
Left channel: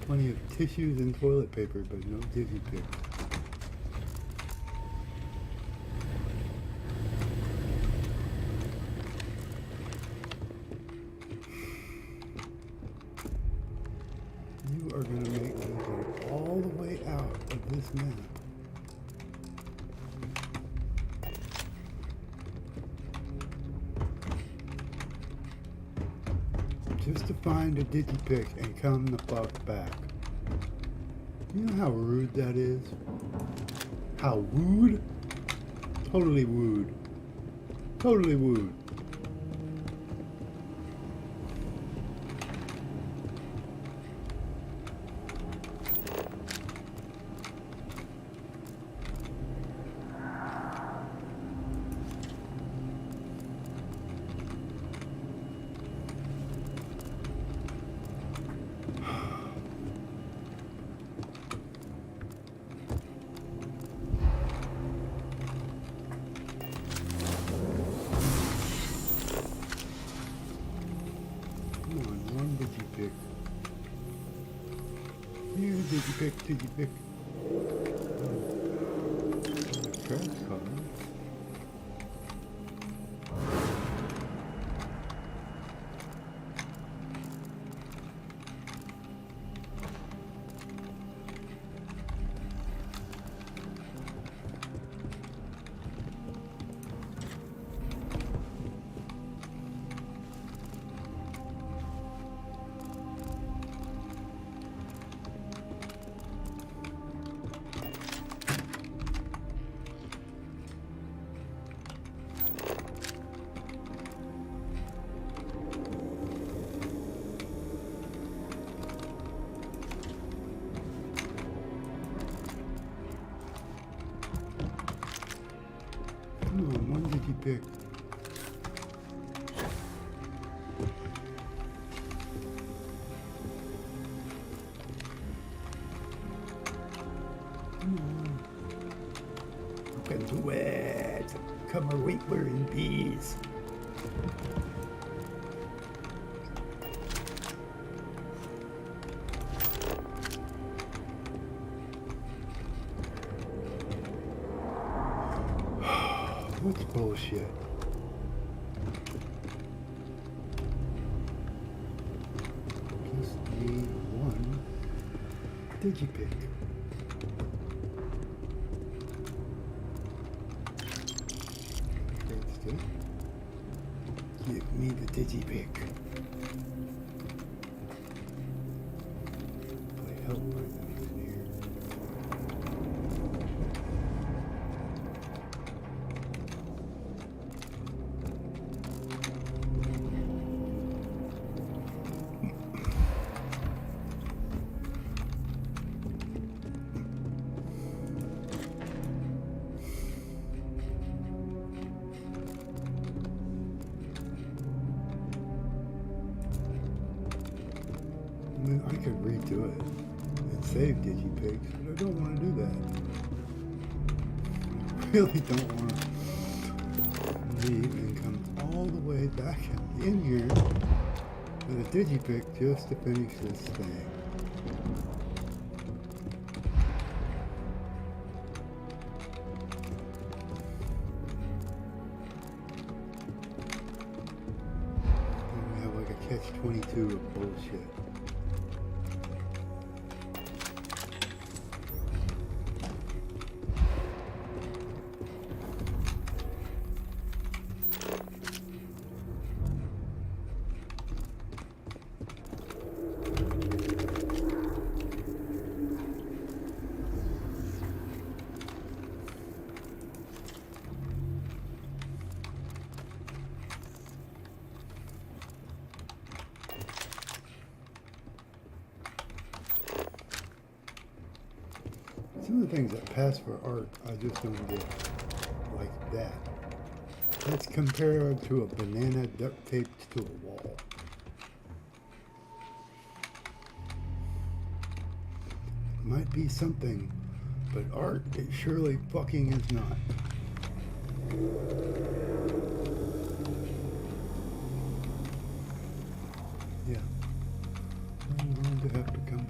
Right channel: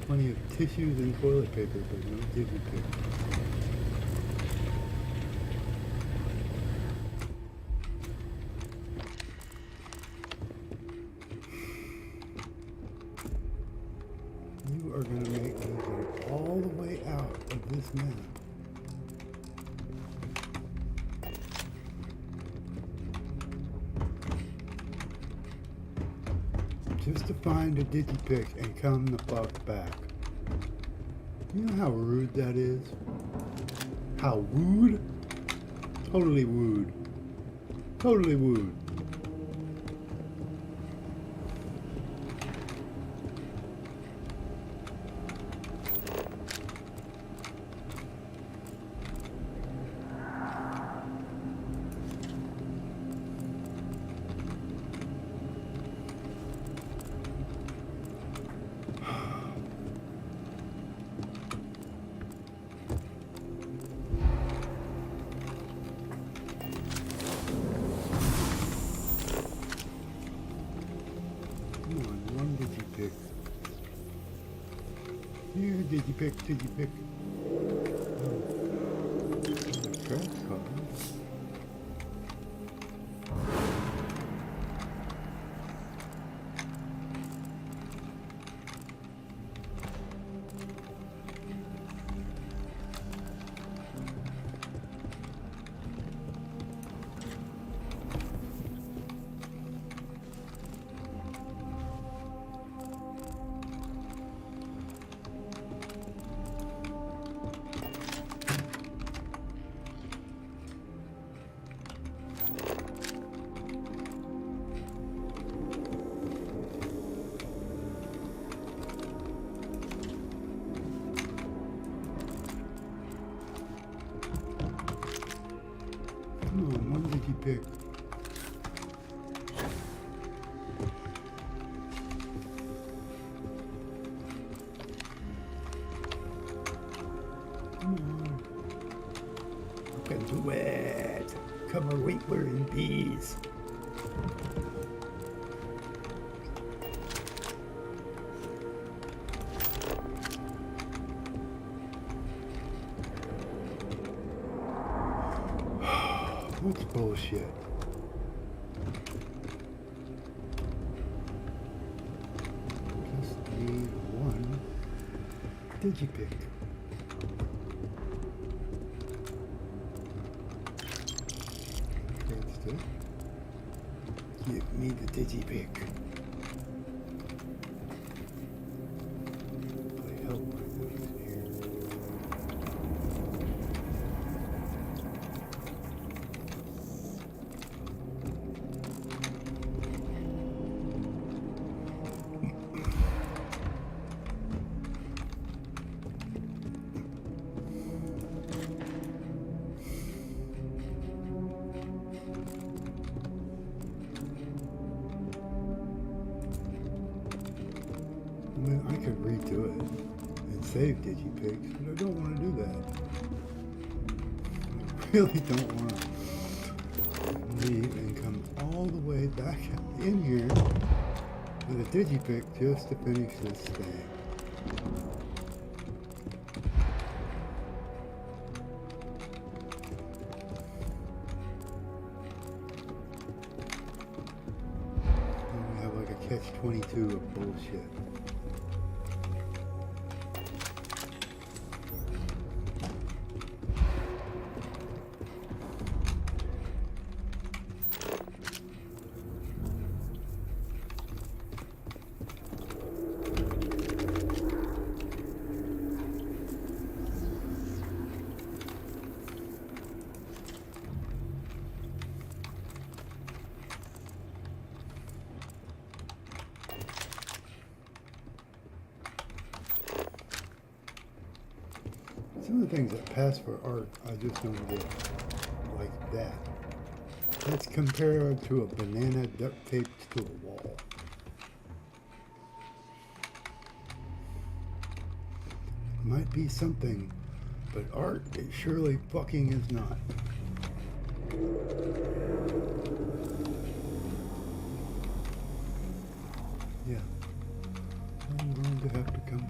Plenty of tissues and toilet paper, but no digipicks. You are going to make me go all the way out of this map. Just to find a digipick and come the fuck back. You know how rude that is? How wooed? Totally wooed. Totally wooed. Come on, one digipick. Here, digipick, digipick. Oh, a trash car. Come on, one digipick. Come on. You can do it. Come right where in peace. What's bullshit? Just need one digipick. That's it. Give me the digipick. Play help right in here. I mean, I could redo it and save digipicks, but I don't want to do that. I really don't want to leave and come all the way back in here with a digipick just to finish this thing. And we have like a catch-22 of bullshit. Some of the things that pass for art, I just don't get, like that. Let's compare it to a banana duct taped to a wall. Might be something, but art it surely fucking is not. Yeah. I'm going to have to come back.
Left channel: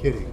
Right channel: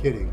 Kidding.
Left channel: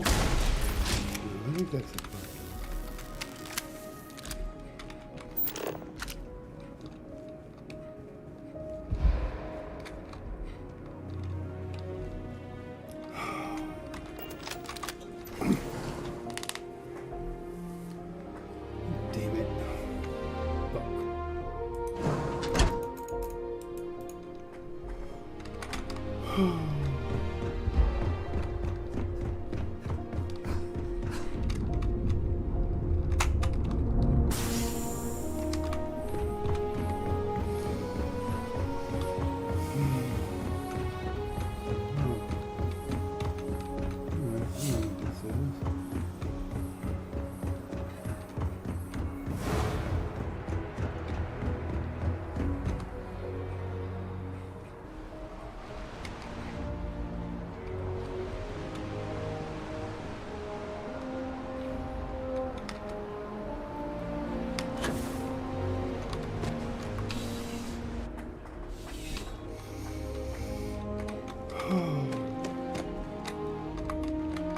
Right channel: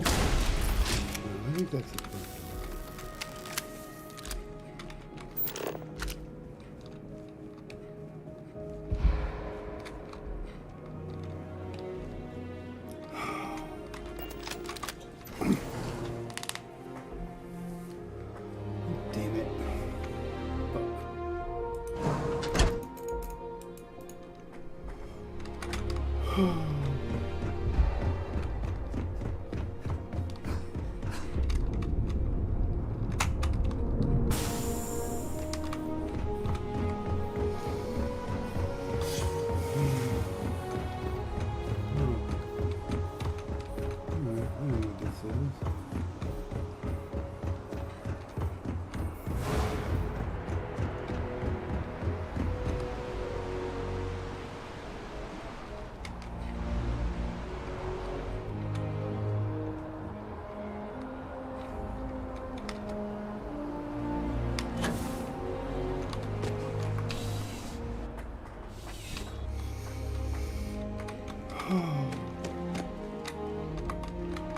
I think that's the front door. Damn it. Fuck.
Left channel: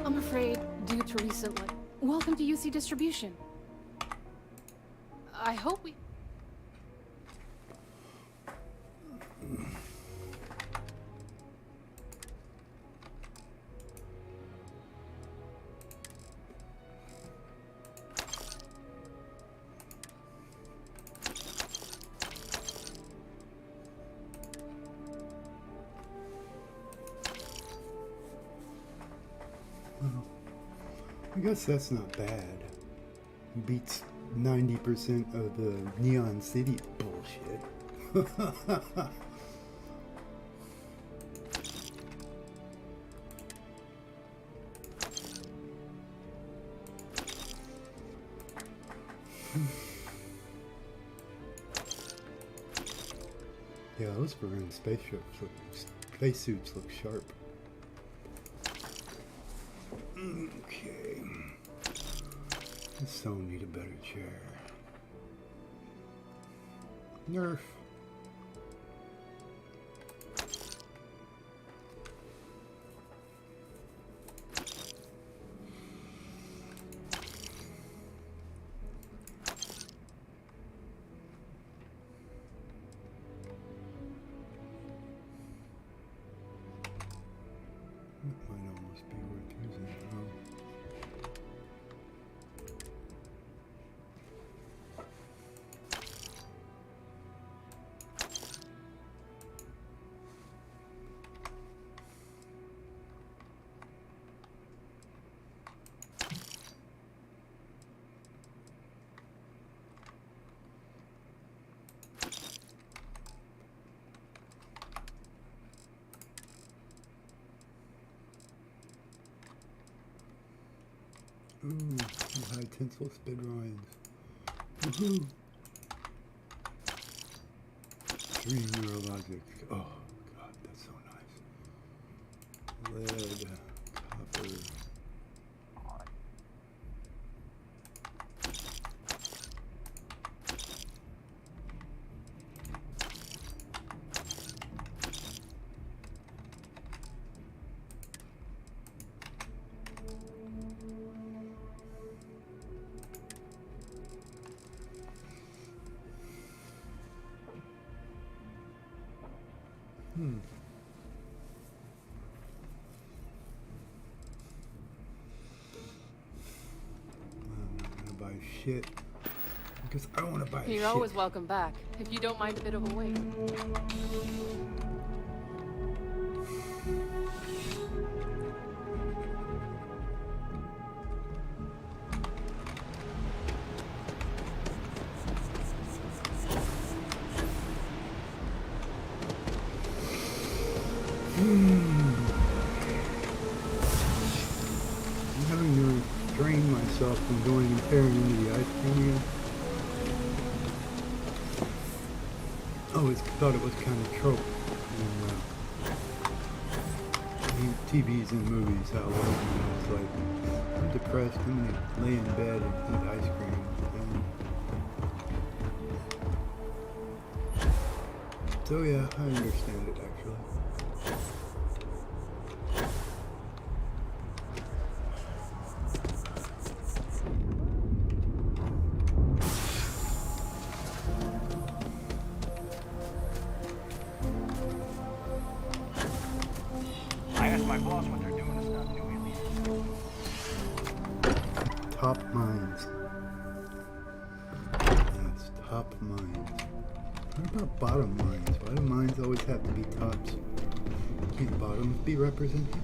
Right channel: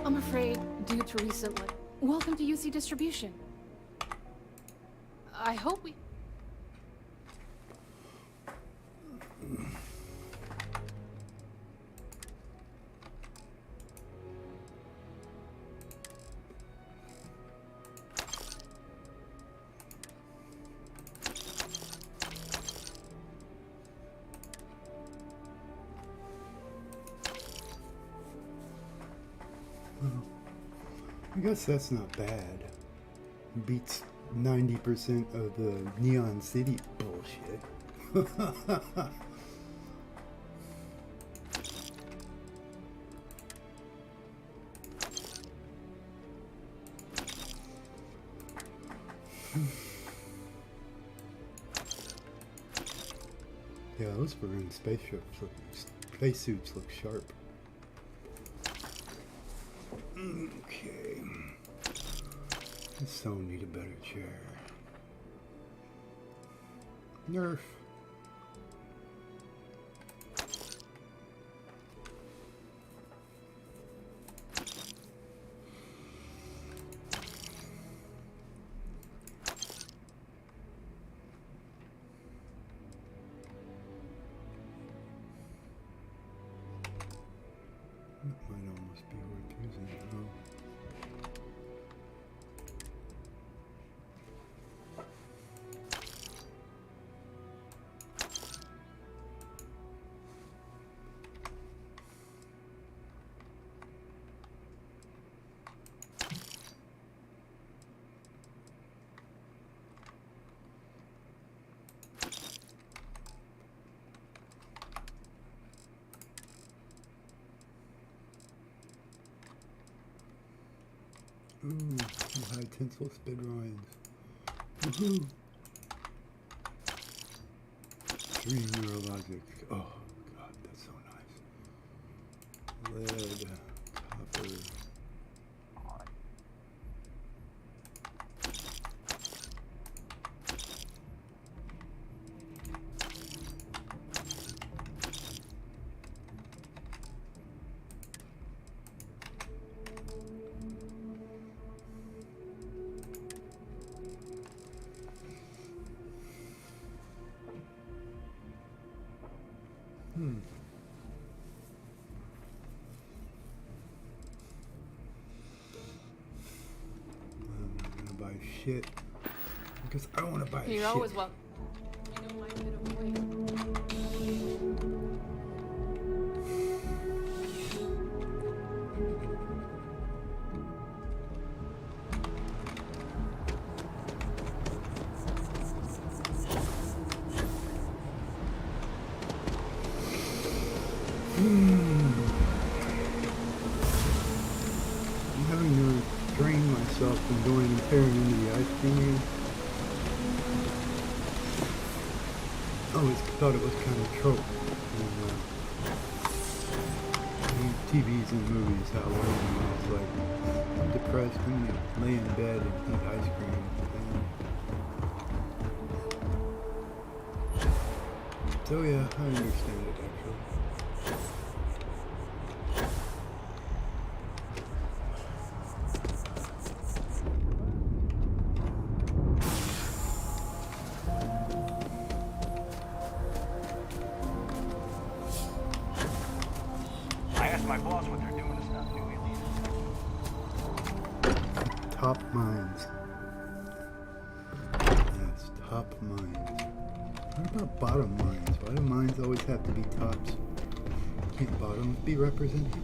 I'm afraid, due to recent welcome to UC Distribution. I hope we... Well, I guess that's not bad. Beats 90% of the Neon City bullshit. Yeah, those Varun spacesuits look sharp. Okay. So need a better chair. Nerf. That might almost be worth using. Oh. Ooh, high tinsel spid rinds. Woohoo! 3 neurologics. Oh god, that's so nice. Lead, copper. I'm not gonna buy shit because I don't want to buy You're shit. always welcome back, if you don't mind a bit of a wait. I'm having to restrain myself from going and tearing into the ice cream again. I always thought it was kind of trope in TVs and movies how it's like, I'm depressed, I'm gonna lay in bed and eat ice cream. So yeah, I understand it actually. I asked my boss what they're doing to stop new aliens. Top mines. Yes, top mines. What about bottom mines? Why do mines always have to be tops? Can't bottoms be represented?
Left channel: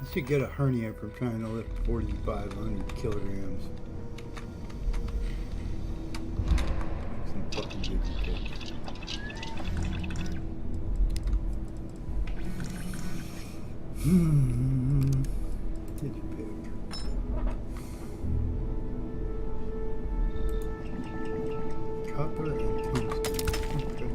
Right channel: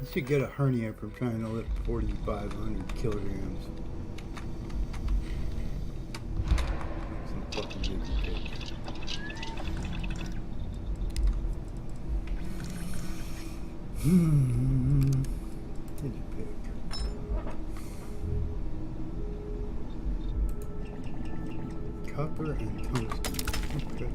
You should get a hernia from trying to lift 4,500 kilograms. Make some fucking veggie cakes. Digipick. Copper and tungsten. Okay.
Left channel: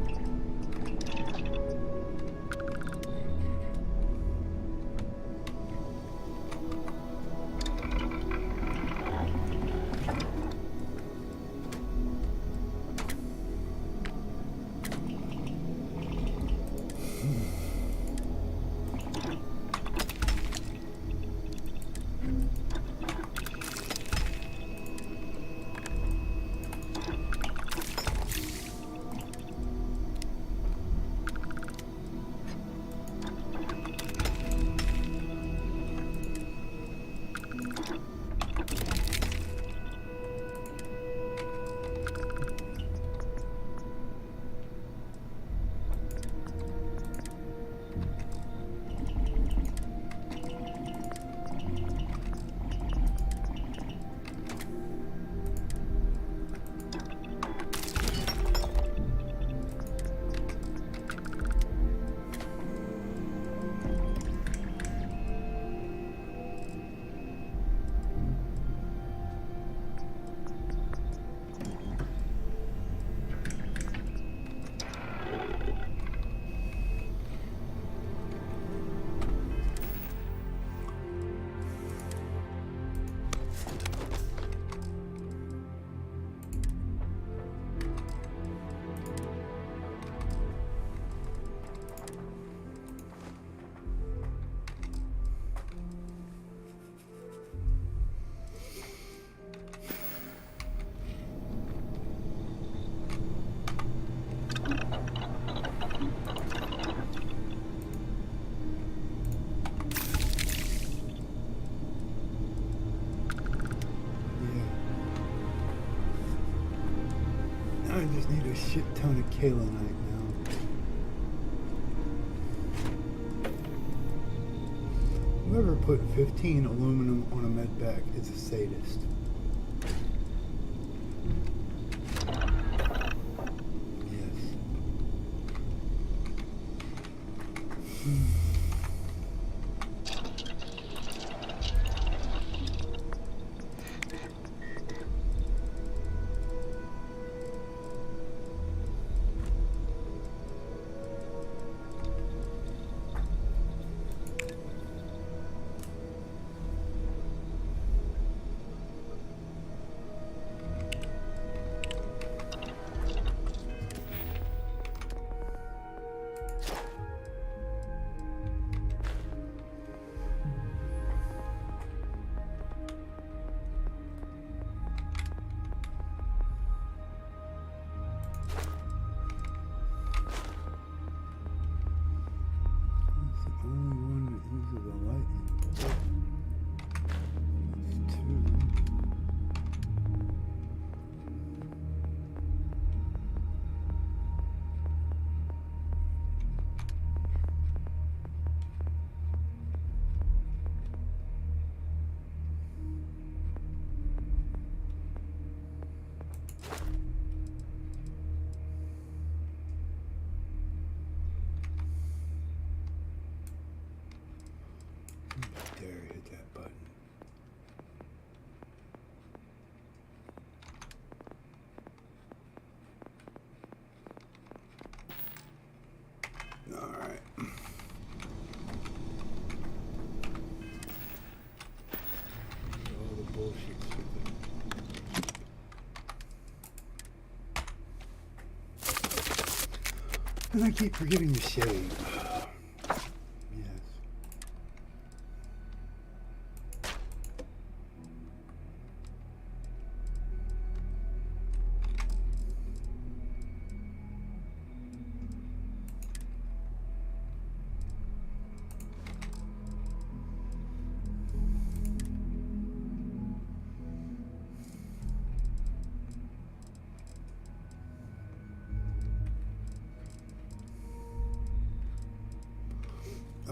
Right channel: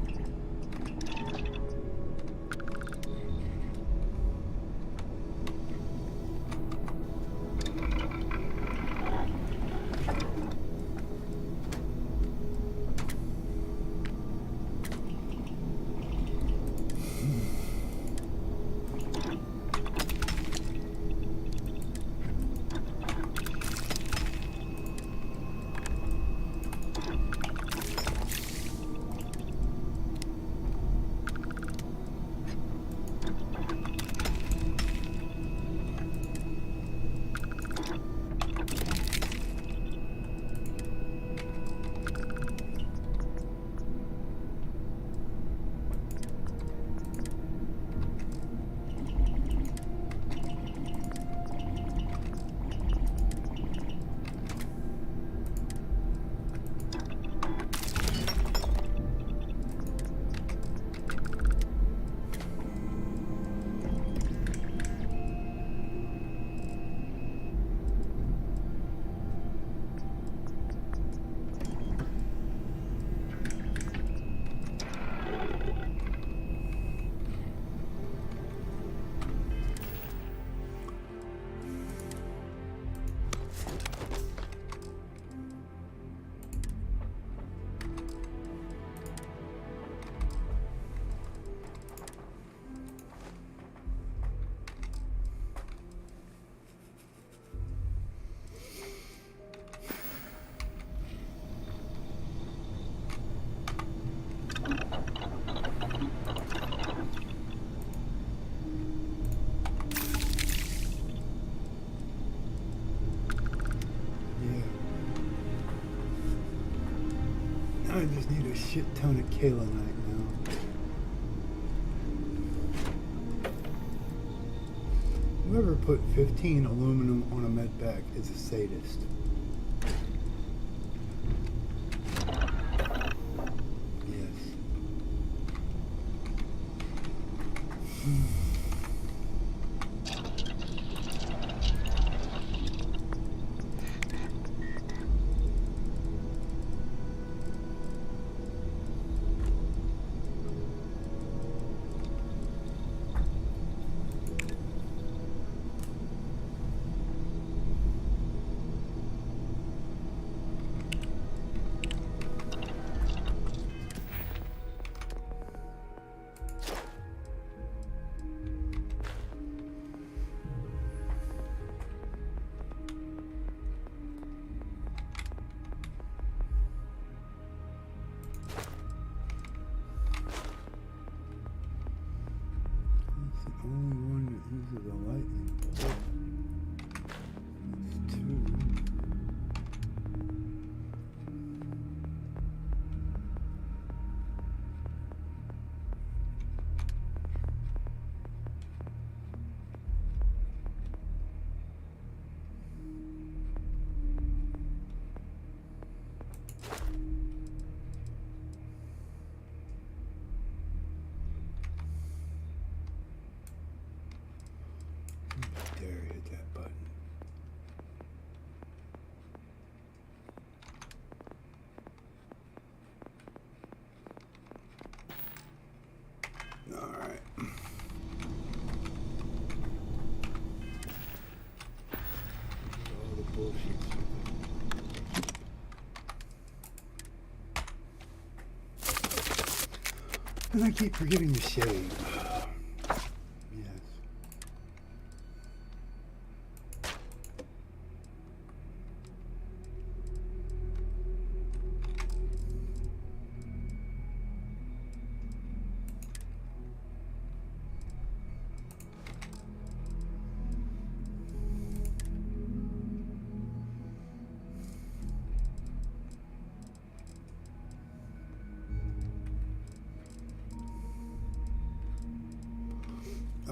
I just need a shit ton of kaolinite now. Whoever put 15 aluminum on a med pack is a sadist. It's the only one that uses a lightning bolt. It's two. Dare hit that button. All right. All the bullshit stupid. And I keep forgetting to shave. Yes.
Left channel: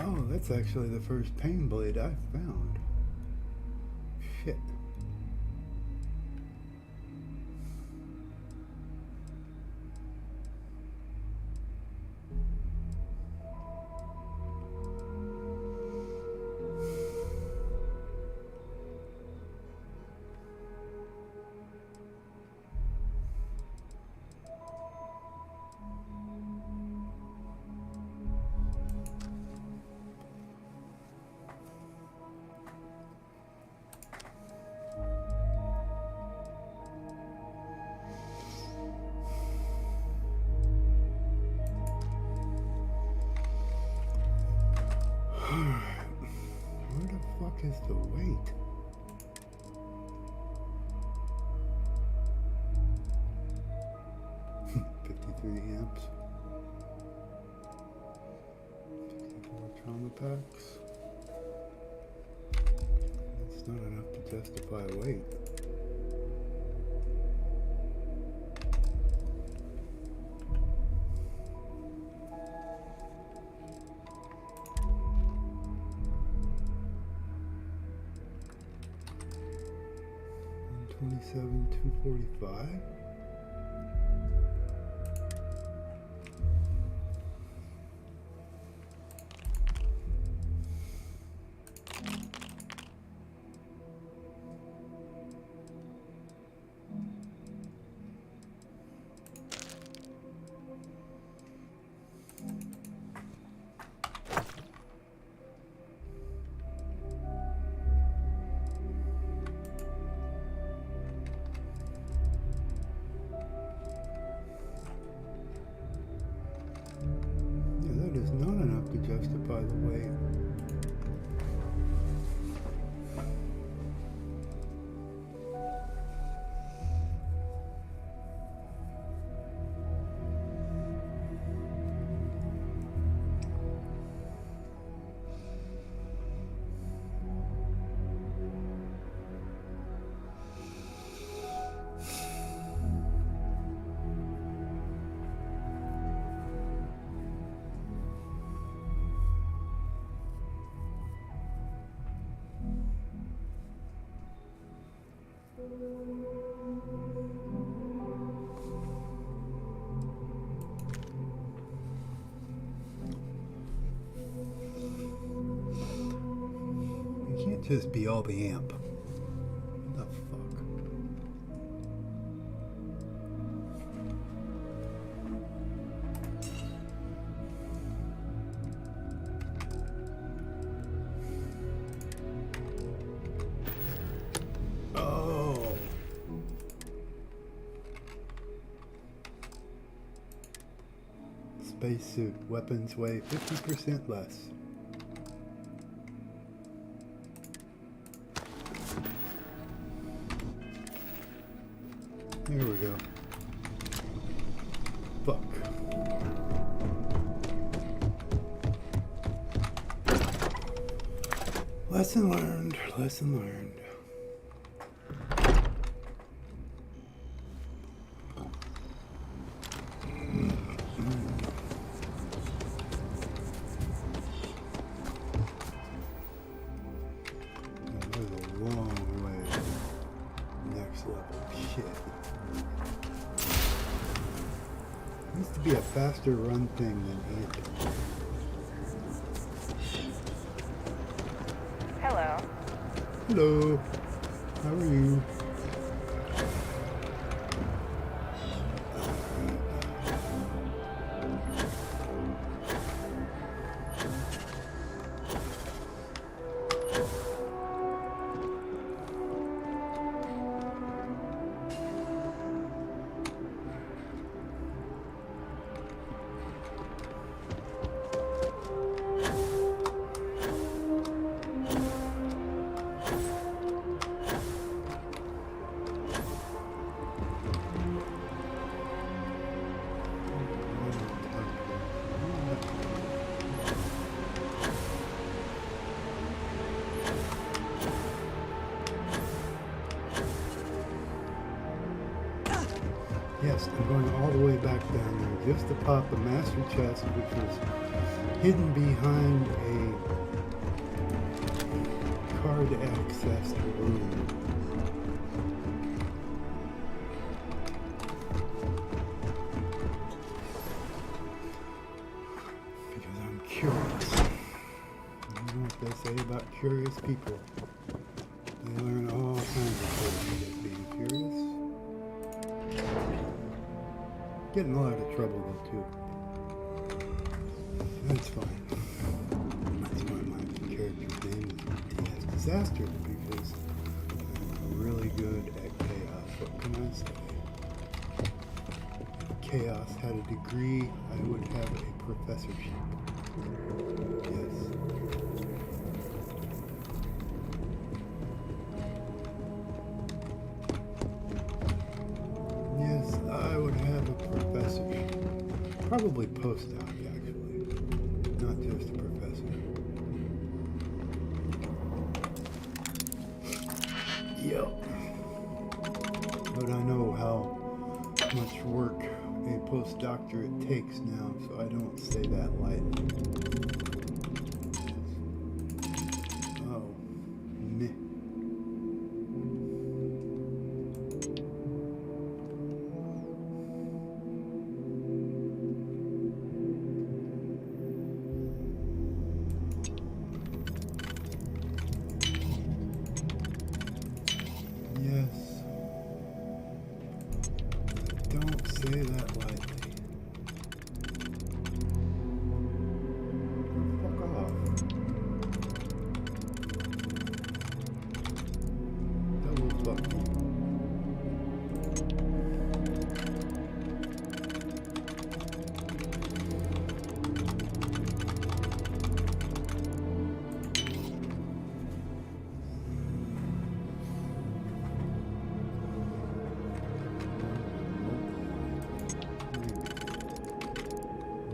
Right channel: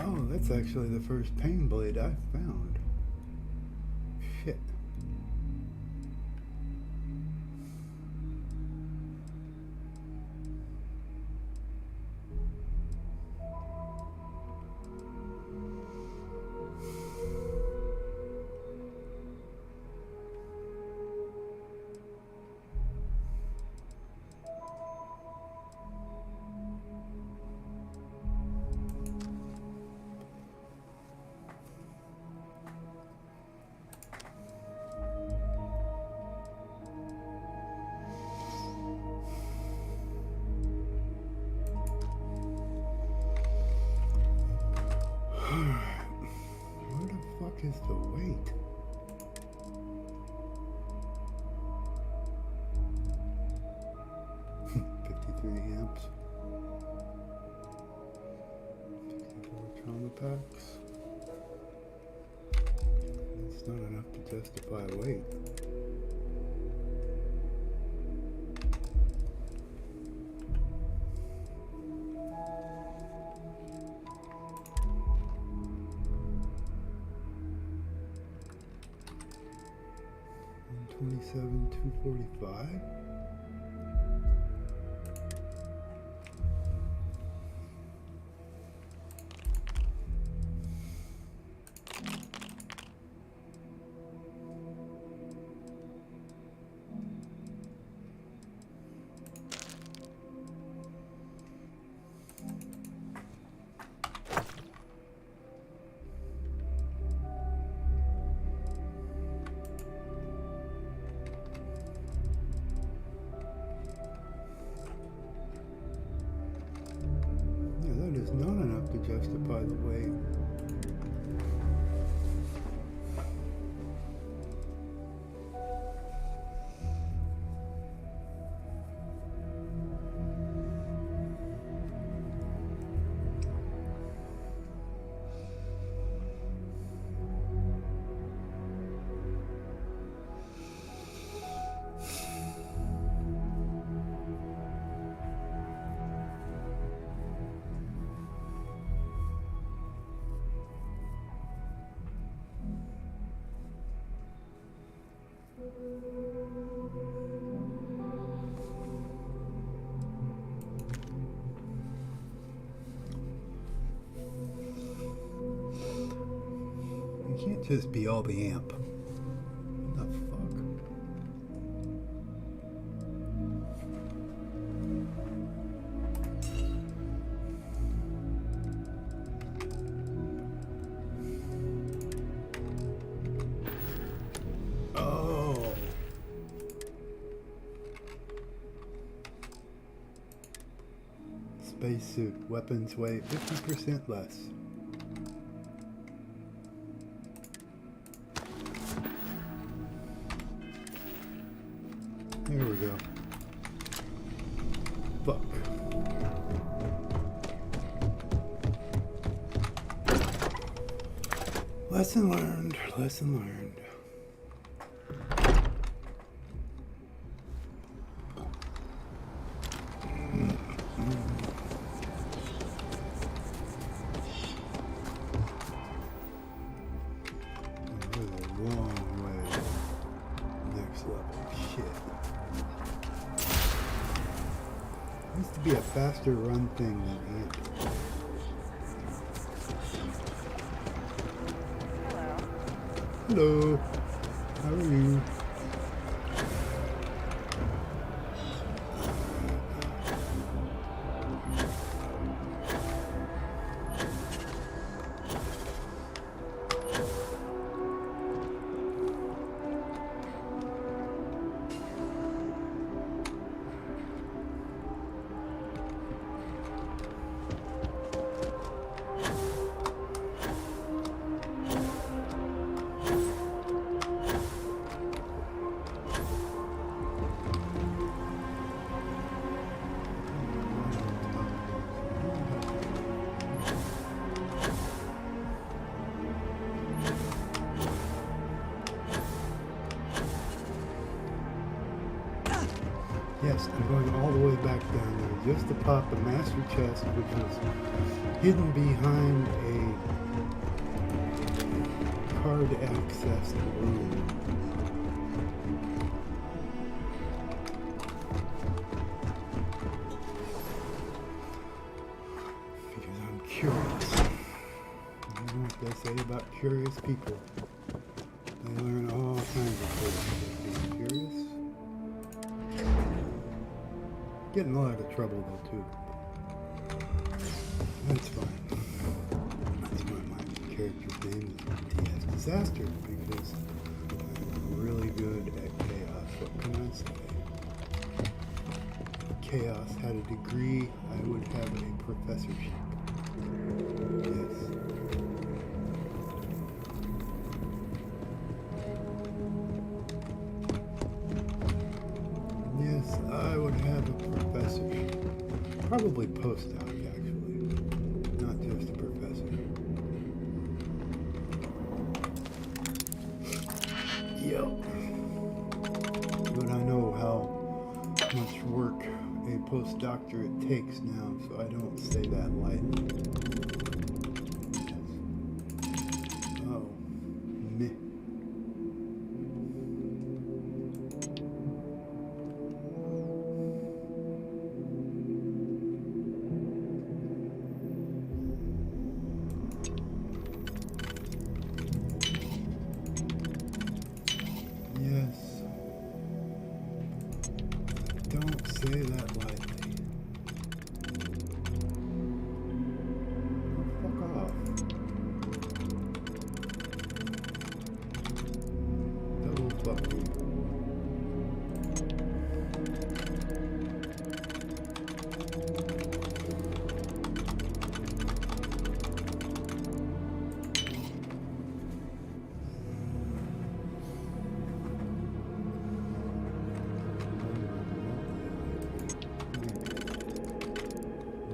Oh, that's actually the first pain blade I've found. Shit. Where the fuck is the weight? $53 amps. 64 trauma packs. That's not enough to justify weight. $27,245. Yeah, that is not enough to justify the weight. just be all the amp. The fuck? Oh. Spacesuit. Weapons weigh 50% less. There we go. Fuck. Lesson learned. Lesson learned. That was a long way. Next level. Shit. Used to be a faster run thing than Ant. Hello. Hello. How are you? Yes, I'm going all the way back down there just to pop the master chest, which was hidden behind a card accessed room. Because I'm curious. You know what they say about curious people? They learn all kinds of things just being curious. Get in a lot of trouble though too. That's fine. That's why my character's name is DS Disaster, because I'm really good at chaos. What can I say? If chaos had a degree, I would have a professorship. Yes. Yes, I would have a professorship. Probably postdoc, actually. Not just a professor. Yep. But I know how much work a postdoctorate takes now, so I don't say that lightly. Yes. Oh. Meh. Yes. Don't say that lightly. Oh, fuck off. Double fuck you.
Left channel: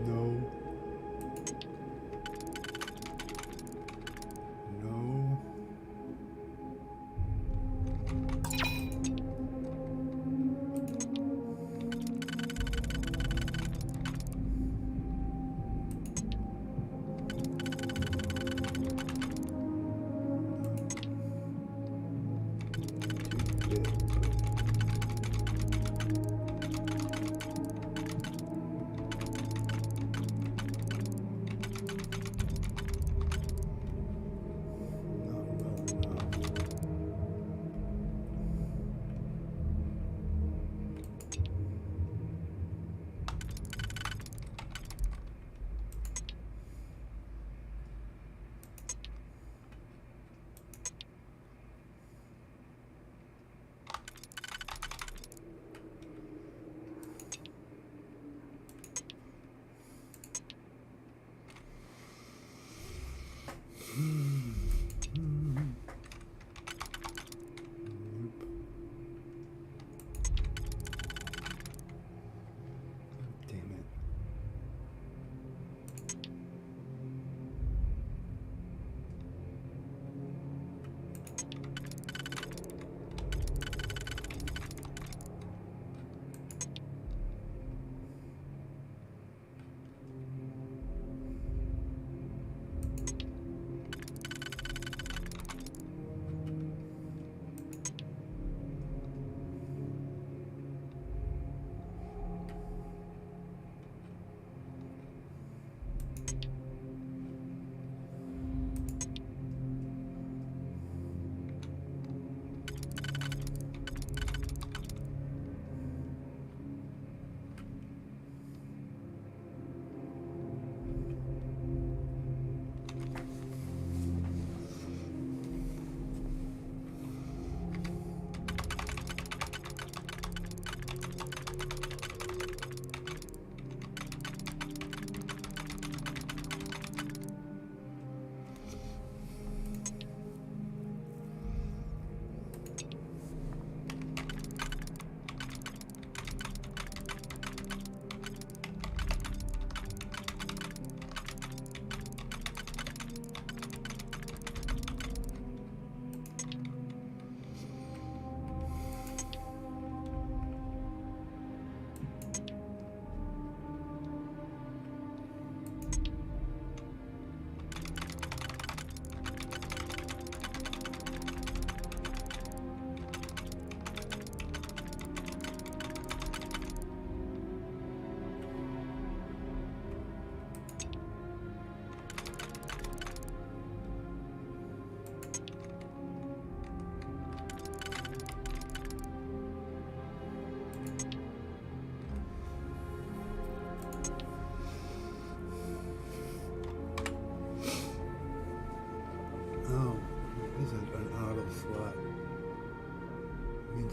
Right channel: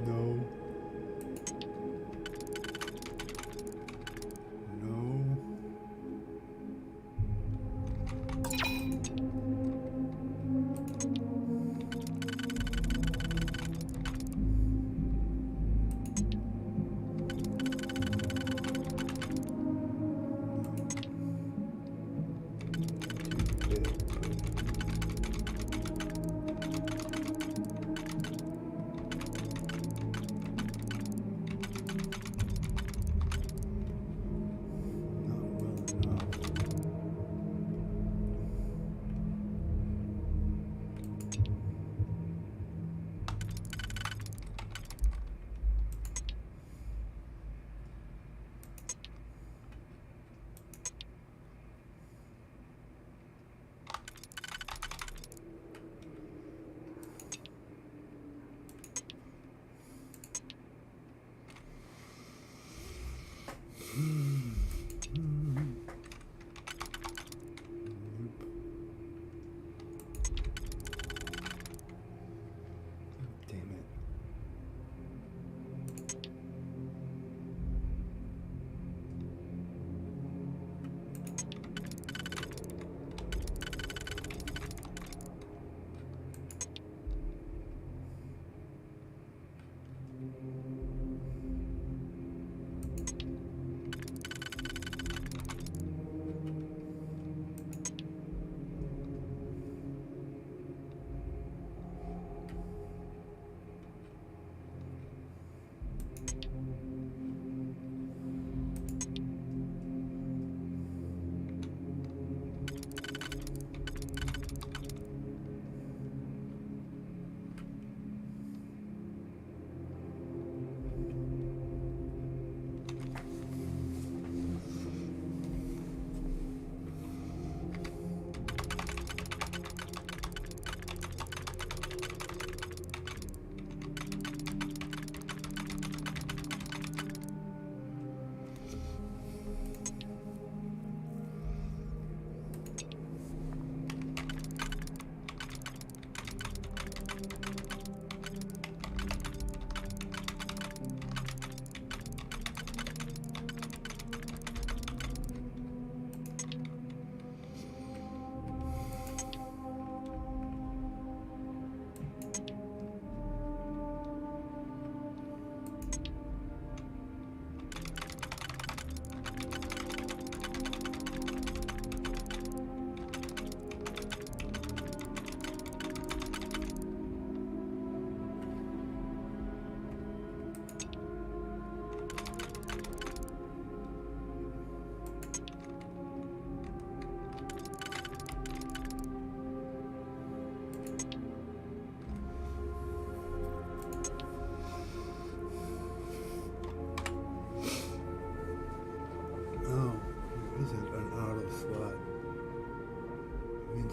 No. No. Too big. Not well enough.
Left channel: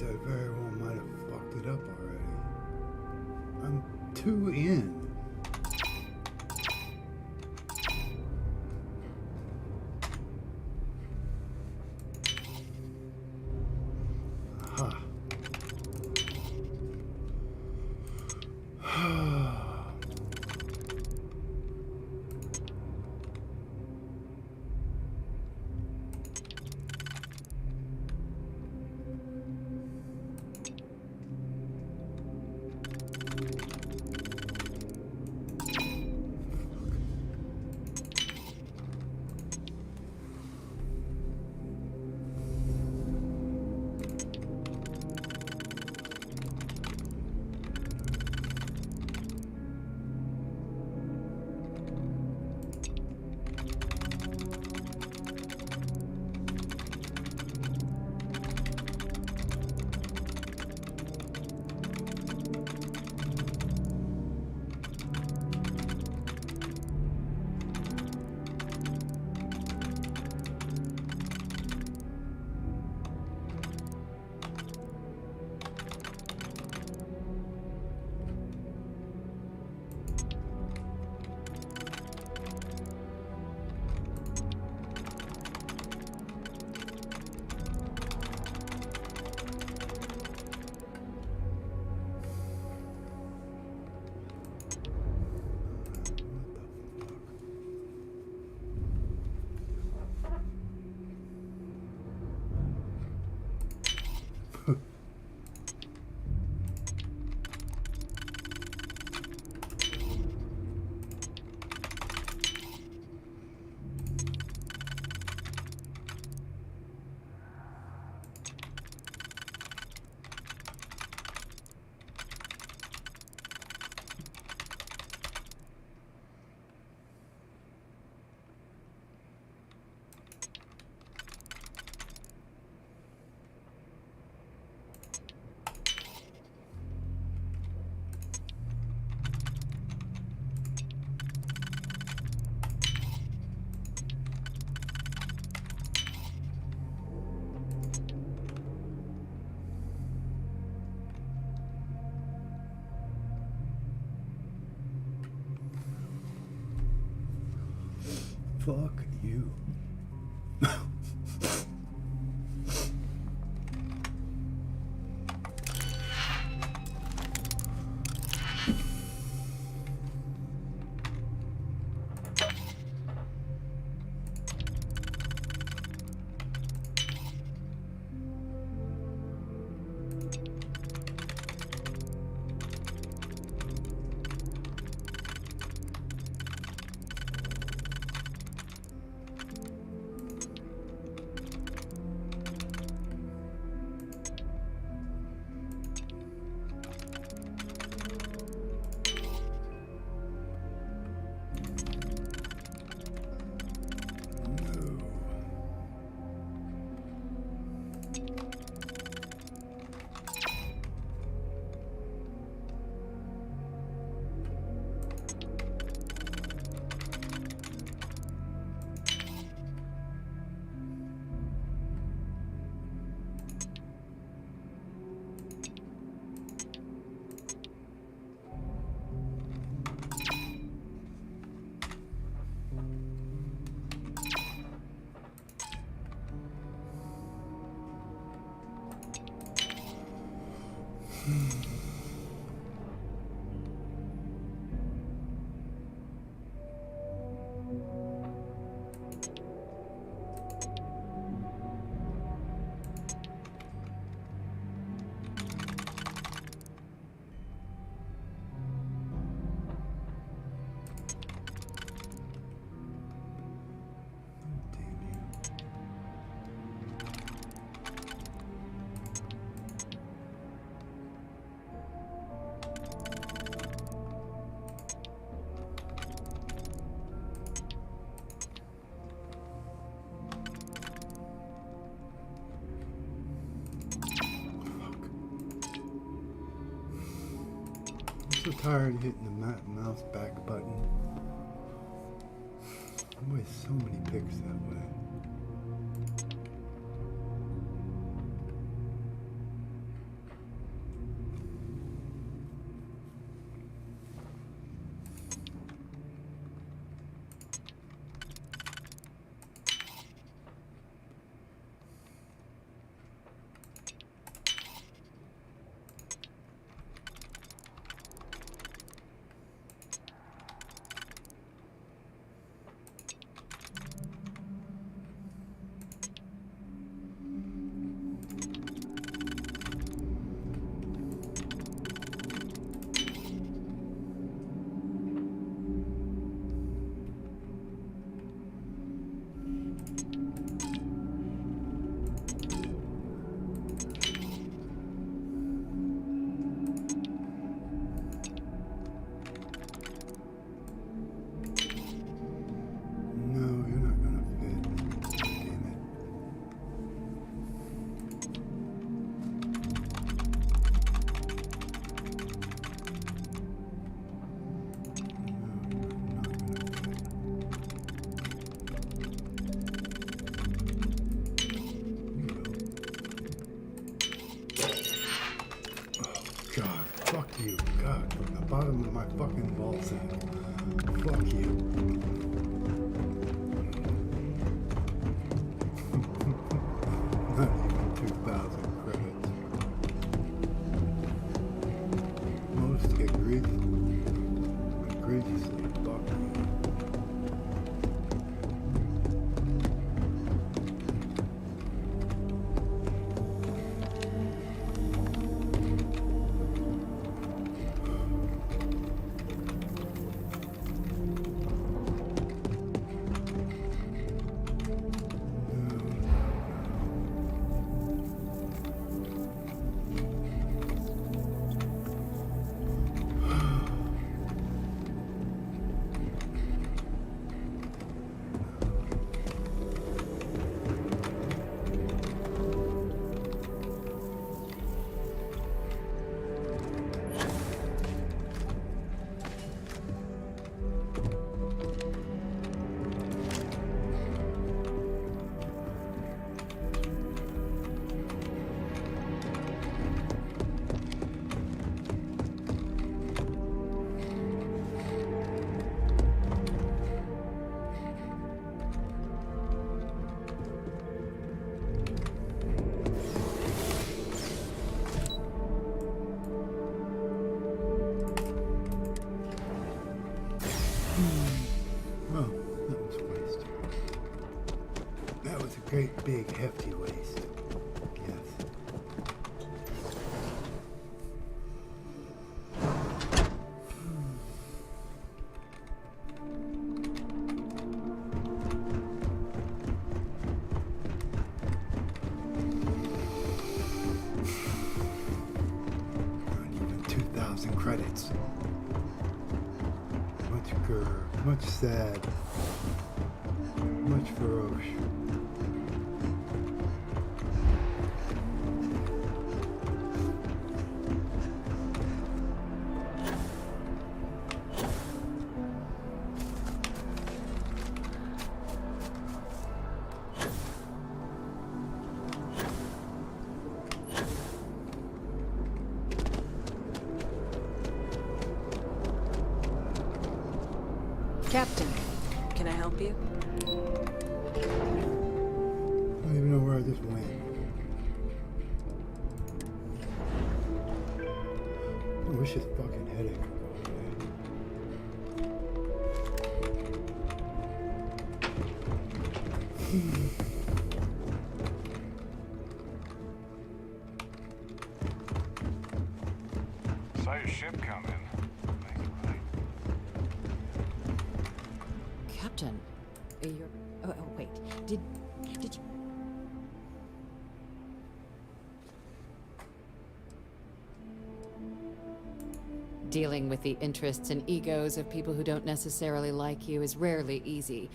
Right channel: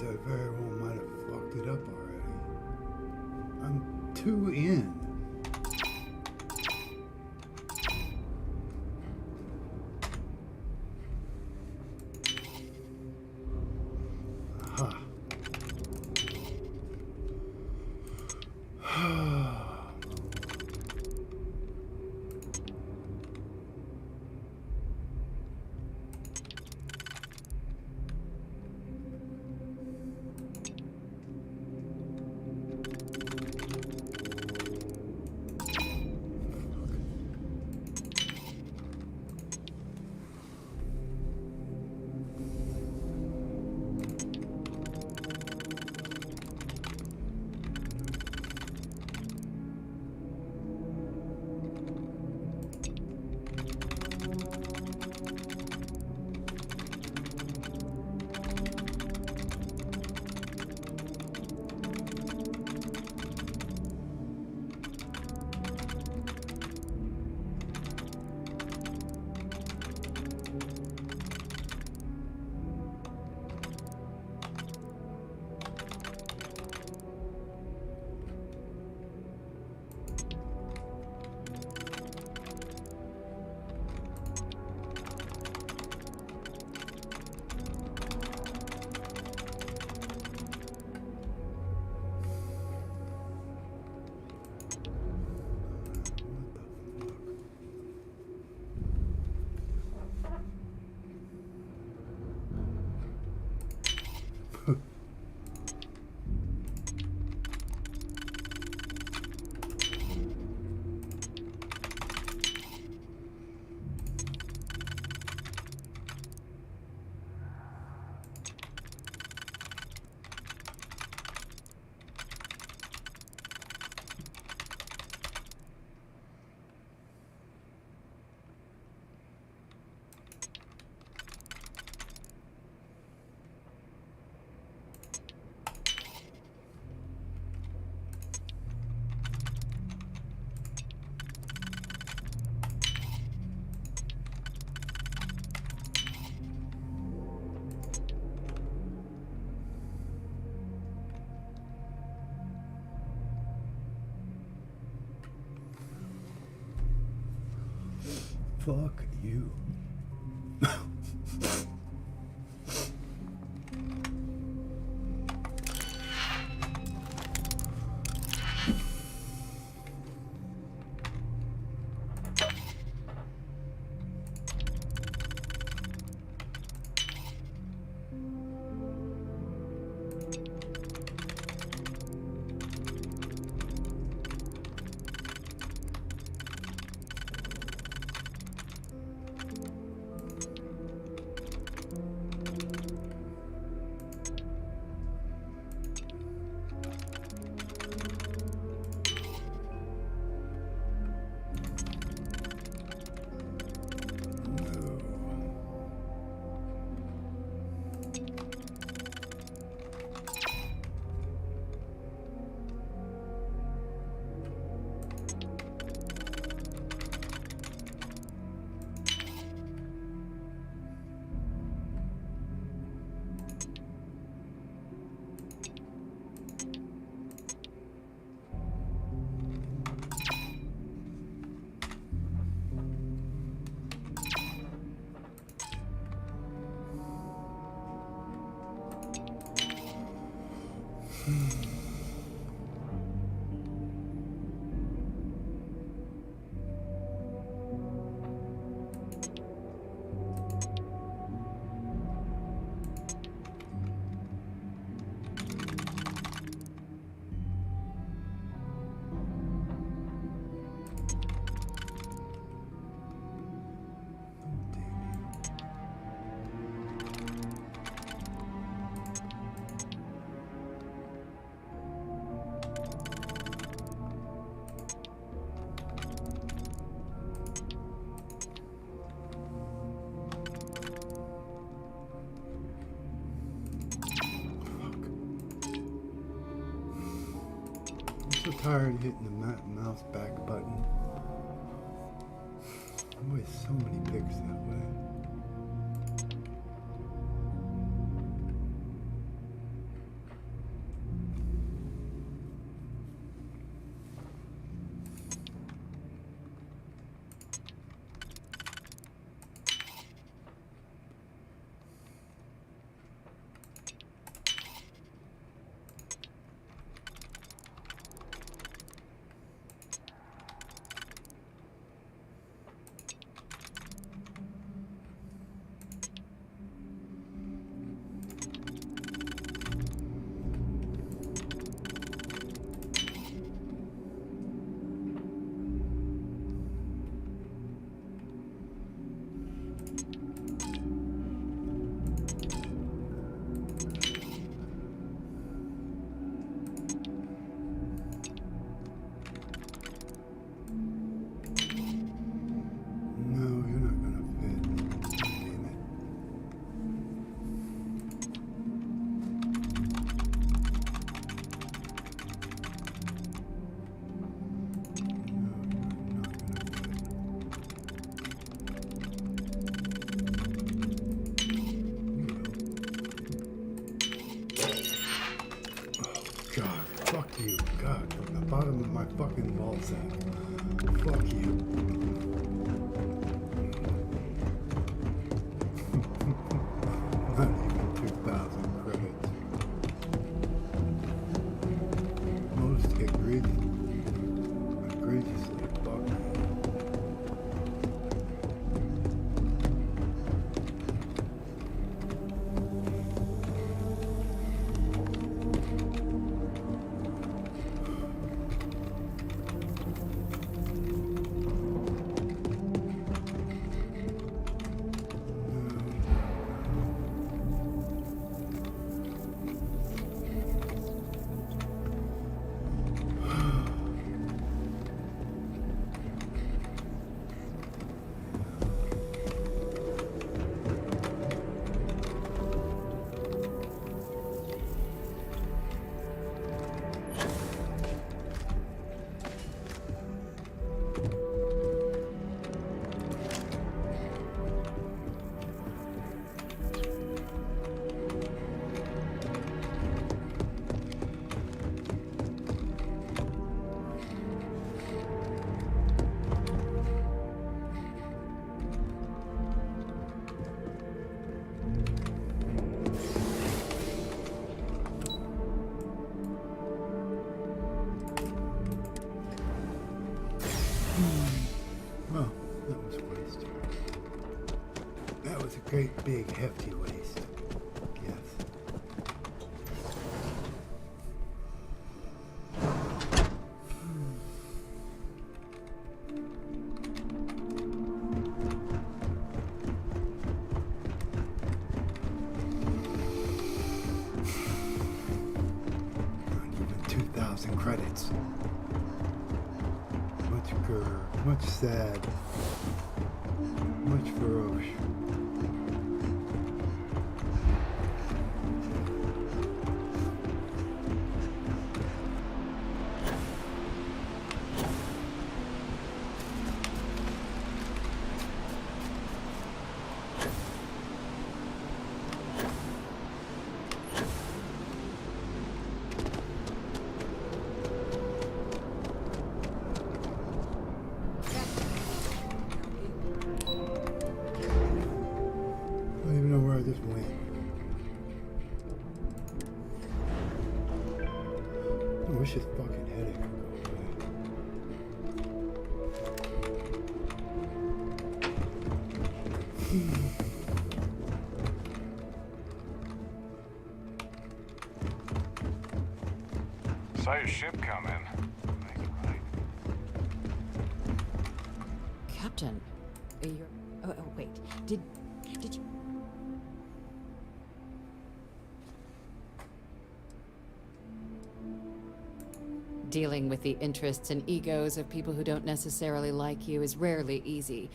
I very well might have fucked it up already. I'm 2 in. Fuck you. I'm so tired of hitting the mouse back button. I waste so many picks that way. bottom of my fucking ball sack. Fuck you. Not even 2,000 credits. Most egregiously fucked. Well, that was a waste. That was a great big hefty waste. Yes. Not even 2,000 credits. Much grr, much sad, much feroce. Captain, can I help you? I don't even know where I just went. I wish this fucking headache would go away. Saw your ship come in. Captain, you're... Oh, wait. Did you... Dealing with the interests and egos of people who don't necessarily like you is rarely easy.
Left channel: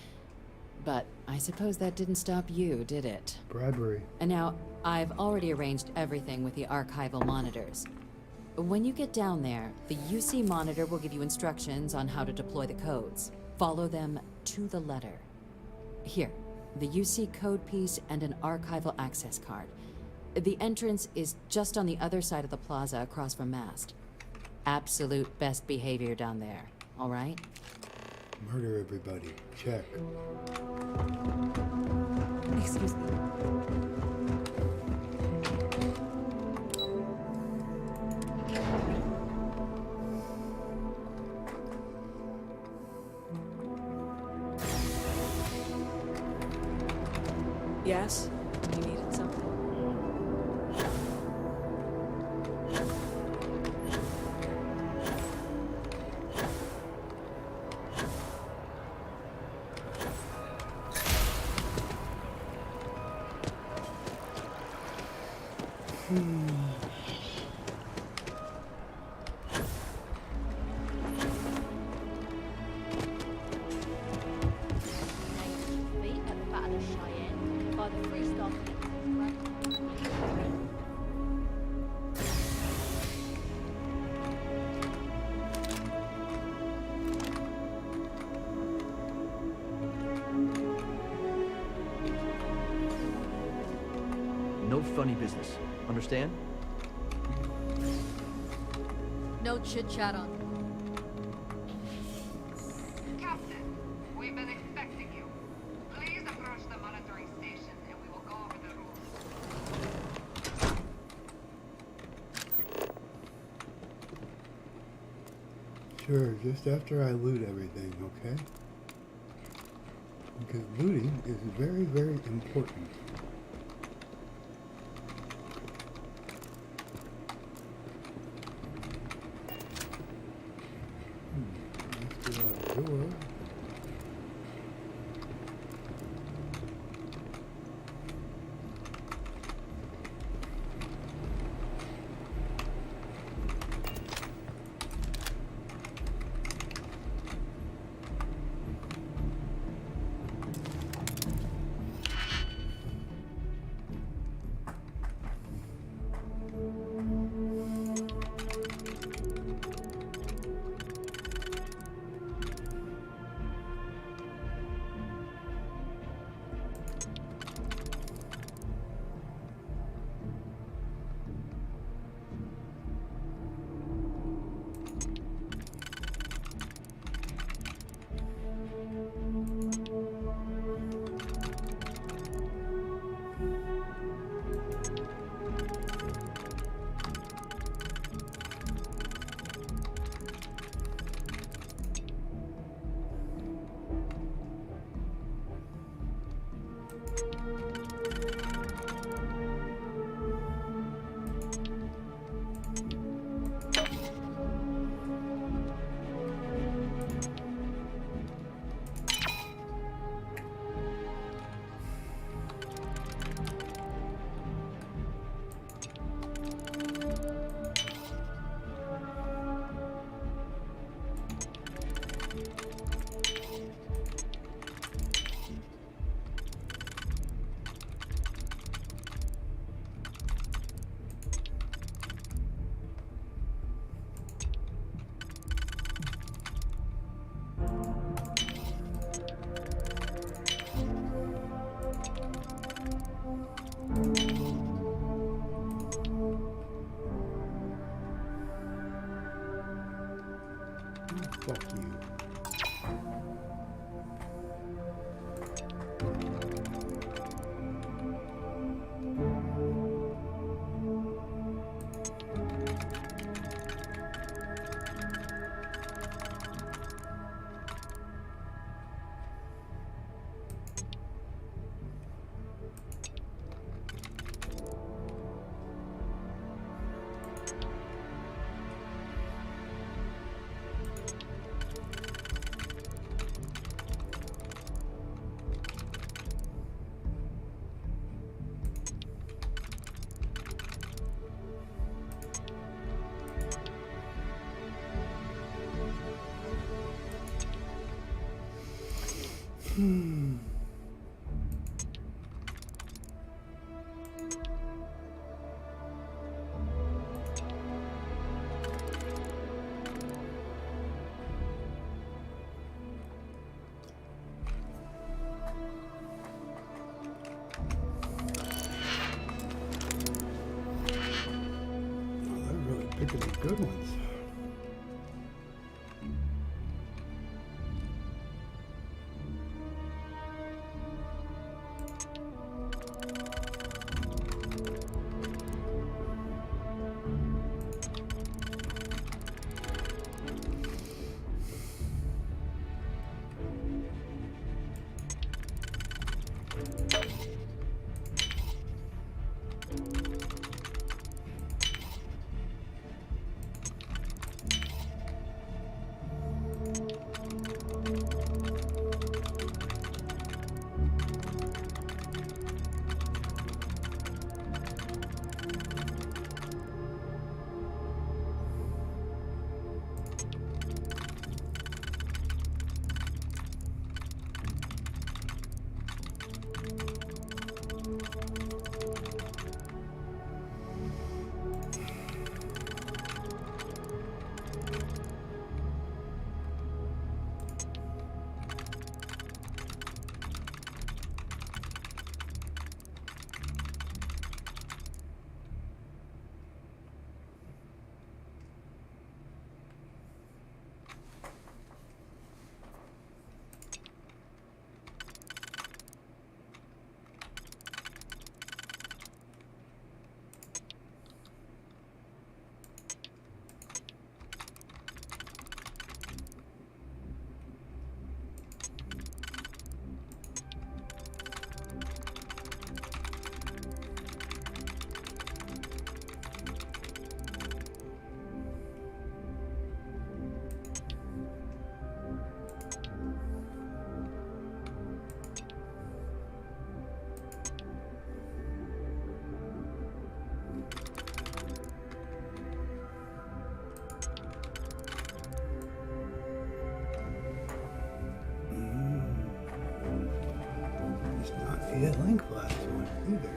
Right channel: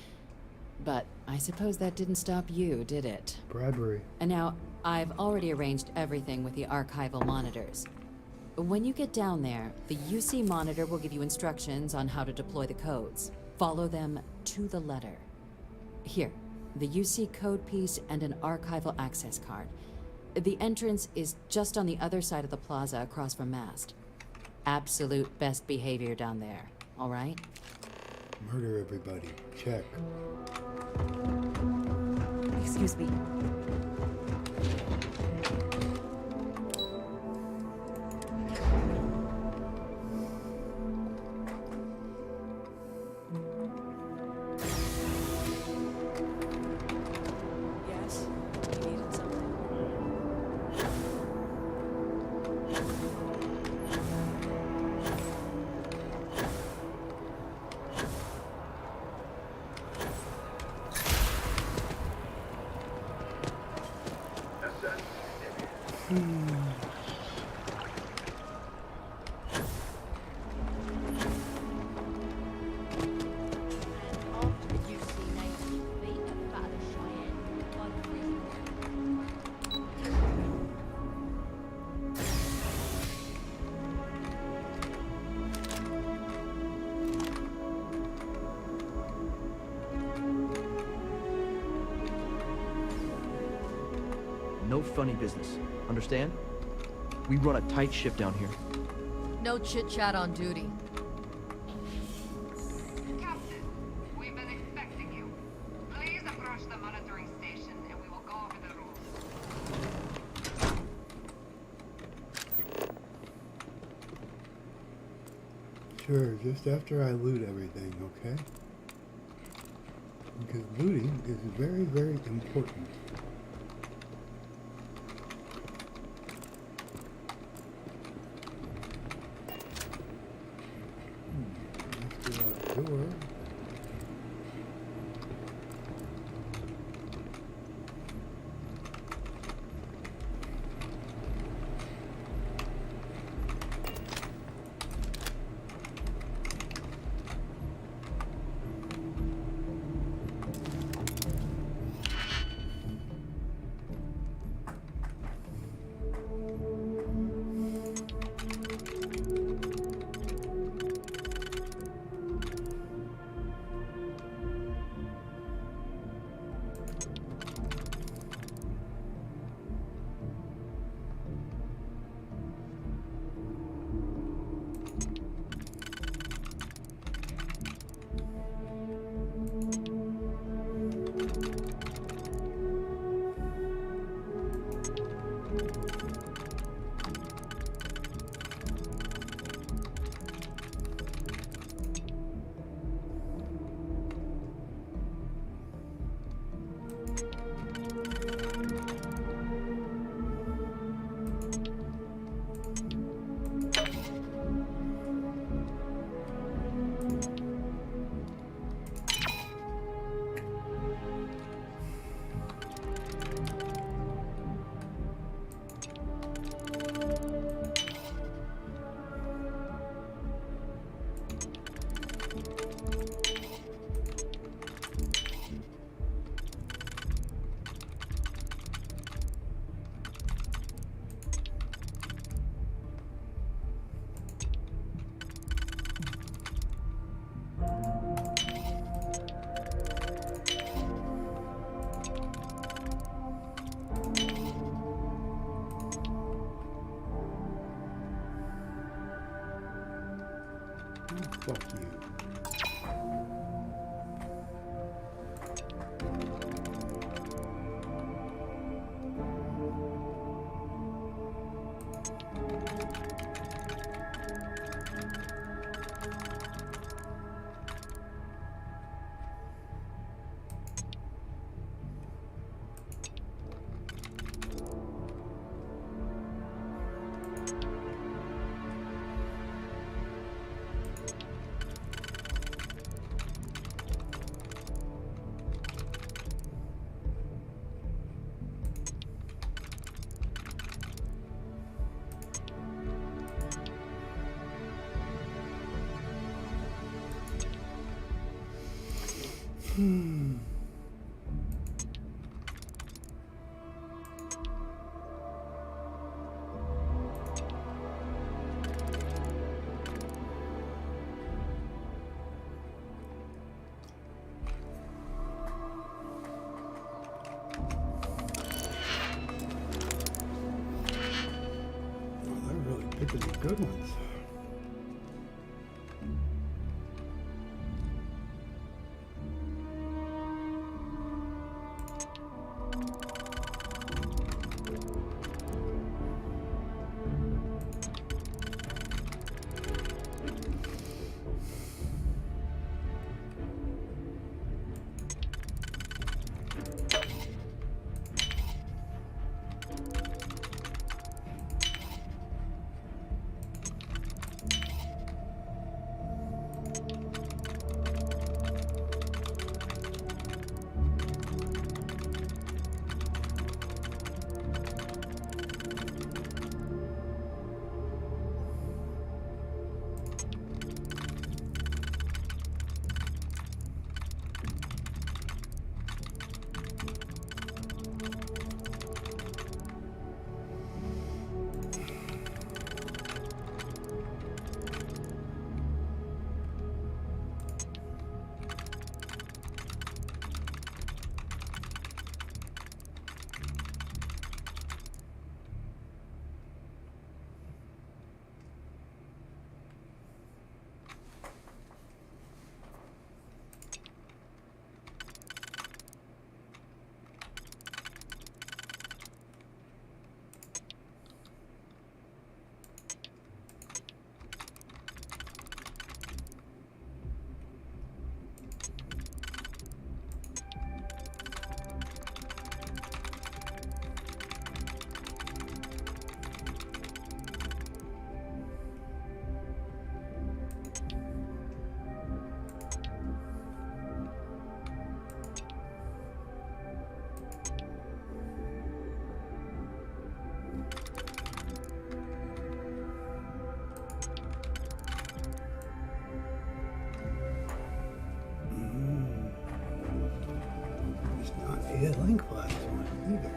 But I suppose that didn't stop you, did it? Bribery. And now, I've already arranged everything with the archival monitors. When you get down there, the UC monitor will give you instructions on how to deploy the codes. Follow them to the letter. Here, the UC code piece and an archival access card. The entrance is just on the other side of the plaza across from Mast. Absolute best behavior down there, all right? Murder everybody. Check. Excuse me. Yes? You needed something? No funny business. Understand? We run a tight ship down here. No chit-chat on duty. Captain, we've been expecting you. Please approach the monitoring station and we will go over the rules. Sure, just after I loot everything, okay? Because looting is very, very important. Let's go outdoor. Fuck you. Picking the good ones. blink glass one either.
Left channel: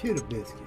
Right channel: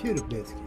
Shit a biscuit.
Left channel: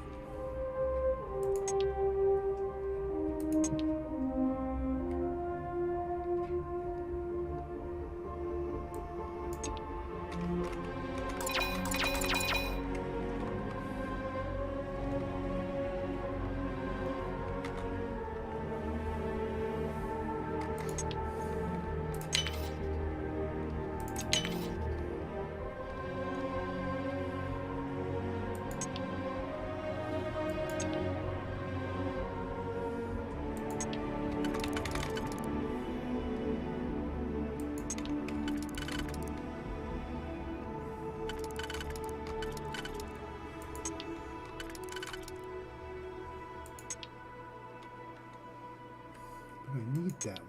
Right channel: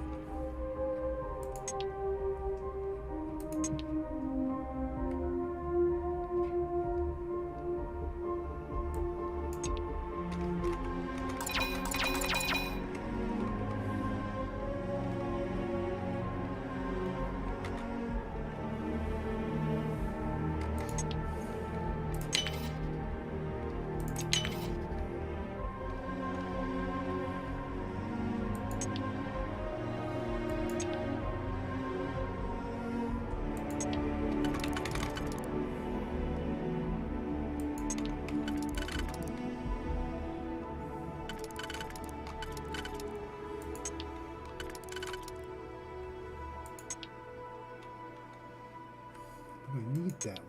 I need that one.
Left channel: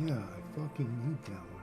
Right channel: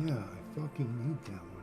Yeah, I fucking need that one.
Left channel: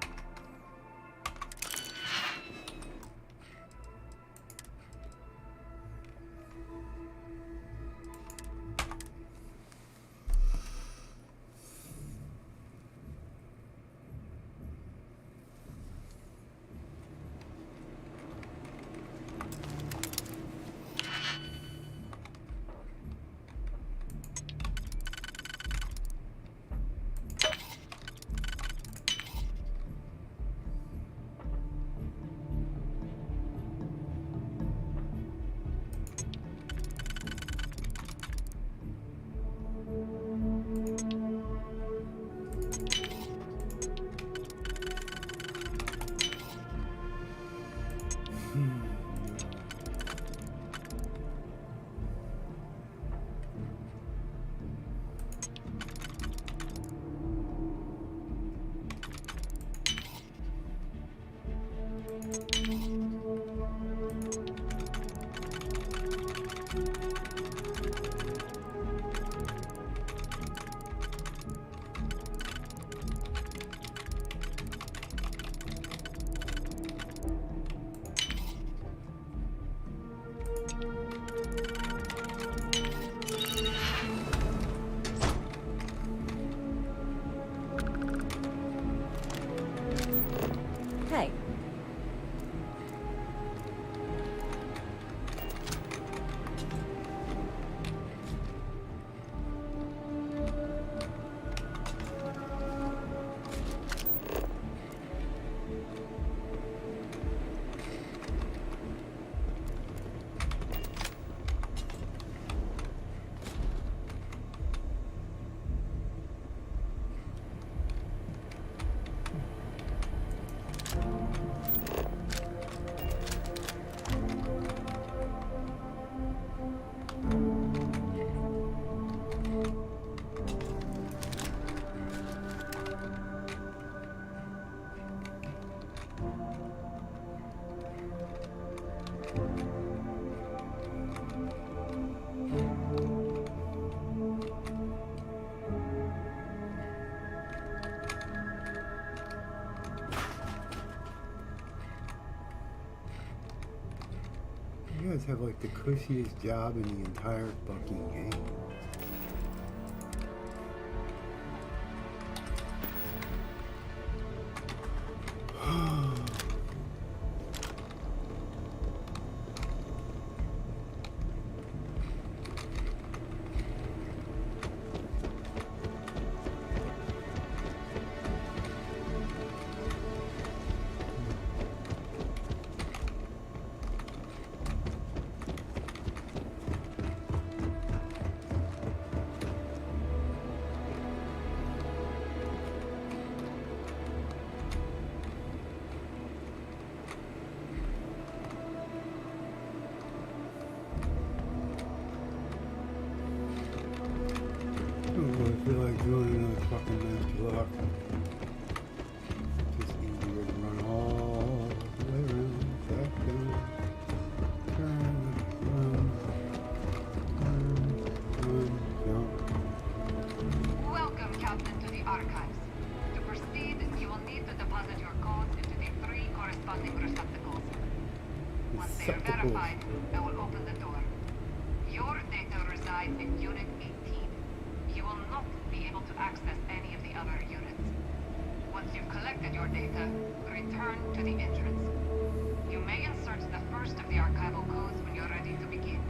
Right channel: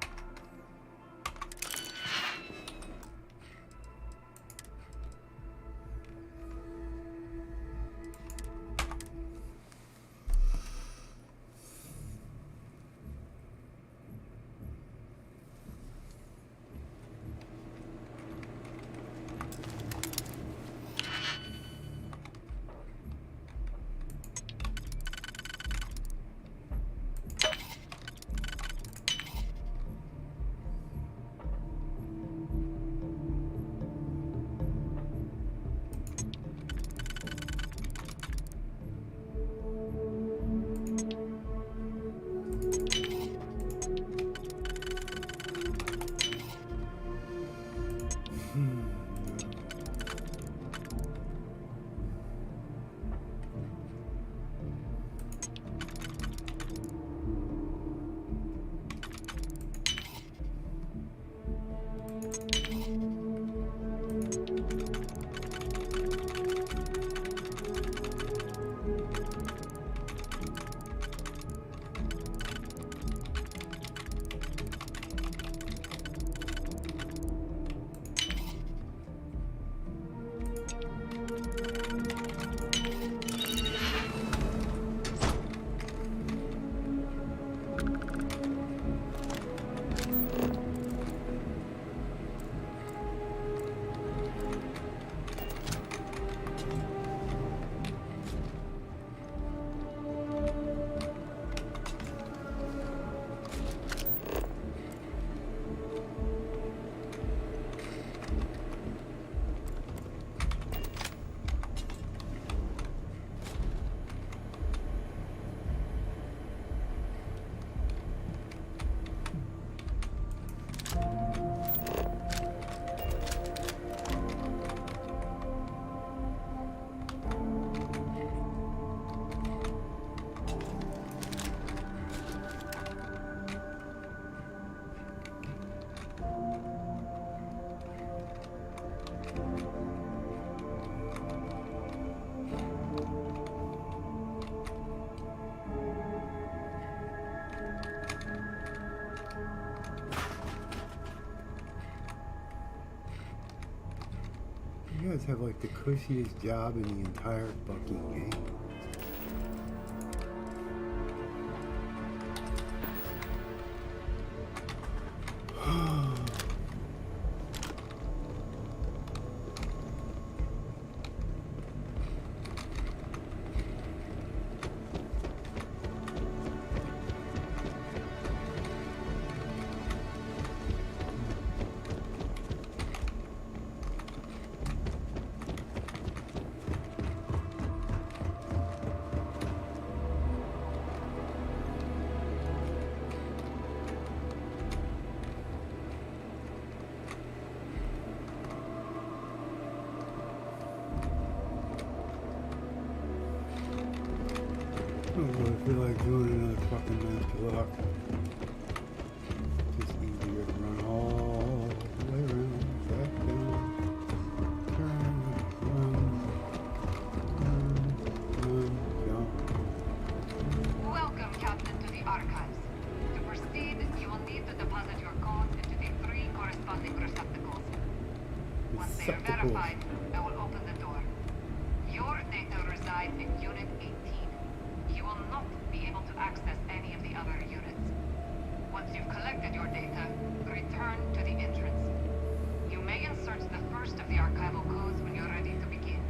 You guys have like the cushiest job in the entire fucking game. don't really feel like doing another fucking master lock. Just easier to run all the way around, back down, turn, run, jump. Welcome, Captain, to the archives. To proceed, you will need to deposit your codes into the 3 corresponding receptacles. Once they are verified, I will open the door. Your data resides in Unit 18. You will not be able to access any of the other units. Once you've collected your data, return to the entrance. You may insert the first of the archival codes when you're ready to begin.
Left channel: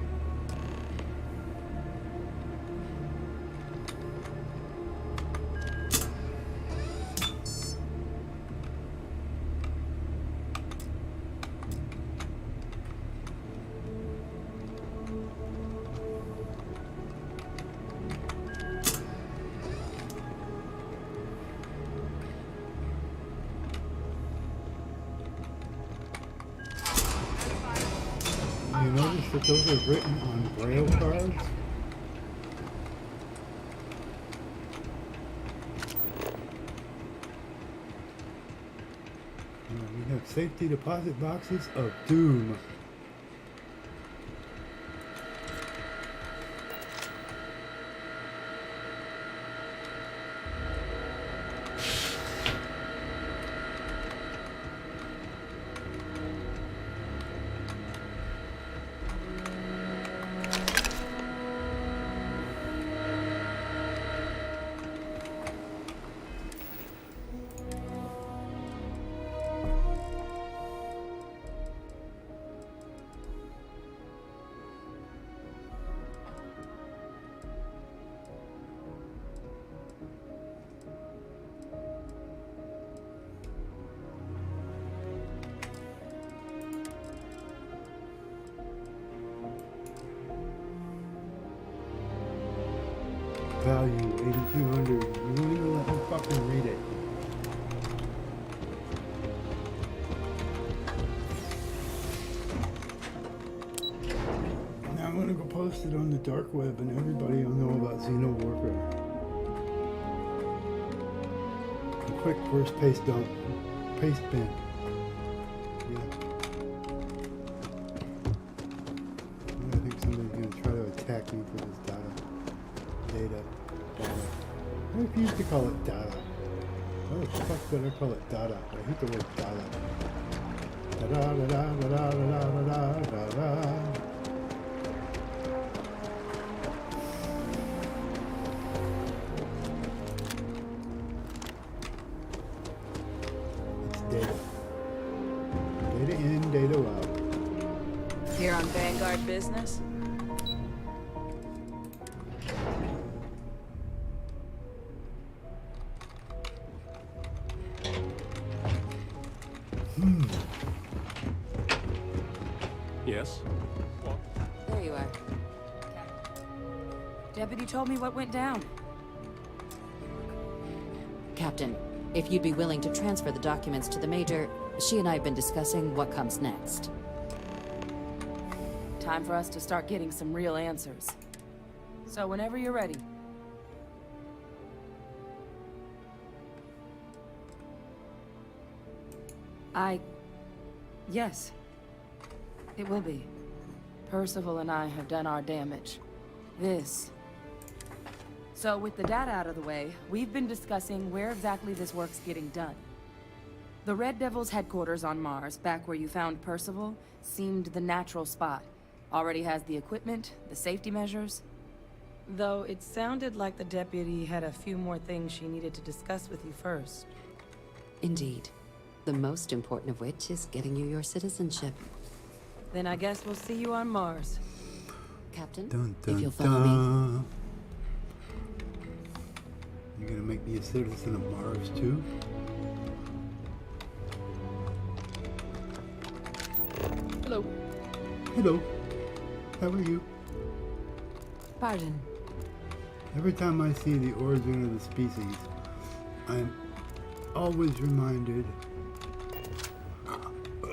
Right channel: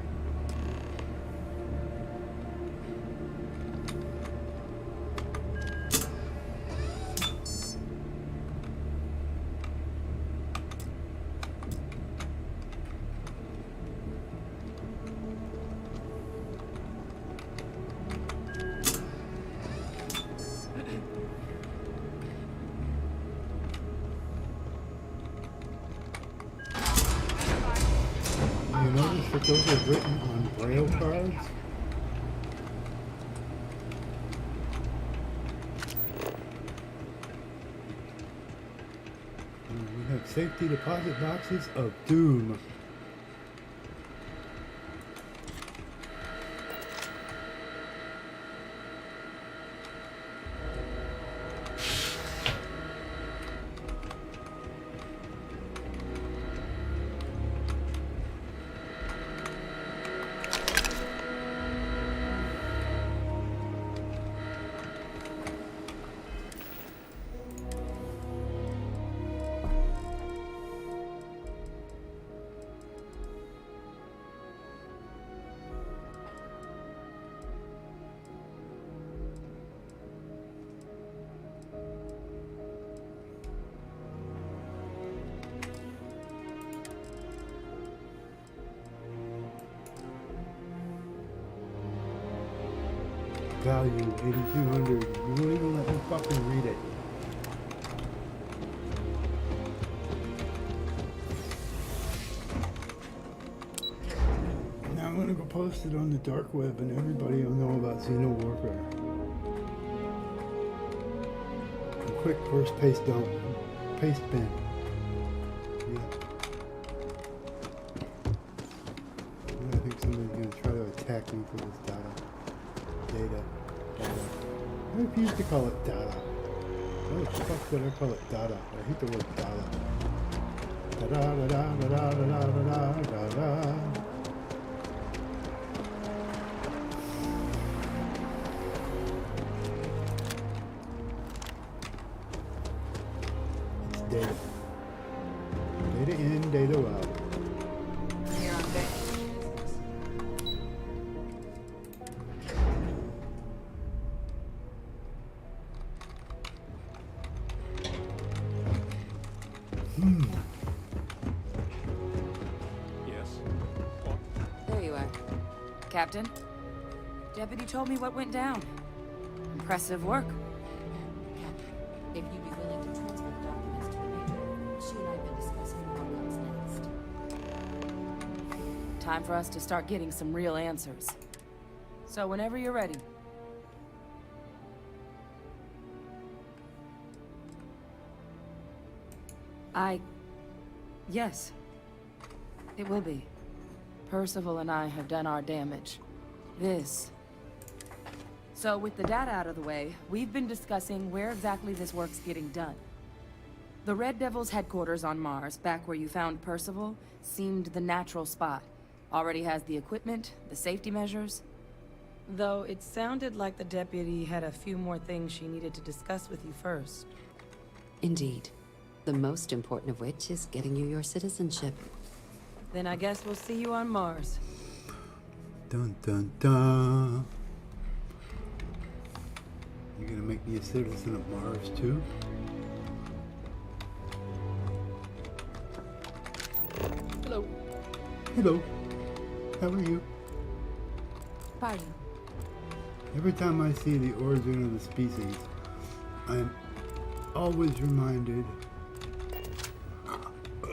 You notice that those are written on braille cards? We have safety deposit boxes of doom. Value 8,200. You won't even let me fucking read it. Now I'm gonna go post it on the dark web and everybody will know about Xeno Warfare. A quick first paste dump. Paste bin. Yeah. I think somebody's gonna try to attack me for this data. Data. I refuse to call it data. Why the fuck would I call it data? I hate the word data. Da da da da da da da da da da. It's data. Data in, data out. Here on Vanguard Business? Yes? There you are. Captain, Deputy told me what went down. Impressive work. Captain, if you'd be willing to transfer the documents to the Major, she and I have been discussing what comes next. Time for us to start getting some real answers. So whenever you're ready. Yes. It will be. Percival and I have done our damage. So with the data out of the way, we've been discussing where exactly this work's getting done. The Red Devil's headquarters on Mars, back where you found Percival, seemed the natural spot. Already has the equipment, the safety measures. Though it sounded like the deputy had a few more things she needed to discuss with you first. Indeed. The most important of which is getting you your citizenship. Then I guess we'll see you on Mars. Captain, Dun dun if you'll follow me. dun. You gonna make me a citizen of Mars too? Hello. Hello. How are you? Pardon. Every time I see the origin of the species, I'm always reminded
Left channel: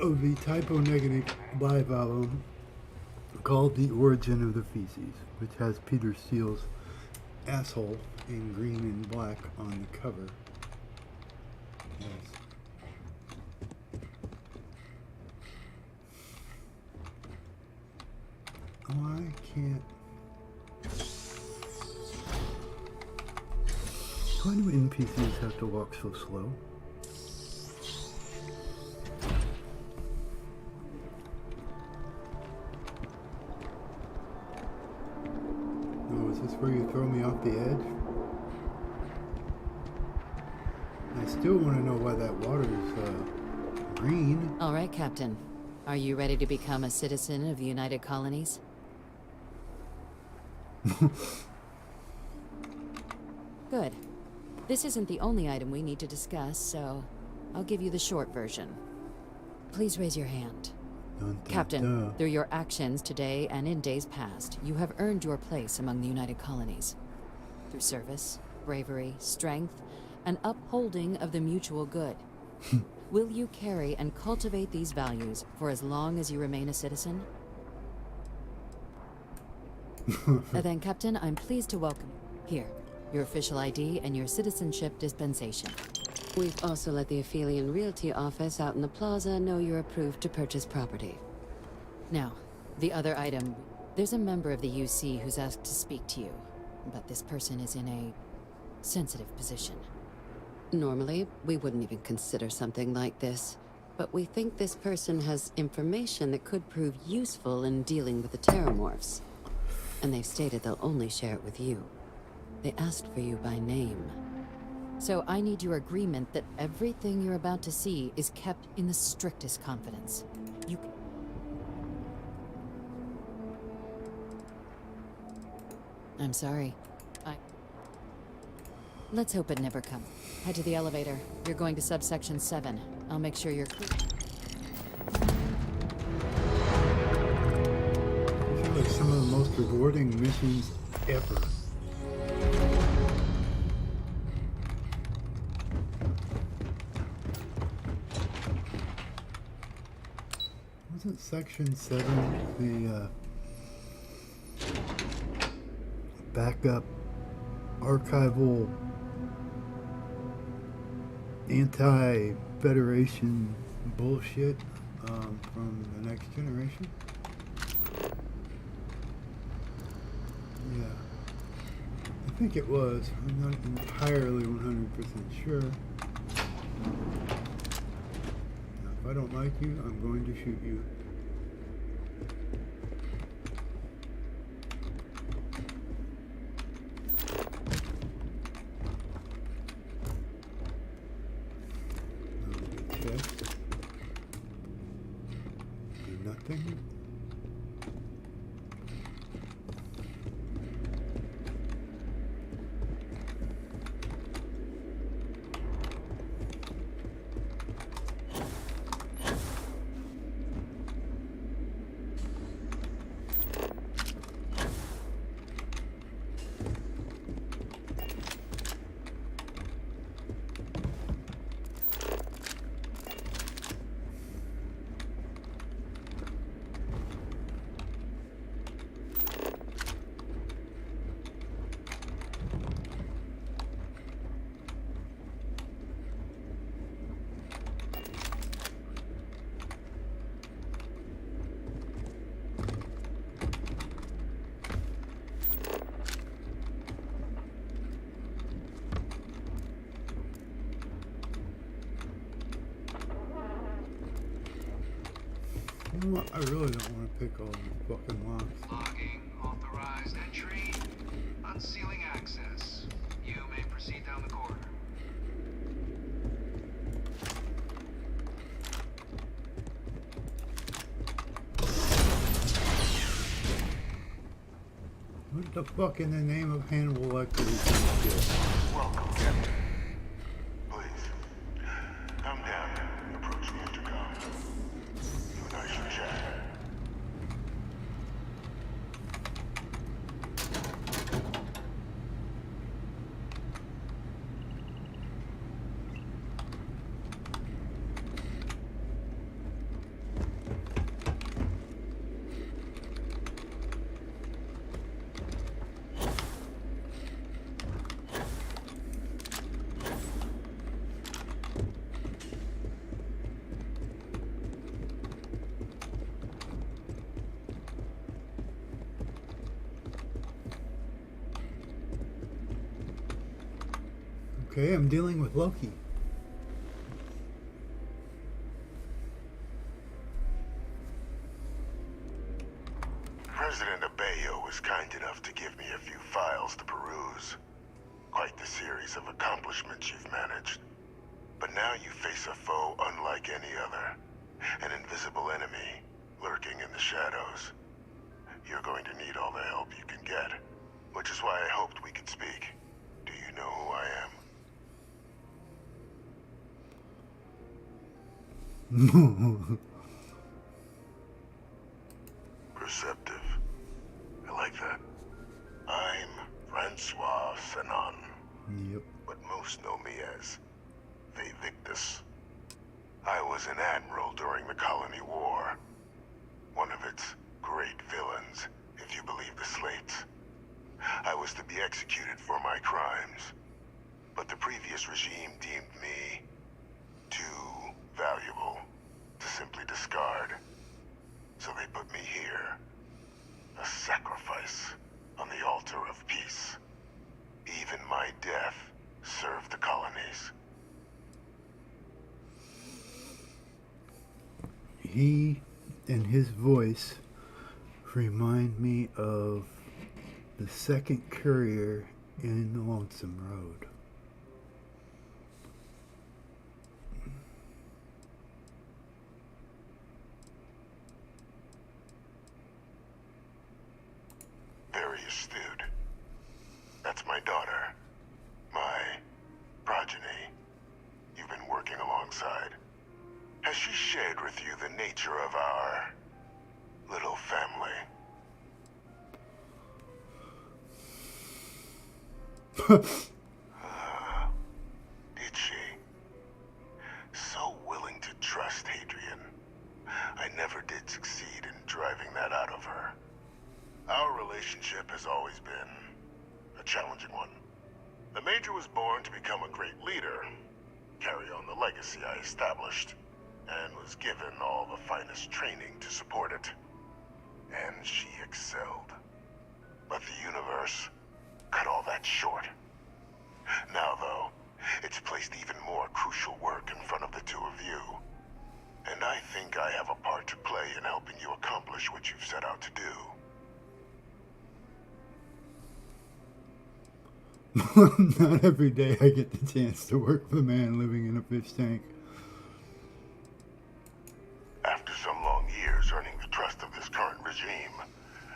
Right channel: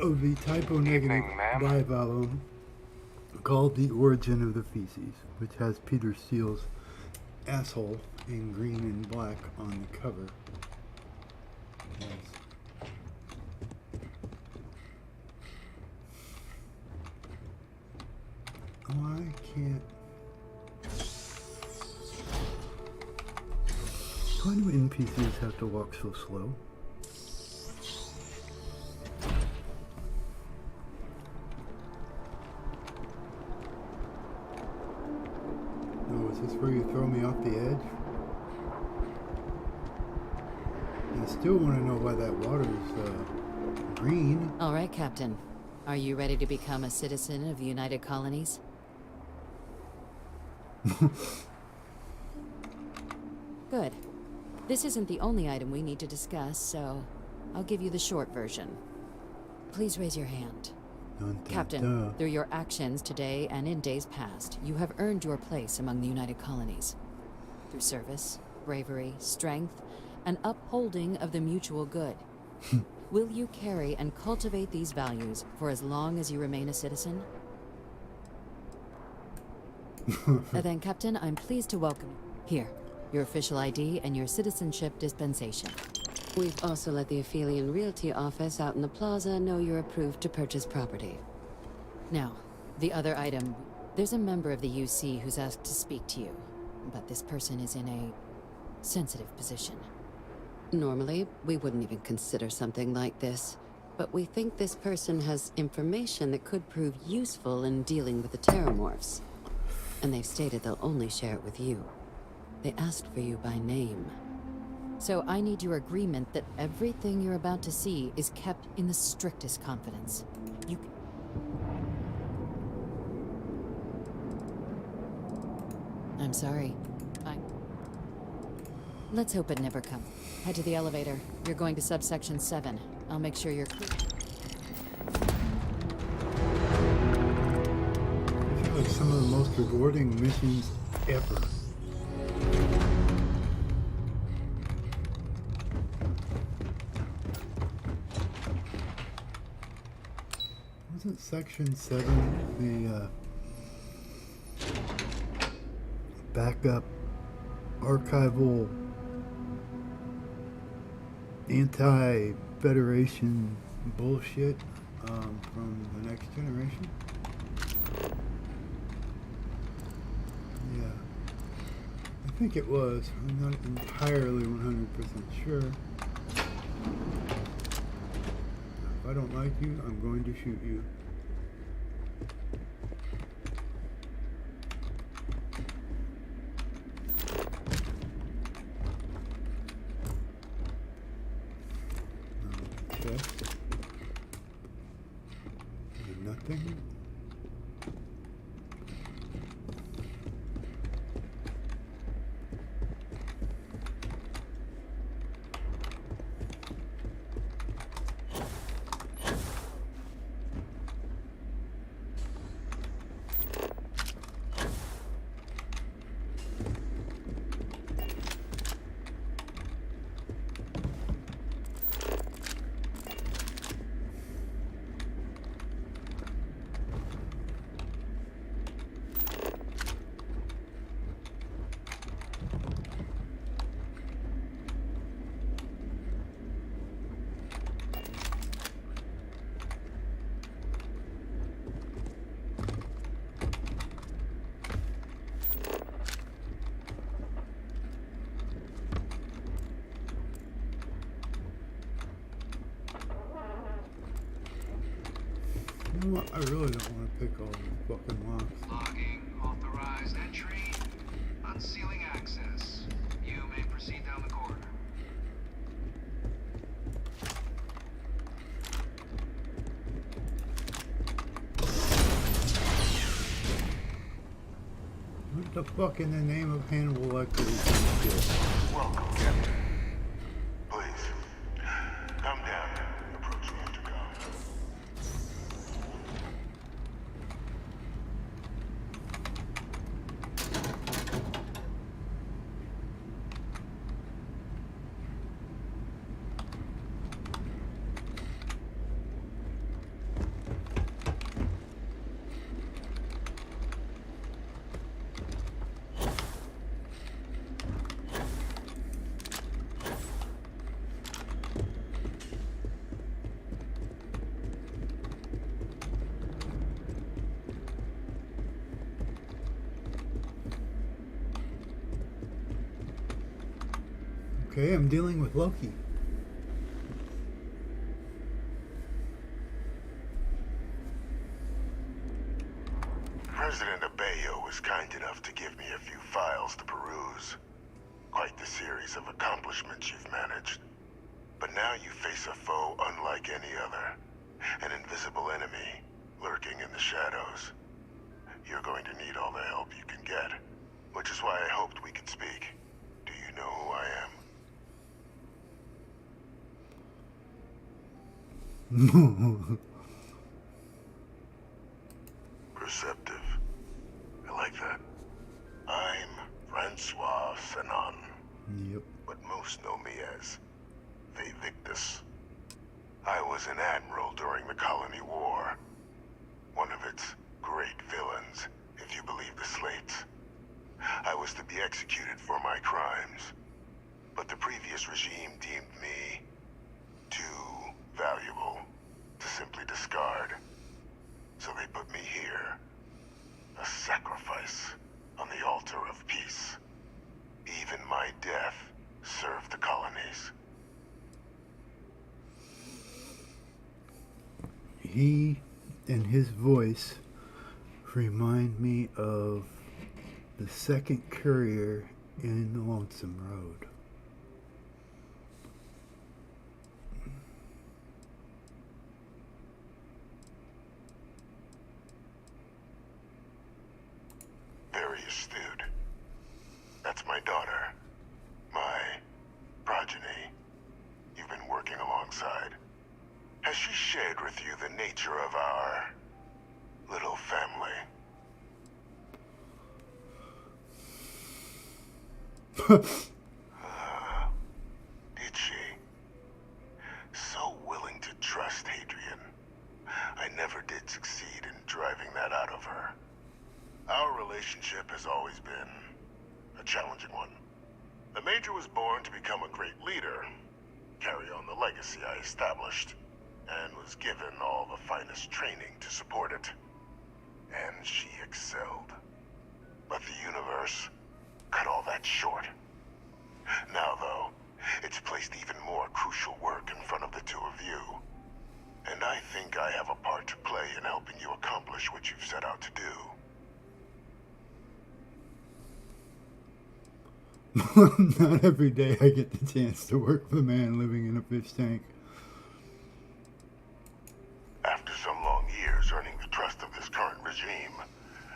of the typo-negative bivalve called The Origin of the Feces, which has Peter Steele's asshole in green and black on the cover. Yes. Oh, I can't. Why do NPCs have to walk so slow? Oh, is this where you throw me off the edge? I still want to know why that water's green. All right, Captain. Are you ready to become a citizen of the United Colonies? Good. This isn't the only item we need to discuss, so I'll give you the short version. Please raise your hand. Dun, dun, Captain, dun. through your actions today and in days past, you have earned your place among the United Colonies. Through service, bravery, strength, and upholding of the mutual good. Will you carry and cultivate these values for as long as you remain a citizen? Then, Captain, I'm pleased to welcome you. Here, your official ID and your citizenship dispensation. We've also let the Aphelion Realty office out in the plaza know you're approved to purchase property. Now, the other item. There's a member of the UC who's asked to speak to you, but this person is in a sensitive position. Normally, we wouldn't even consider something like this, but we think this person has information that could prove useful in dealing with the Terramorphs. And they've stated they'll only share it with you. They asked for you by name. So I need your agreement that everything you're about to see is kept in the strictest confidence. You... I'm sorry. Let's hope it never comes. Head to the elevator. You're going to subsection 7. I'll make sure you're clear. These are like some of the most rewarding missions ever. Wasn't section 7 the backup archival anti-Federation bullshit from the Next Generation? Yeah, I think it was. I'm not entirely 100% sure. Now, if I don't like you, I'm going to shoot you. Nothing. You know what? I really don't want to pick all the fucking locks. Logging, authorized entry, unsealing access. You may proceed down the corridor. What the fuck in the name of Hannibal Lecter is this shit? Welcome, Captain. Please, come down and approach the intercom. Nice chat. Okay, I'm dealing with Loki. President Abeyo was kind enough to give me a few files to peruse. Quite the series of accomplishments you've managed. But now you face a foe unlike any other. An invisible enemy, lurking in the shadows. You're going to need all the help you can get. Which is why I hoped we could speak. Do you know who I am? Perceptive. I like that. I'm Francois Sanon. Yep. But most know me as Victus. I was an admiral during the Colony War. One of its great villains, if you believe the slates. I was to be executed for my crimes. But the previous regime deemed me too valuable to simply discard. So they put me here. A sacrifice on the altar of peace. Even my death served the colonies. He and his voice remind me of the second courier in the Lonesome Road. Very astute. That's my daughter. My progeny. You've been working alongside. Has she shared with you the nature of our little family? Did she? So willing to trust Hadrian. I never did succeed in driving that out of her. Our relationship has always been a challenging one. The Major was born to become a great leader, carry on the legacy I established, and was given all the finest training to support it. And she excelled. But the universe cut all that short. Now, though, it's placed even more crucial work in front of the two of you. And I think I have a part to play in helping you accomplish what you've set out to do. Not every day I get the chance to work with a man living in a fish tank. After some long years earning the trust of this current regime,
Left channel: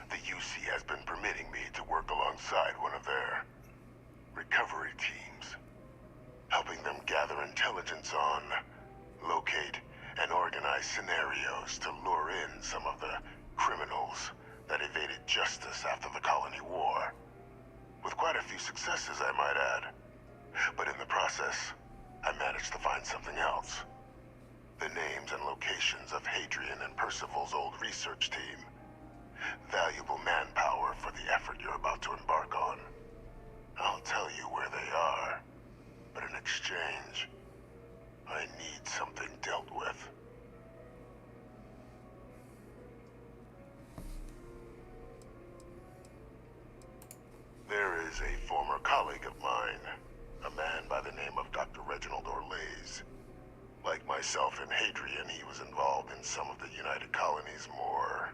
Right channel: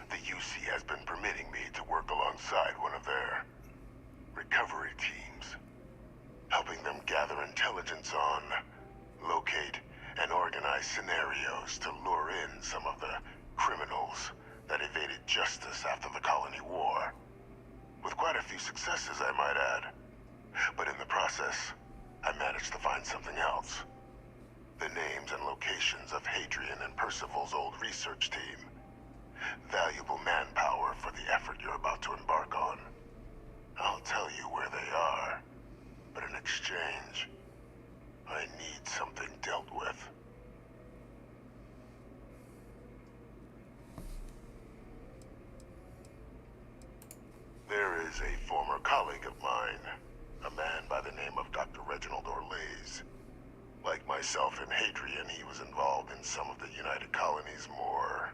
the UC has been permitting me to work alongside one of their recovery teams, helping them gather intelligence on, locate, and organize scenarios to lure in some of the criminals that evaded justice after the Colony War. With quite a few successes, I might add. But in the process, I managed to find something else. The names and locations of Hadrian and Percival's old research team. Valuable manpower for the effort you're about to embark on. I'll tell you where they are, but in exchange, I need something dealt with. There is a former colleague of mine, a man by the name of Dr. Reginald Orlaise. Like myself and Hadrian, he was involved in some of the United Colony's more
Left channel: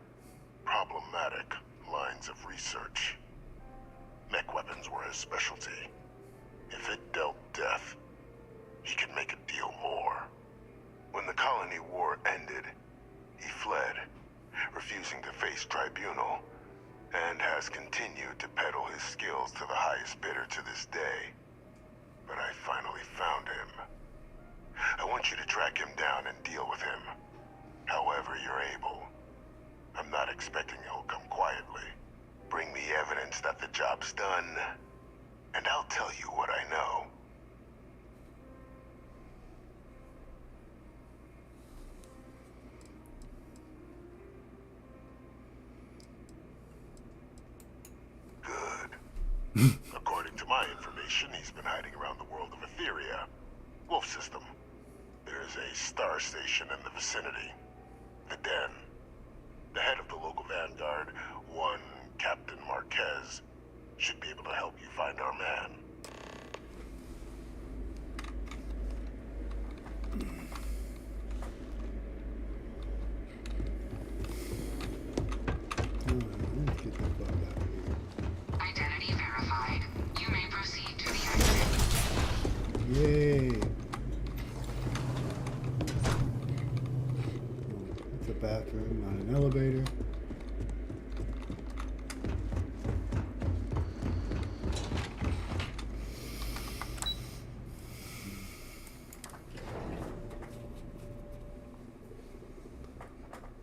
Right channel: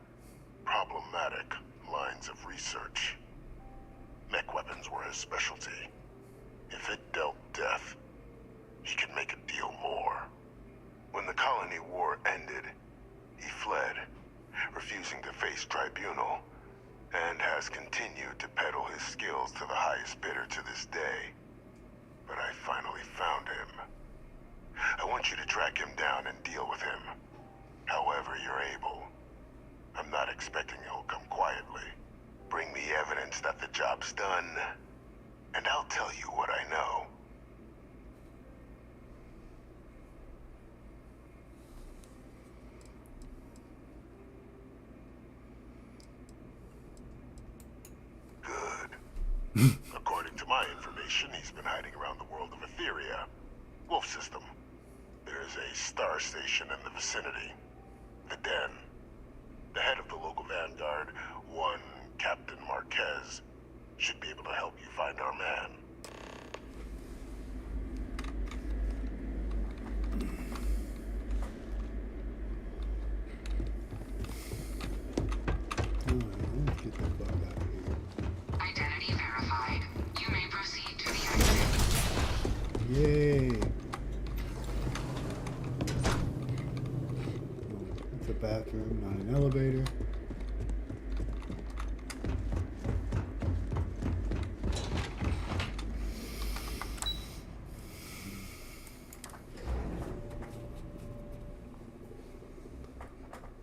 problematic lines of research. Mech weapons were his specialty. If it dealt death, he could make a deal more. When the Colony War ended, he fled, refusing to face tribunal, and has continued to peddle his skills to the highest bidder to this day. But I finally found him. I want you to track him down and deal with him, however you're able. I'm not expecting he'll come quietly. Bring me evidence that the job's done, and I'll tell you what I know. Good. According to my information, he's been hiding around the world of Etheria. Wolf system. There's a star station in the vicinity. The Den. The head of the local vanguard, one Captain Marquez, should be able to help you find our man. Yay! It's a bathroom, not an elevator.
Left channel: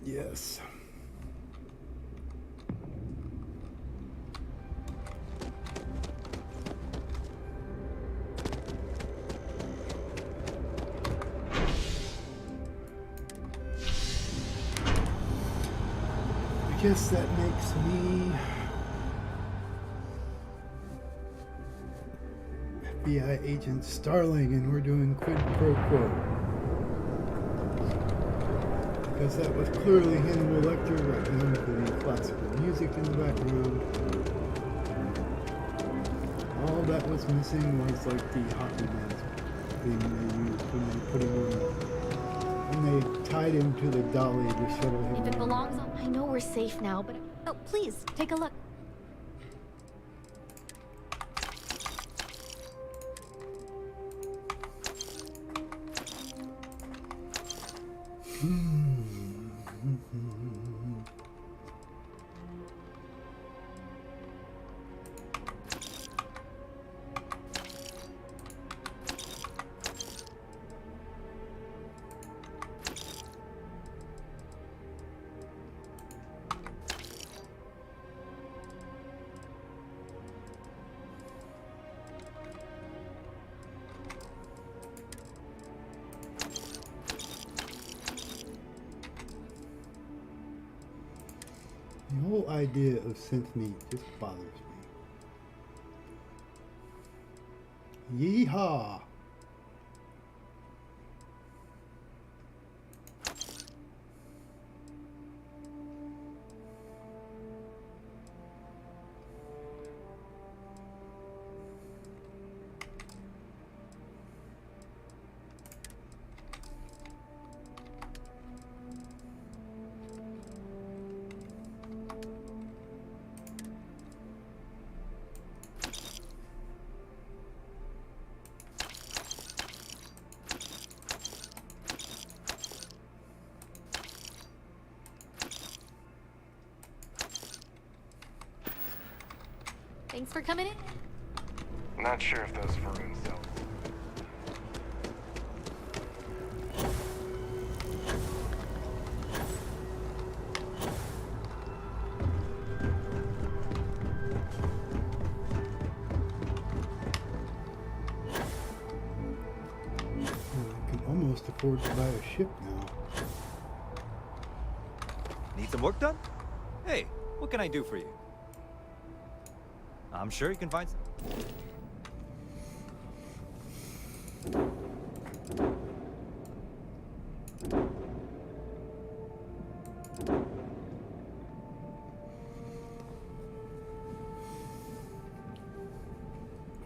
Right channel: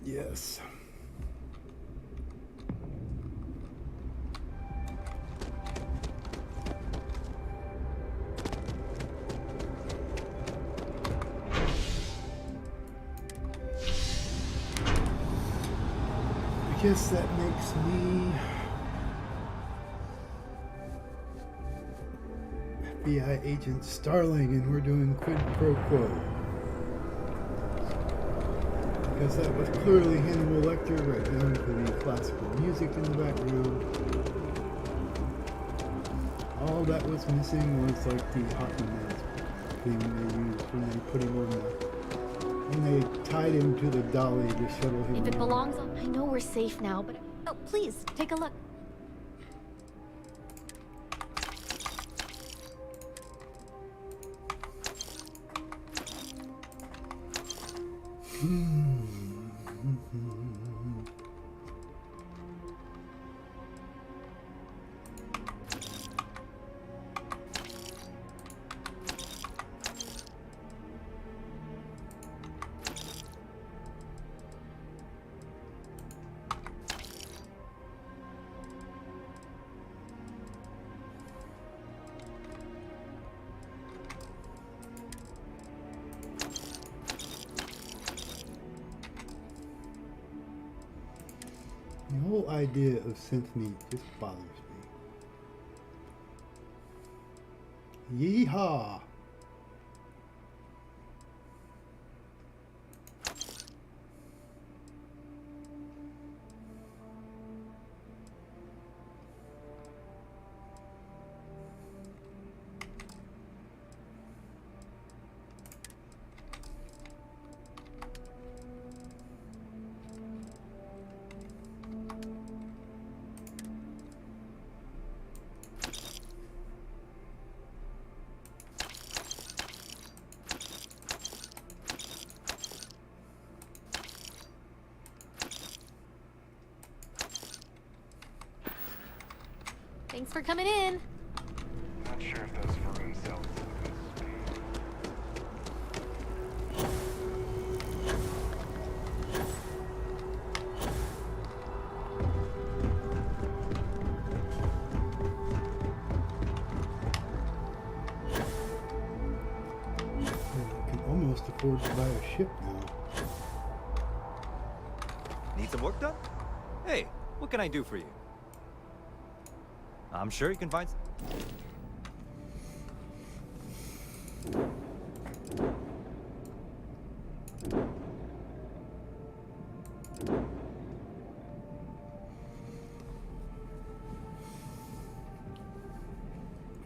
Yes. I guess that makes me FBI agent Starling, and we're doing quid pro quo. Because that was clearly Hannibal Lecter, right down to the classical music in the background. All that was missing was like the hockey mask thing they used when they put him on the... when they tied him to the dolly to shuttle him If it around. belongs on... I know we're safe now, but... Oh, please, take a look. The whole idea of synth meat just bothers me. Yeehaw! Thanks for coming in. Not sure if those Varun cells. I can almost afford to buy a ship now. Need some work done? Hey, what can I do for you? I'm sure you can find some.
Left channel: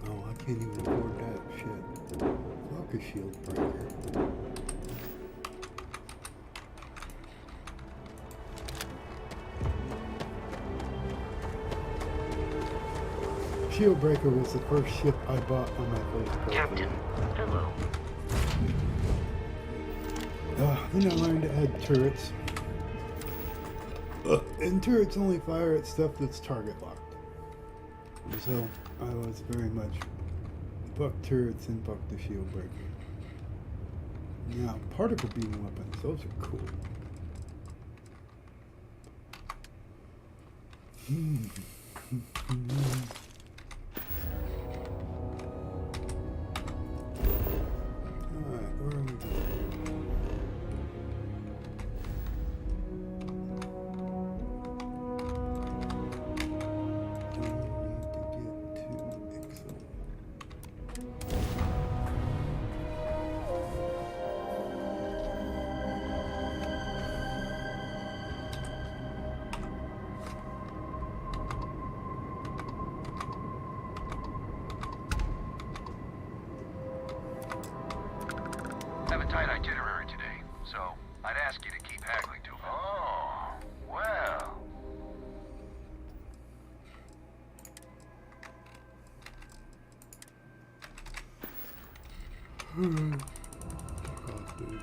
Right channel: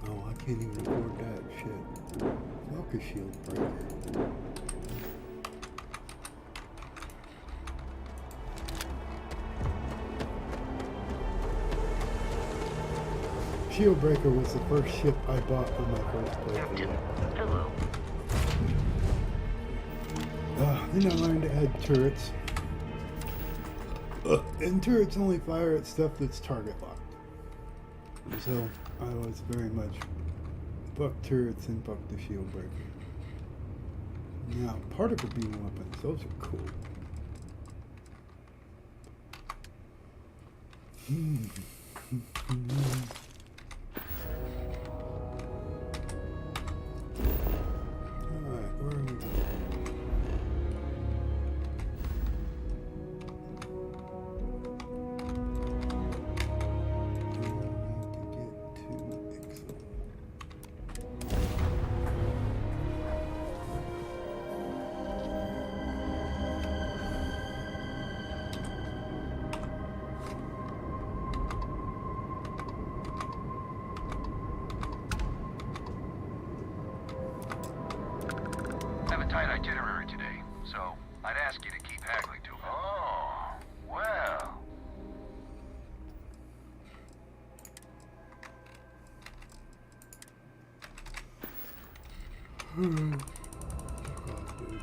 Oh, I can't even afford that shit. Fuck a shield breaker. Shieldbreaker was the first ship I bought on my first playthrough. Captain, hello. Then I learned to add turrets. And turrets only fire at stuff that's target locked. So I was very much fuck turrets and fuck the shieldbreaker. Now, particle beam weapons, those are cool. Alright, where are we going? We need to get to Ixo. Have a tight itinerary today, so I'd ask you to keep haggling to me. Oh, well. Fuck off, dude.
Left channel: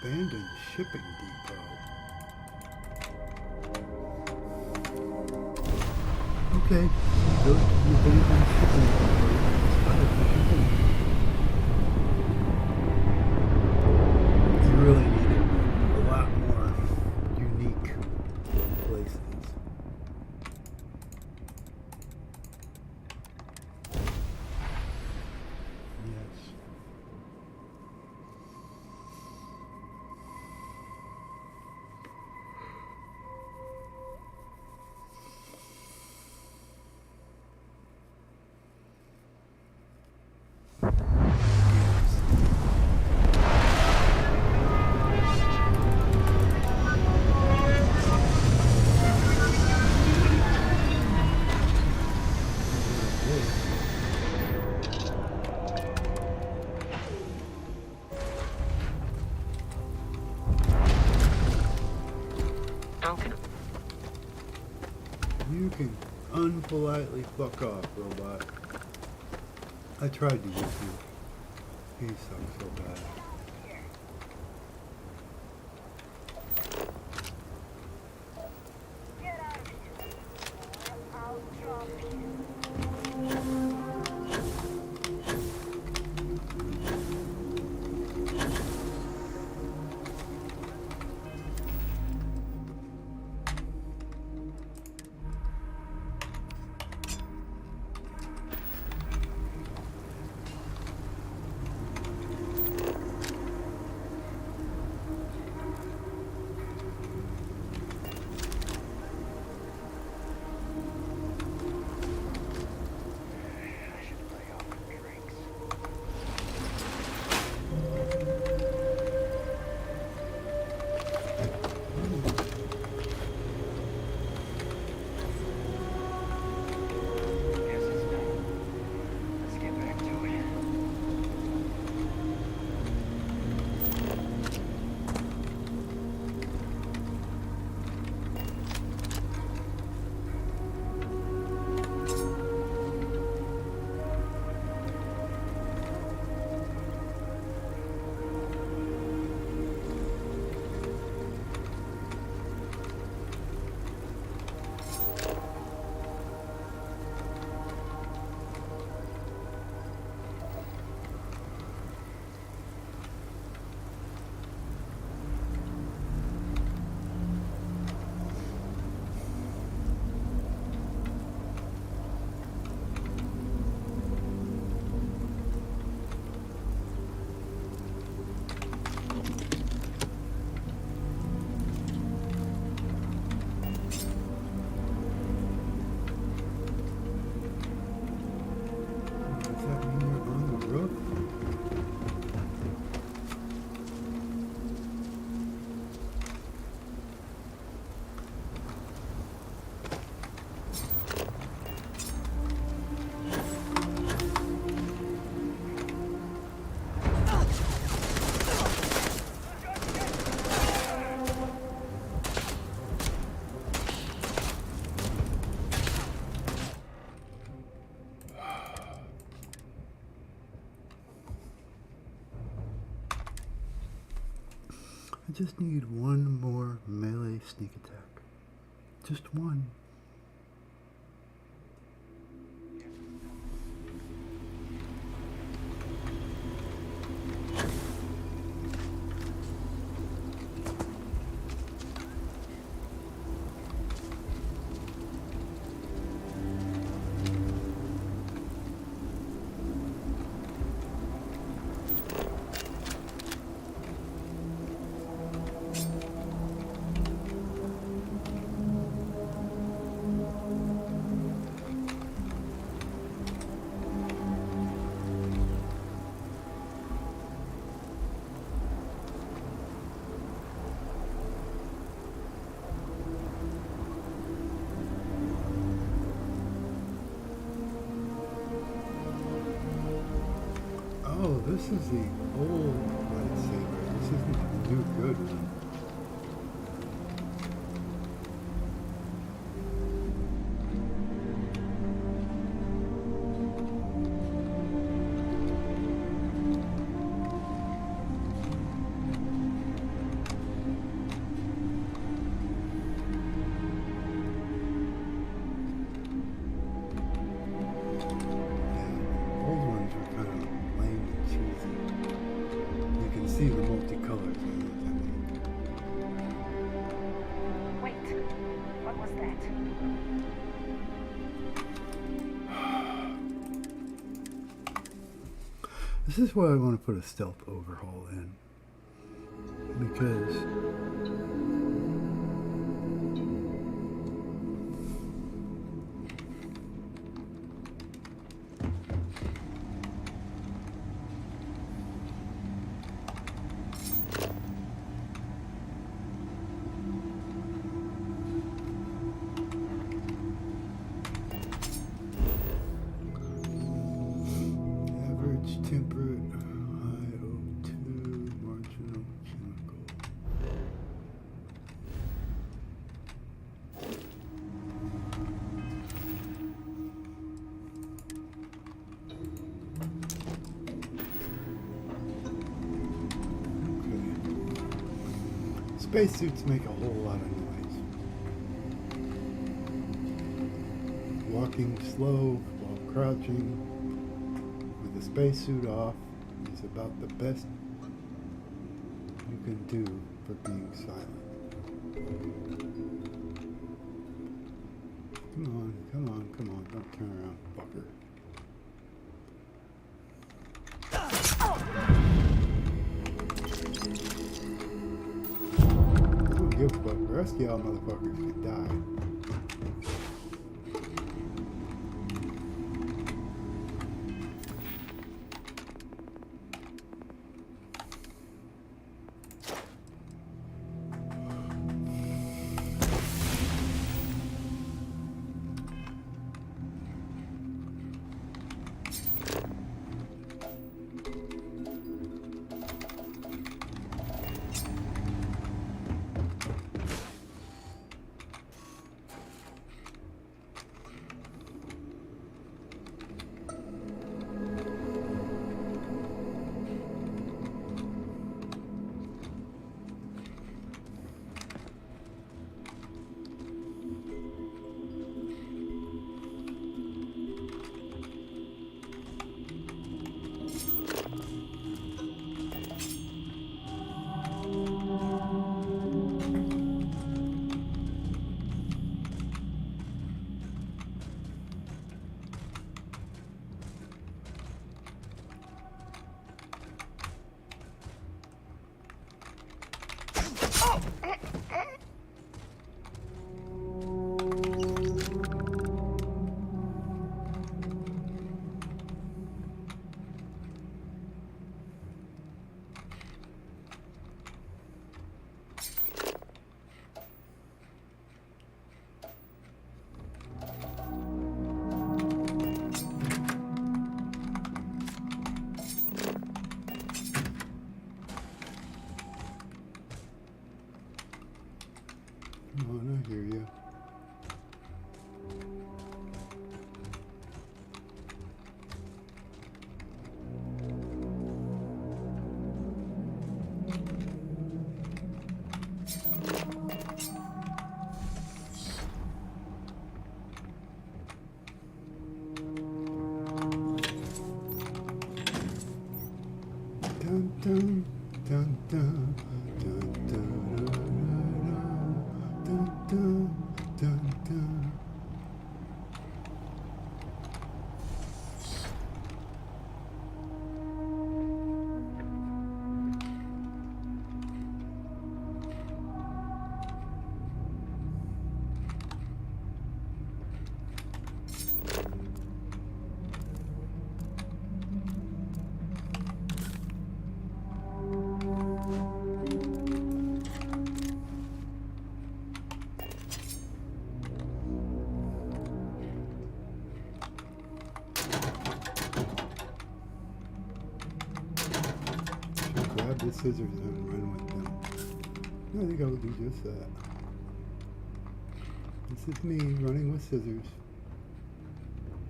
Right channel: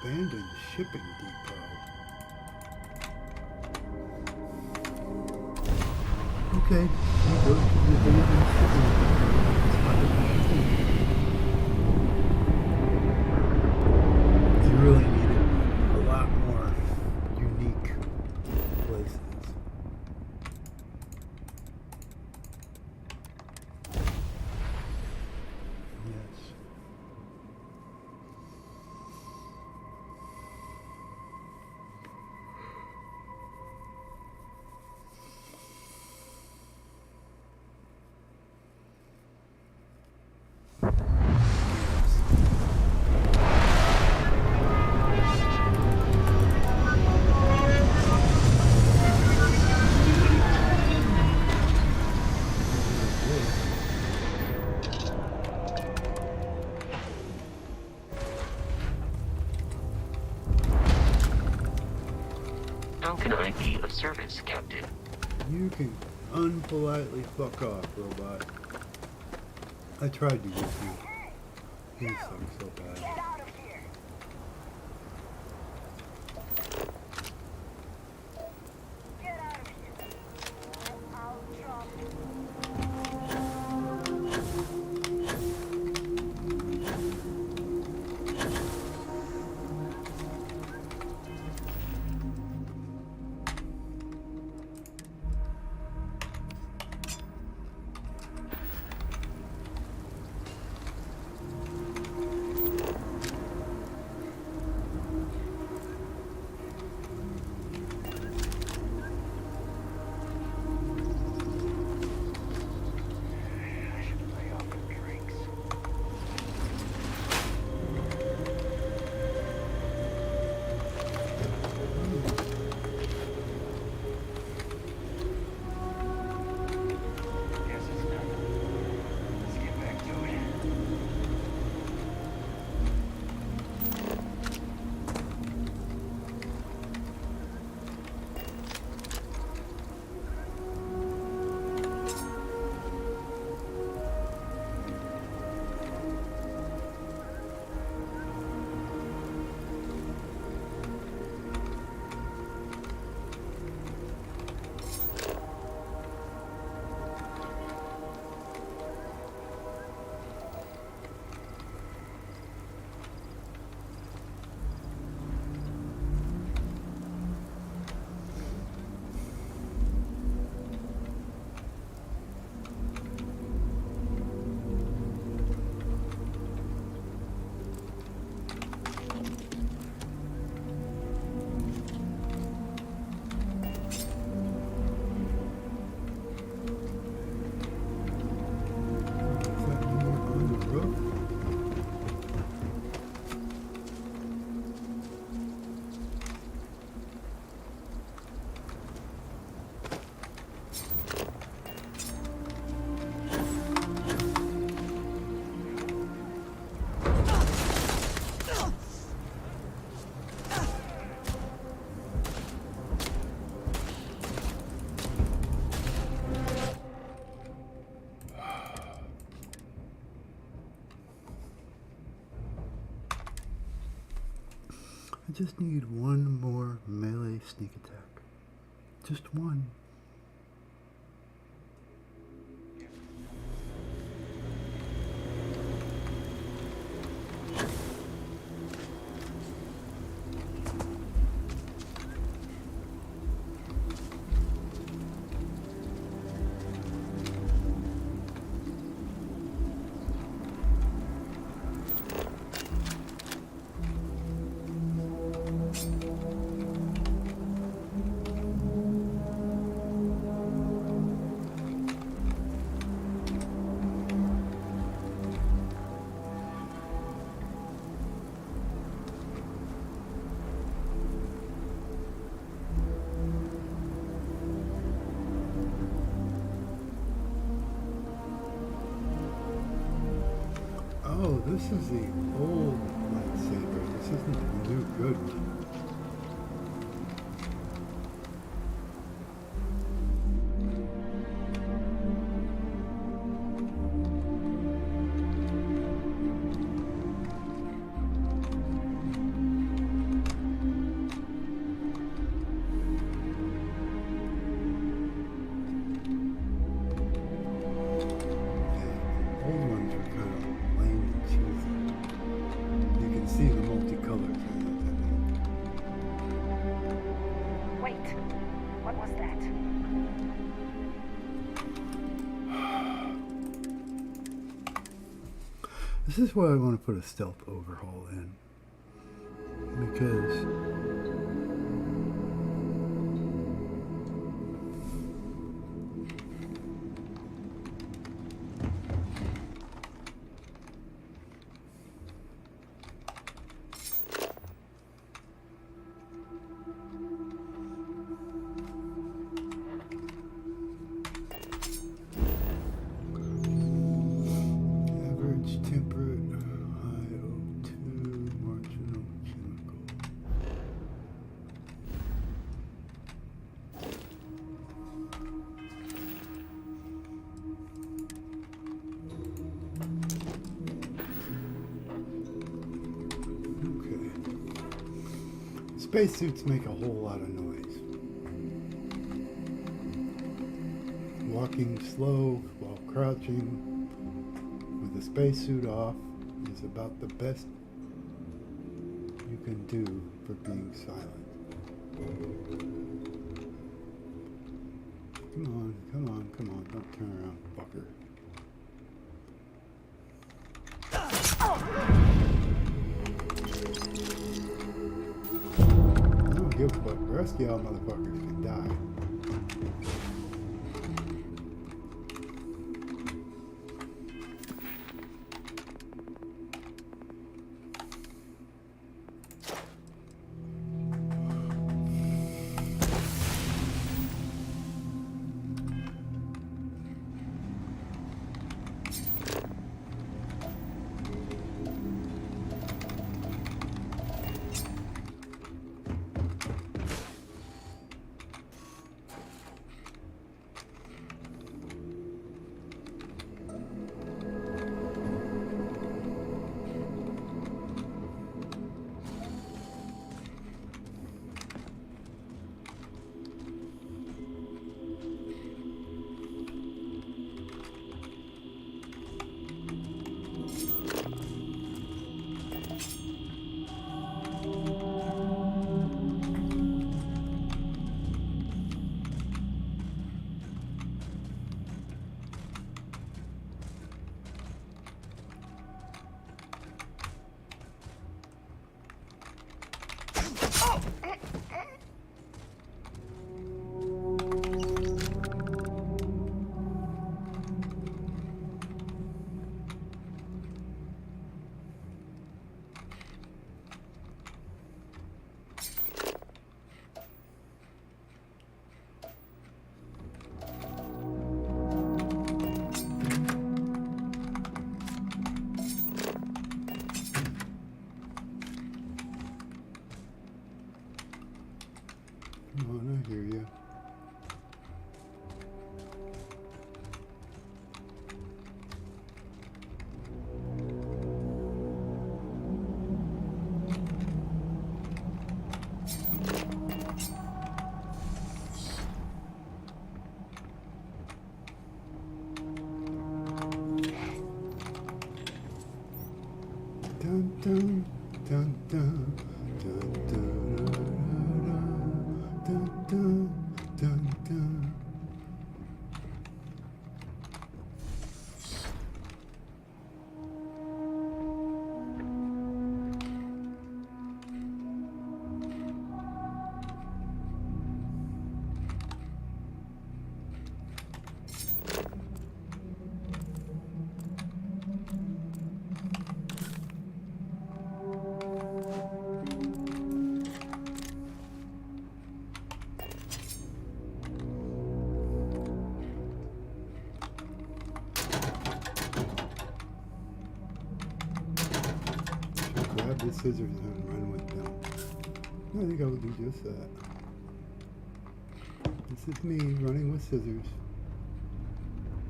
Abandoned shipping depot. Okay, we go to the abandoned shipping depot. It's by the shipping. You really needed a lot more unique places. Yes. How can I be of service, Captain? You can unpolitely fuck off, robot. I tried to get you. You suck so bad. Does that mean you're on the roof? I just need one more melee sneak attack. Just one. Oh, this is the old lightsaber. This isn't the new good one. Old ones are kind of lame and cheesy. You can see the multicolors in it, I mean. Wait, what was that? This is why I want to put a stealth overhaul in. Because average temperate, high O2, marginal chemical. Okay. Spacesuits make a whole lot of noise. Walking slow while crouching with the spacesuit off is about the best you can do for being silent. Come on, come on, come on, don't turn around, fucker. I don't give a fuck. The rest of y'all motherfuckers can die. Come on, I hear you. Dun dun dun dun dun dun dun dun dun dun. grab the scissors and run with them. I think I will do just that. This is me running with scissors.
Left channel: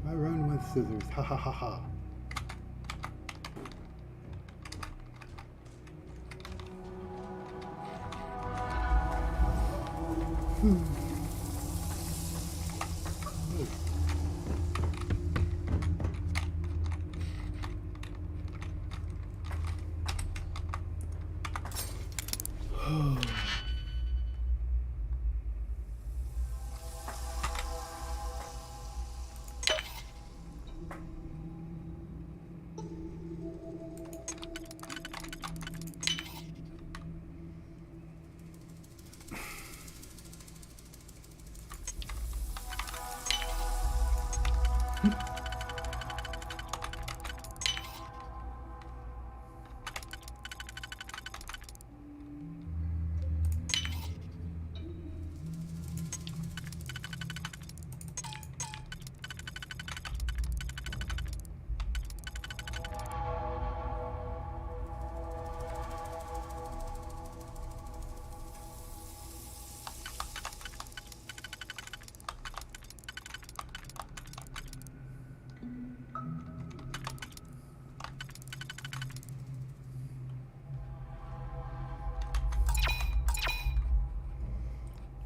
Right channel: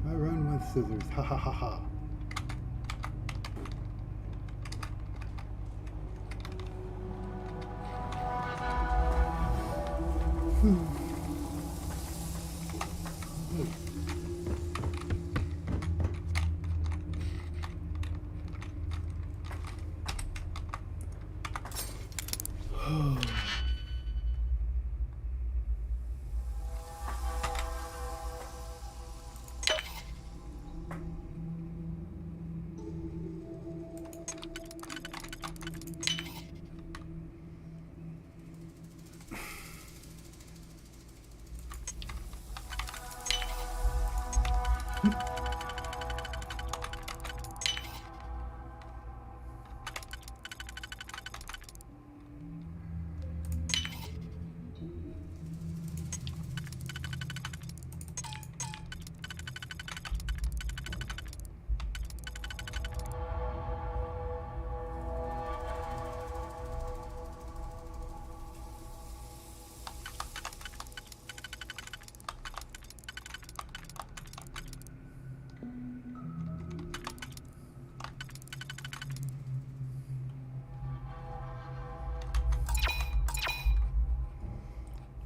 I run with scissors. Ha ha ha ha.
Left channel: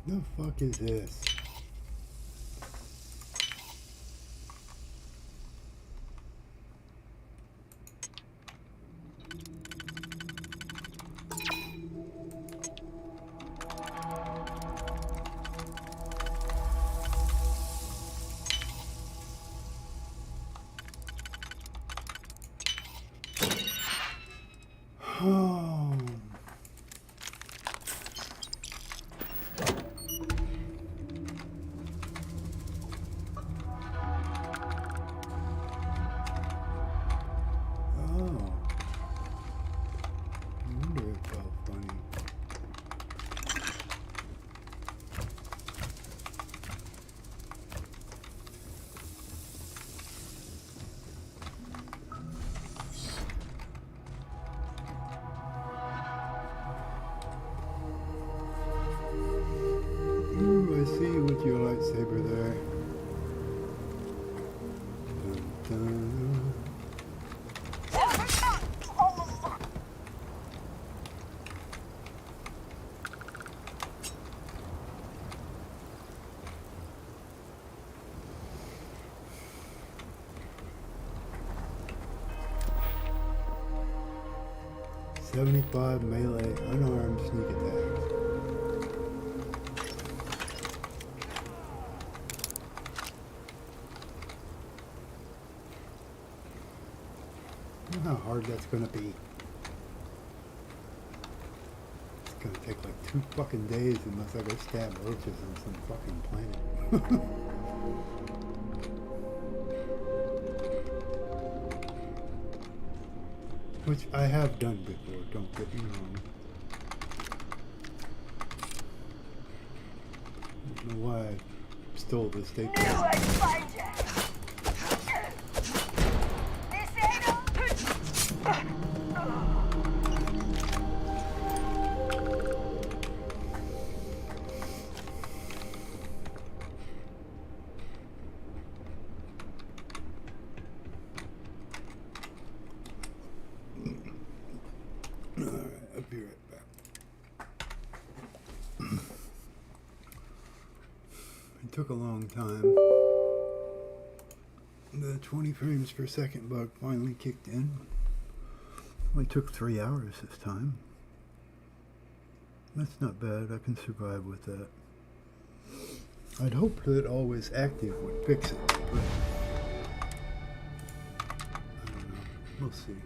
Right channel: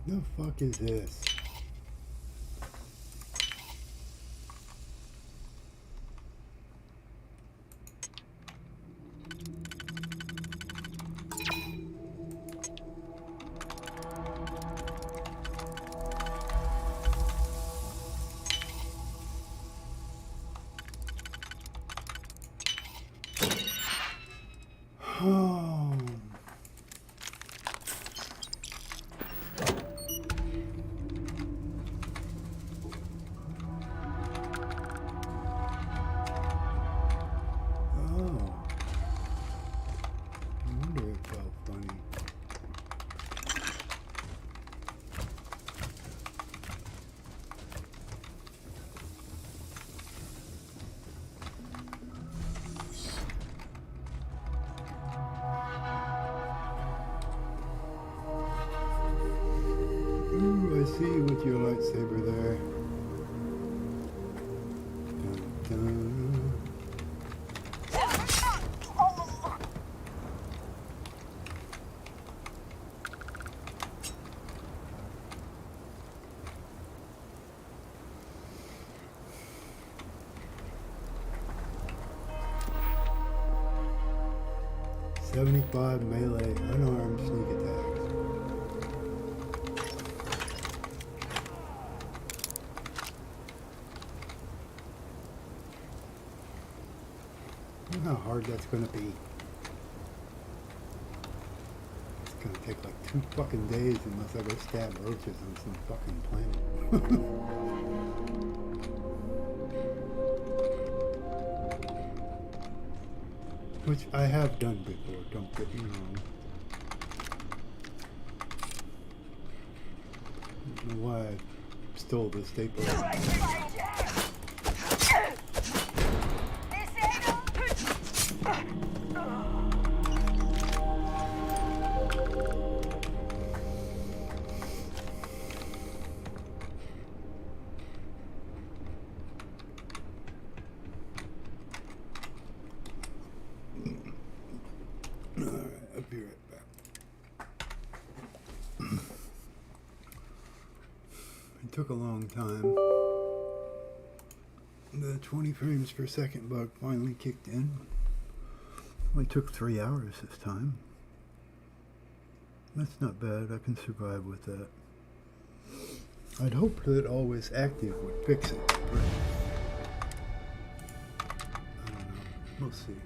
The fuck is this? Oh. Oh. I wonder if it felt funny. Ooh, I see you with your lightsaber there. Dun, dun. "75 melee unarmed sneak attacks." I don't know how hard that's gonna be. It's gonna take like 2 fucking days unless I go stab roaches on some fucking planet. Which I have done before, don't get me wrong. I don't know why I stole the staple. Alright, I'll be right back. It took a long time. The 20 frames per second bug finally kicked in. Only took 3 hours this time. That's not bad, I can survive with that. I'd hoped that always active would fix it, but I don't know. We'll see.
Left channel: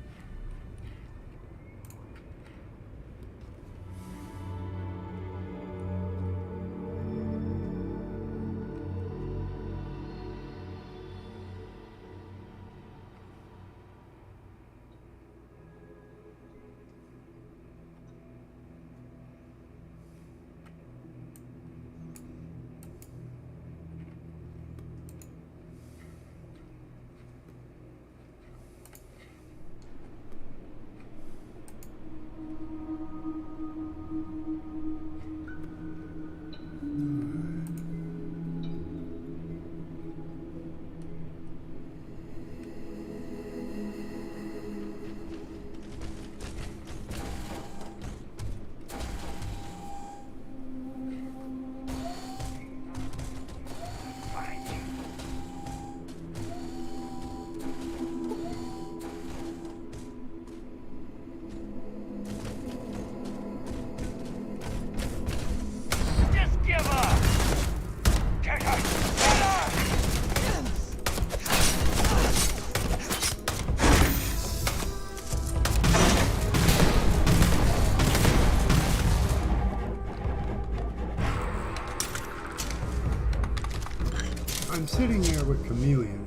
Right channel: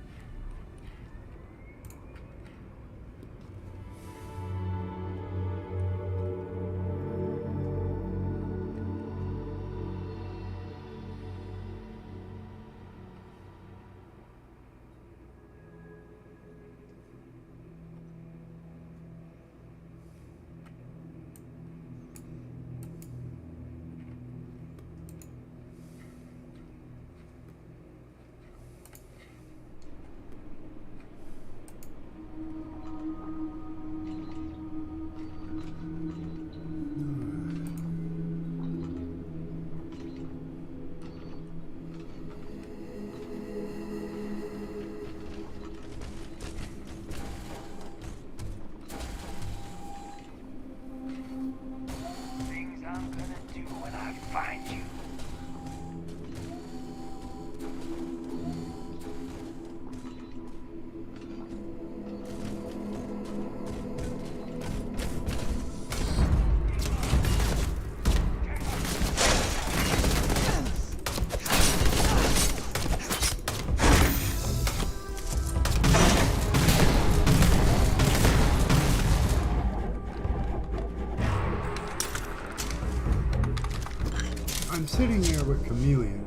sitting there with Chameleon.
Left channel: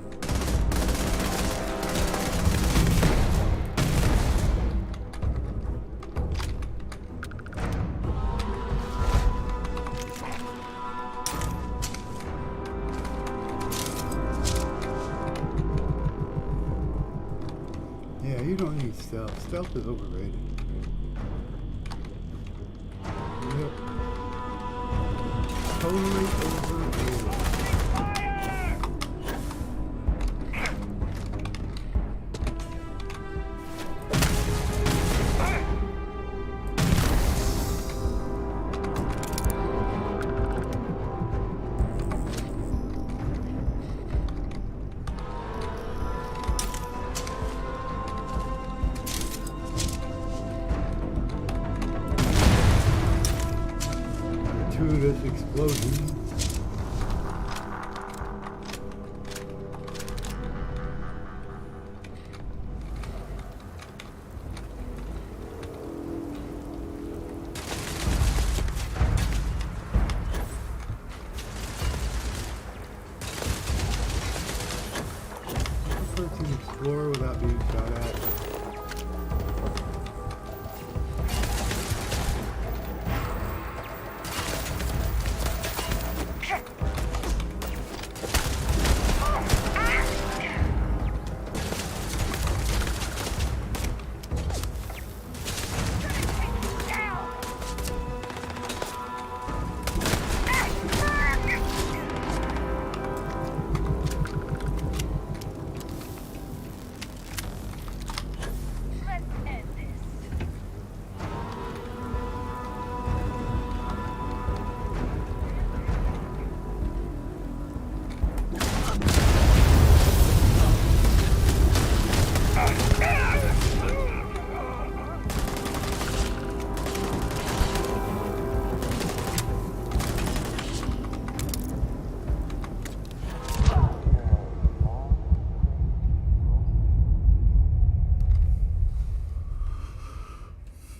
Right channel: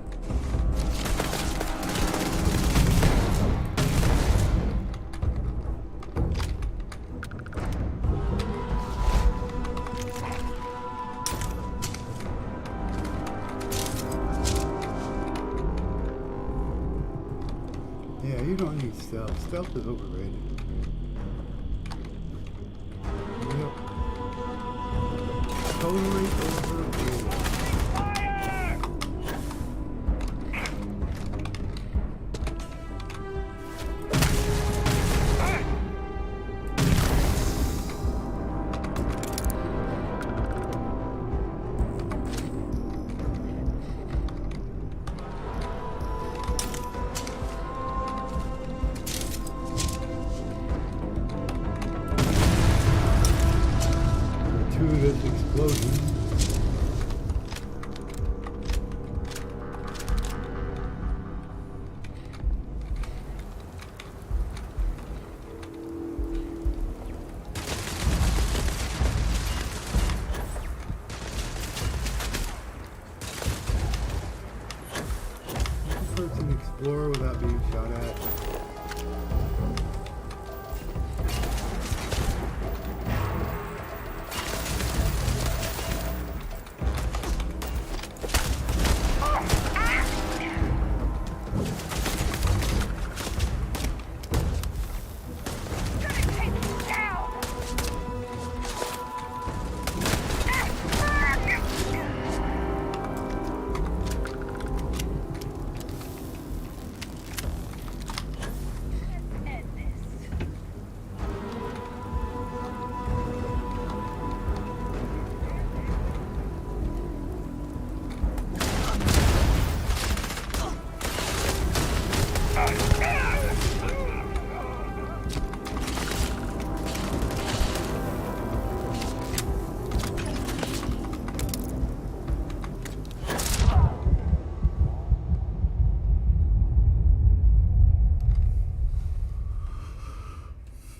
Yeah, you don't need stealth. Stealth is overrated. Yep. Totally overrated. Gratuitous explosion. Person explore without being shot at.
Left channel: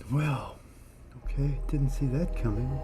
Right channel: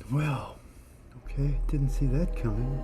Well, okay, didn't see that coming.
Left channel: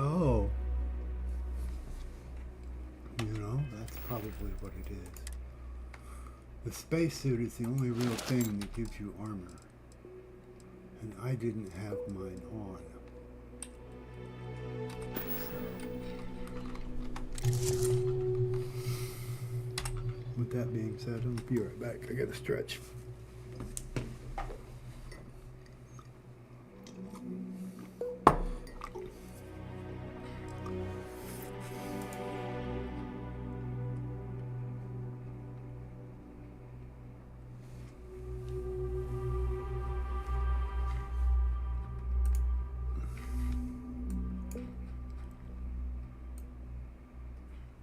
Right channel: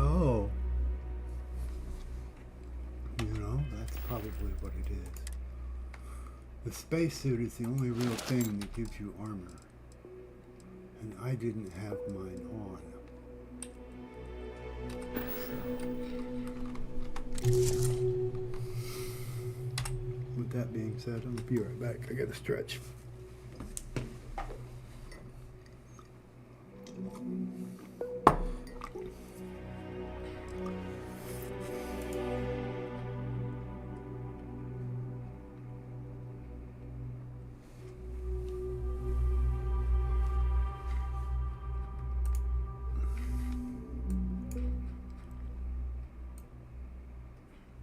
Oh. You know, that's probably what it is. The spacesuit is the only real thing that gives you armor. And I didn't have mine on. So. With that being said, I'll be right back. I gotta stretch.